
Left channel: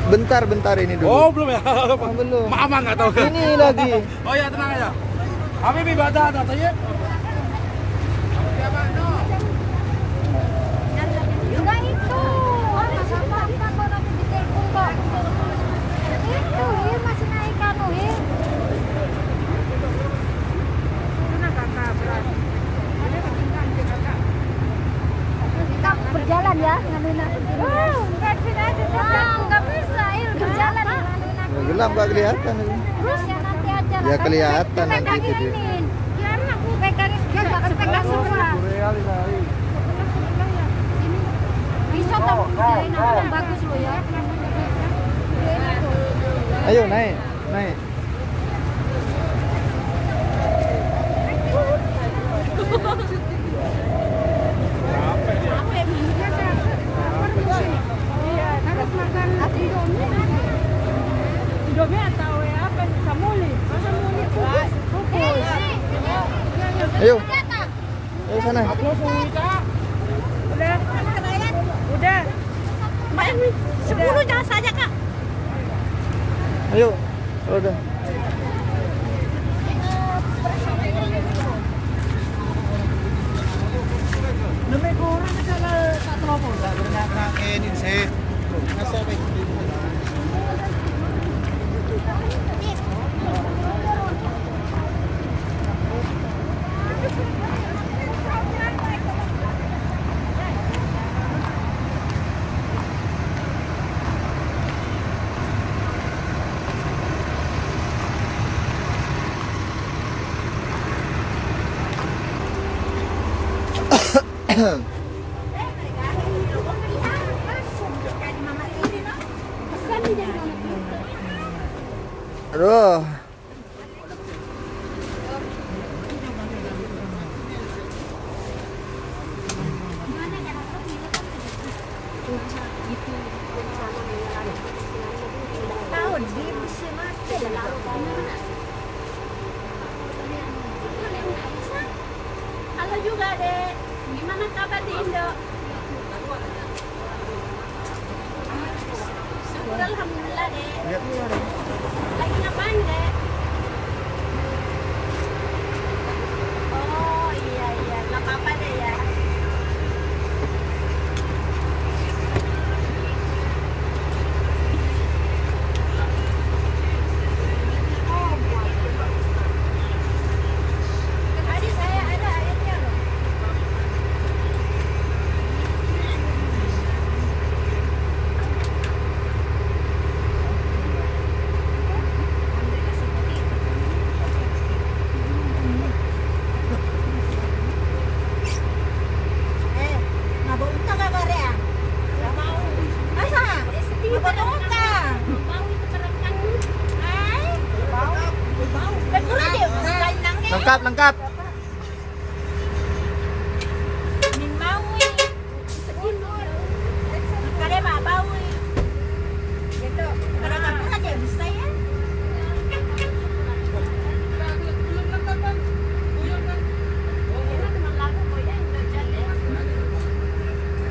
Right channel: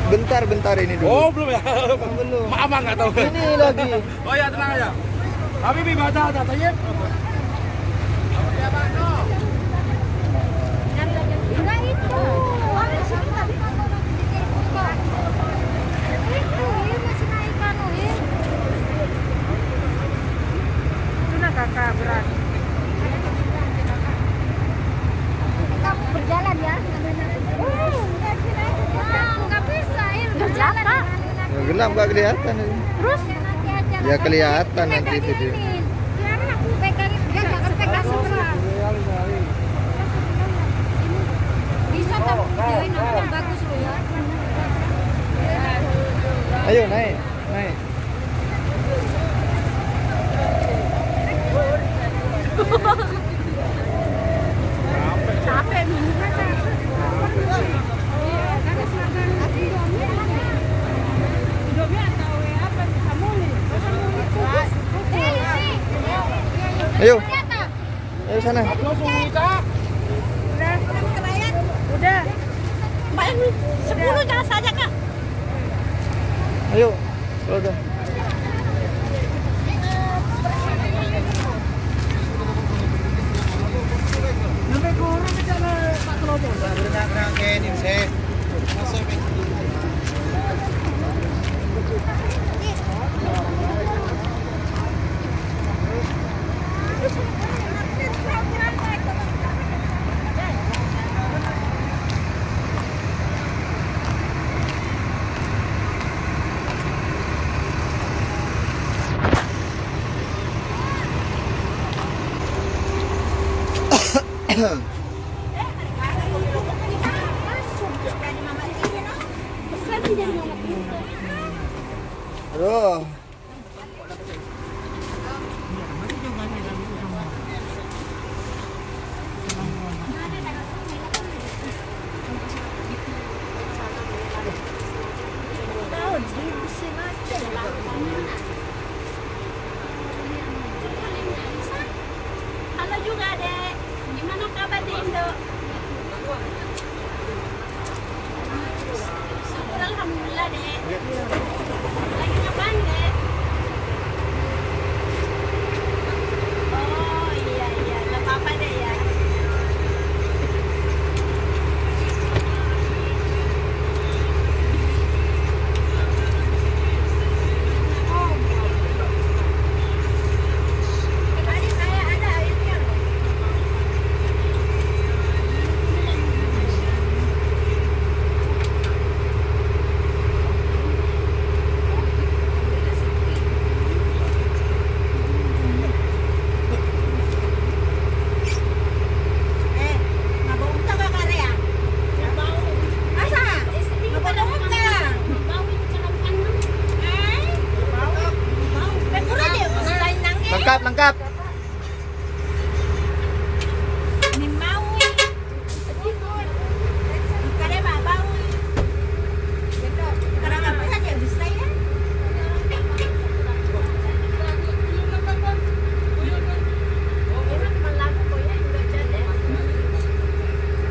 Bentar ini dulu. Oh belum ya? Belum. Maaf nggak tahu. Ini lagi. Oh ya tenang aja. Habibi baca katanya. Berjalan ya. Nggak bisa, berjalan. Ya, gelap nggak kelihatan. Terus nanti aja. Ya kelihatan nanti video. Pegangin, dia nggak akan pegang sebelah. Bisa tuh, ini bagus loh ya. Ayo naik. Ayo sana. Udah. Mbak, 10 jangan saja kak. Ayo, udah. Aduh. Halo juga dek, gimana kabar di Indo? Syukur alhamdulillah dek. Lagi ngapain dek? Oh iya, nggak apa-apa deh ya. Tadi saya ada airnya loh. Lengkap, lengkap.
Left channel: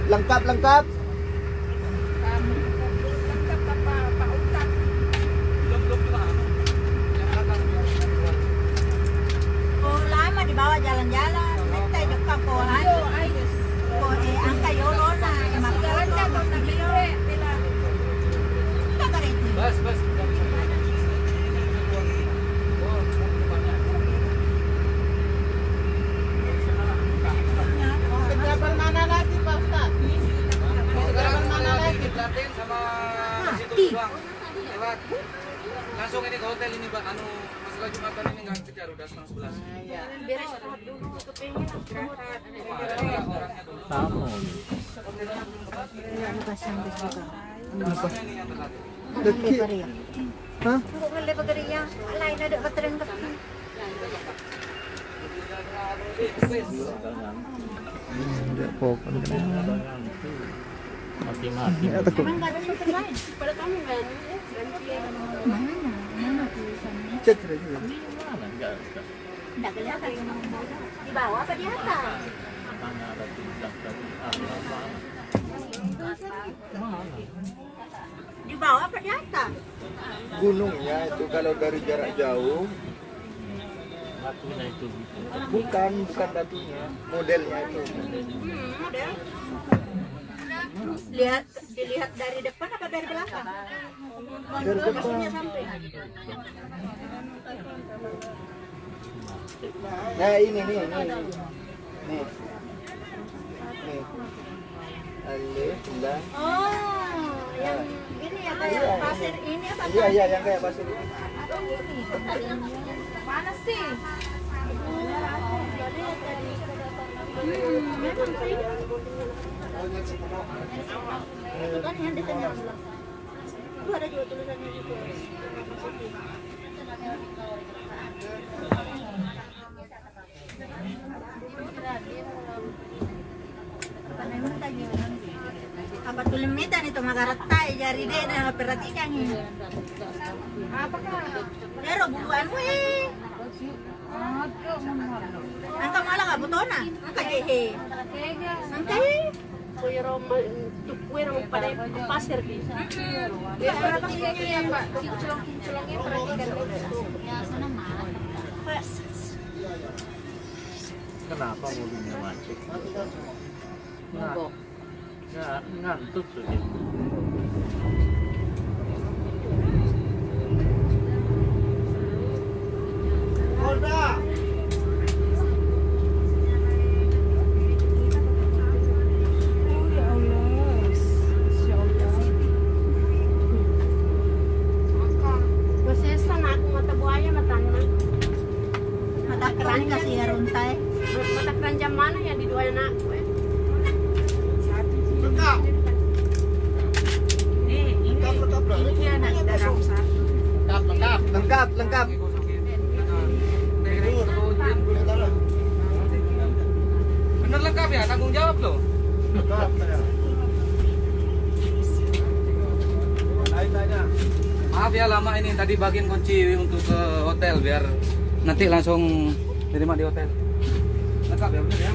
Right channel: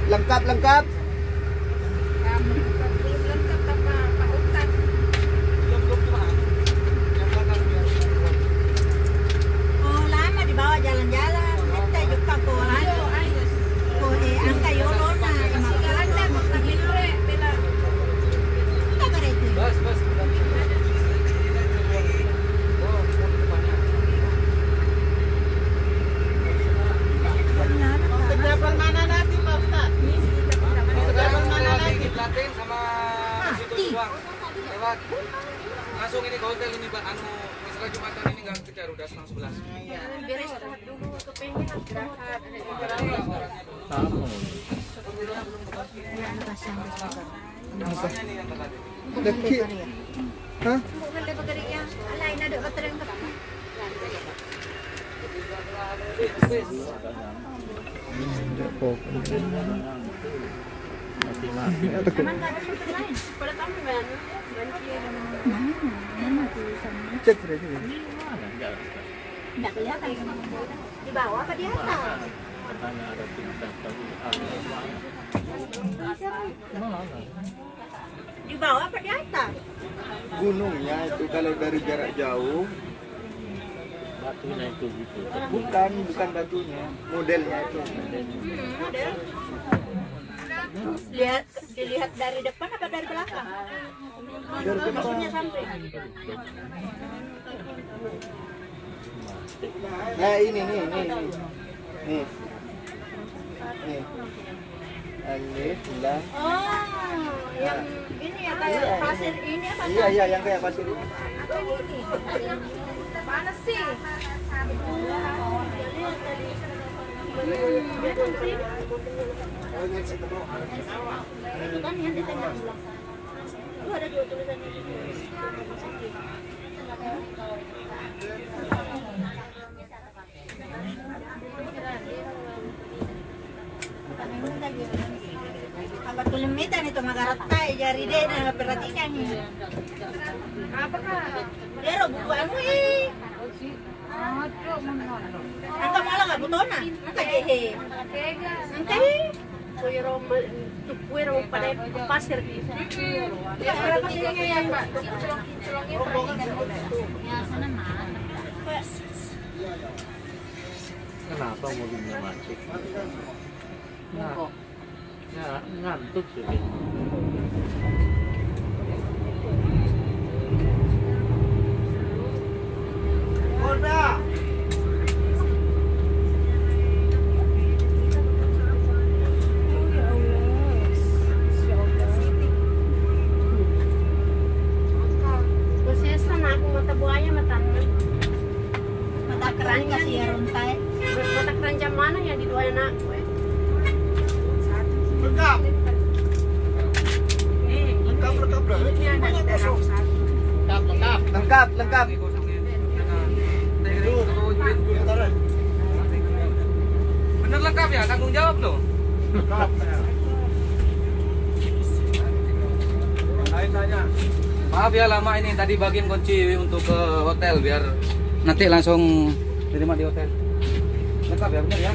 Lengkap, lengkap. Langsung ini ke hotel ini Pak, masalah Jumatan ini nggak kejar, udah setengah 11. Beres dulu, kepengen istirahat. Deki. Hah? Ya, takut. Cek saja. Di bawah apa di atas? Di bawah apa di atas? Gunungnya itu kalau dari jarak jauh. Batunya itu gitu. Bukan batunya, modelnya itu. Model. Dilihat dari depan apa dari belakang? Dari depan. Lokasinya sampai. Nah ini nih. Alif, lam. Oh, yang ini ya kayak pasir ini apa? Iya, yang kayak pasir ini. Mana sih? Itu kan yang di tengah. Itu ada juga tulisannya gitu. Apa tulimitan itu magarata jari deh na perhatikan ni. Apa ka? Pero bukuan mo eh. Ang malah nggak butona. Ang kajehe. Ang kahi. Puero pada pasir di. Ya berapa sih yang ya sana mah. Kenapa mobilnya macet? Ngantuk sudah. Lengkap. Bener lengkap ya, tanggung jawab loh. Maaf ya lama ini, tadi bagian kunci untuk ke hotel biar nanti langsung terima di hotel. Lengkap ya, bener ya?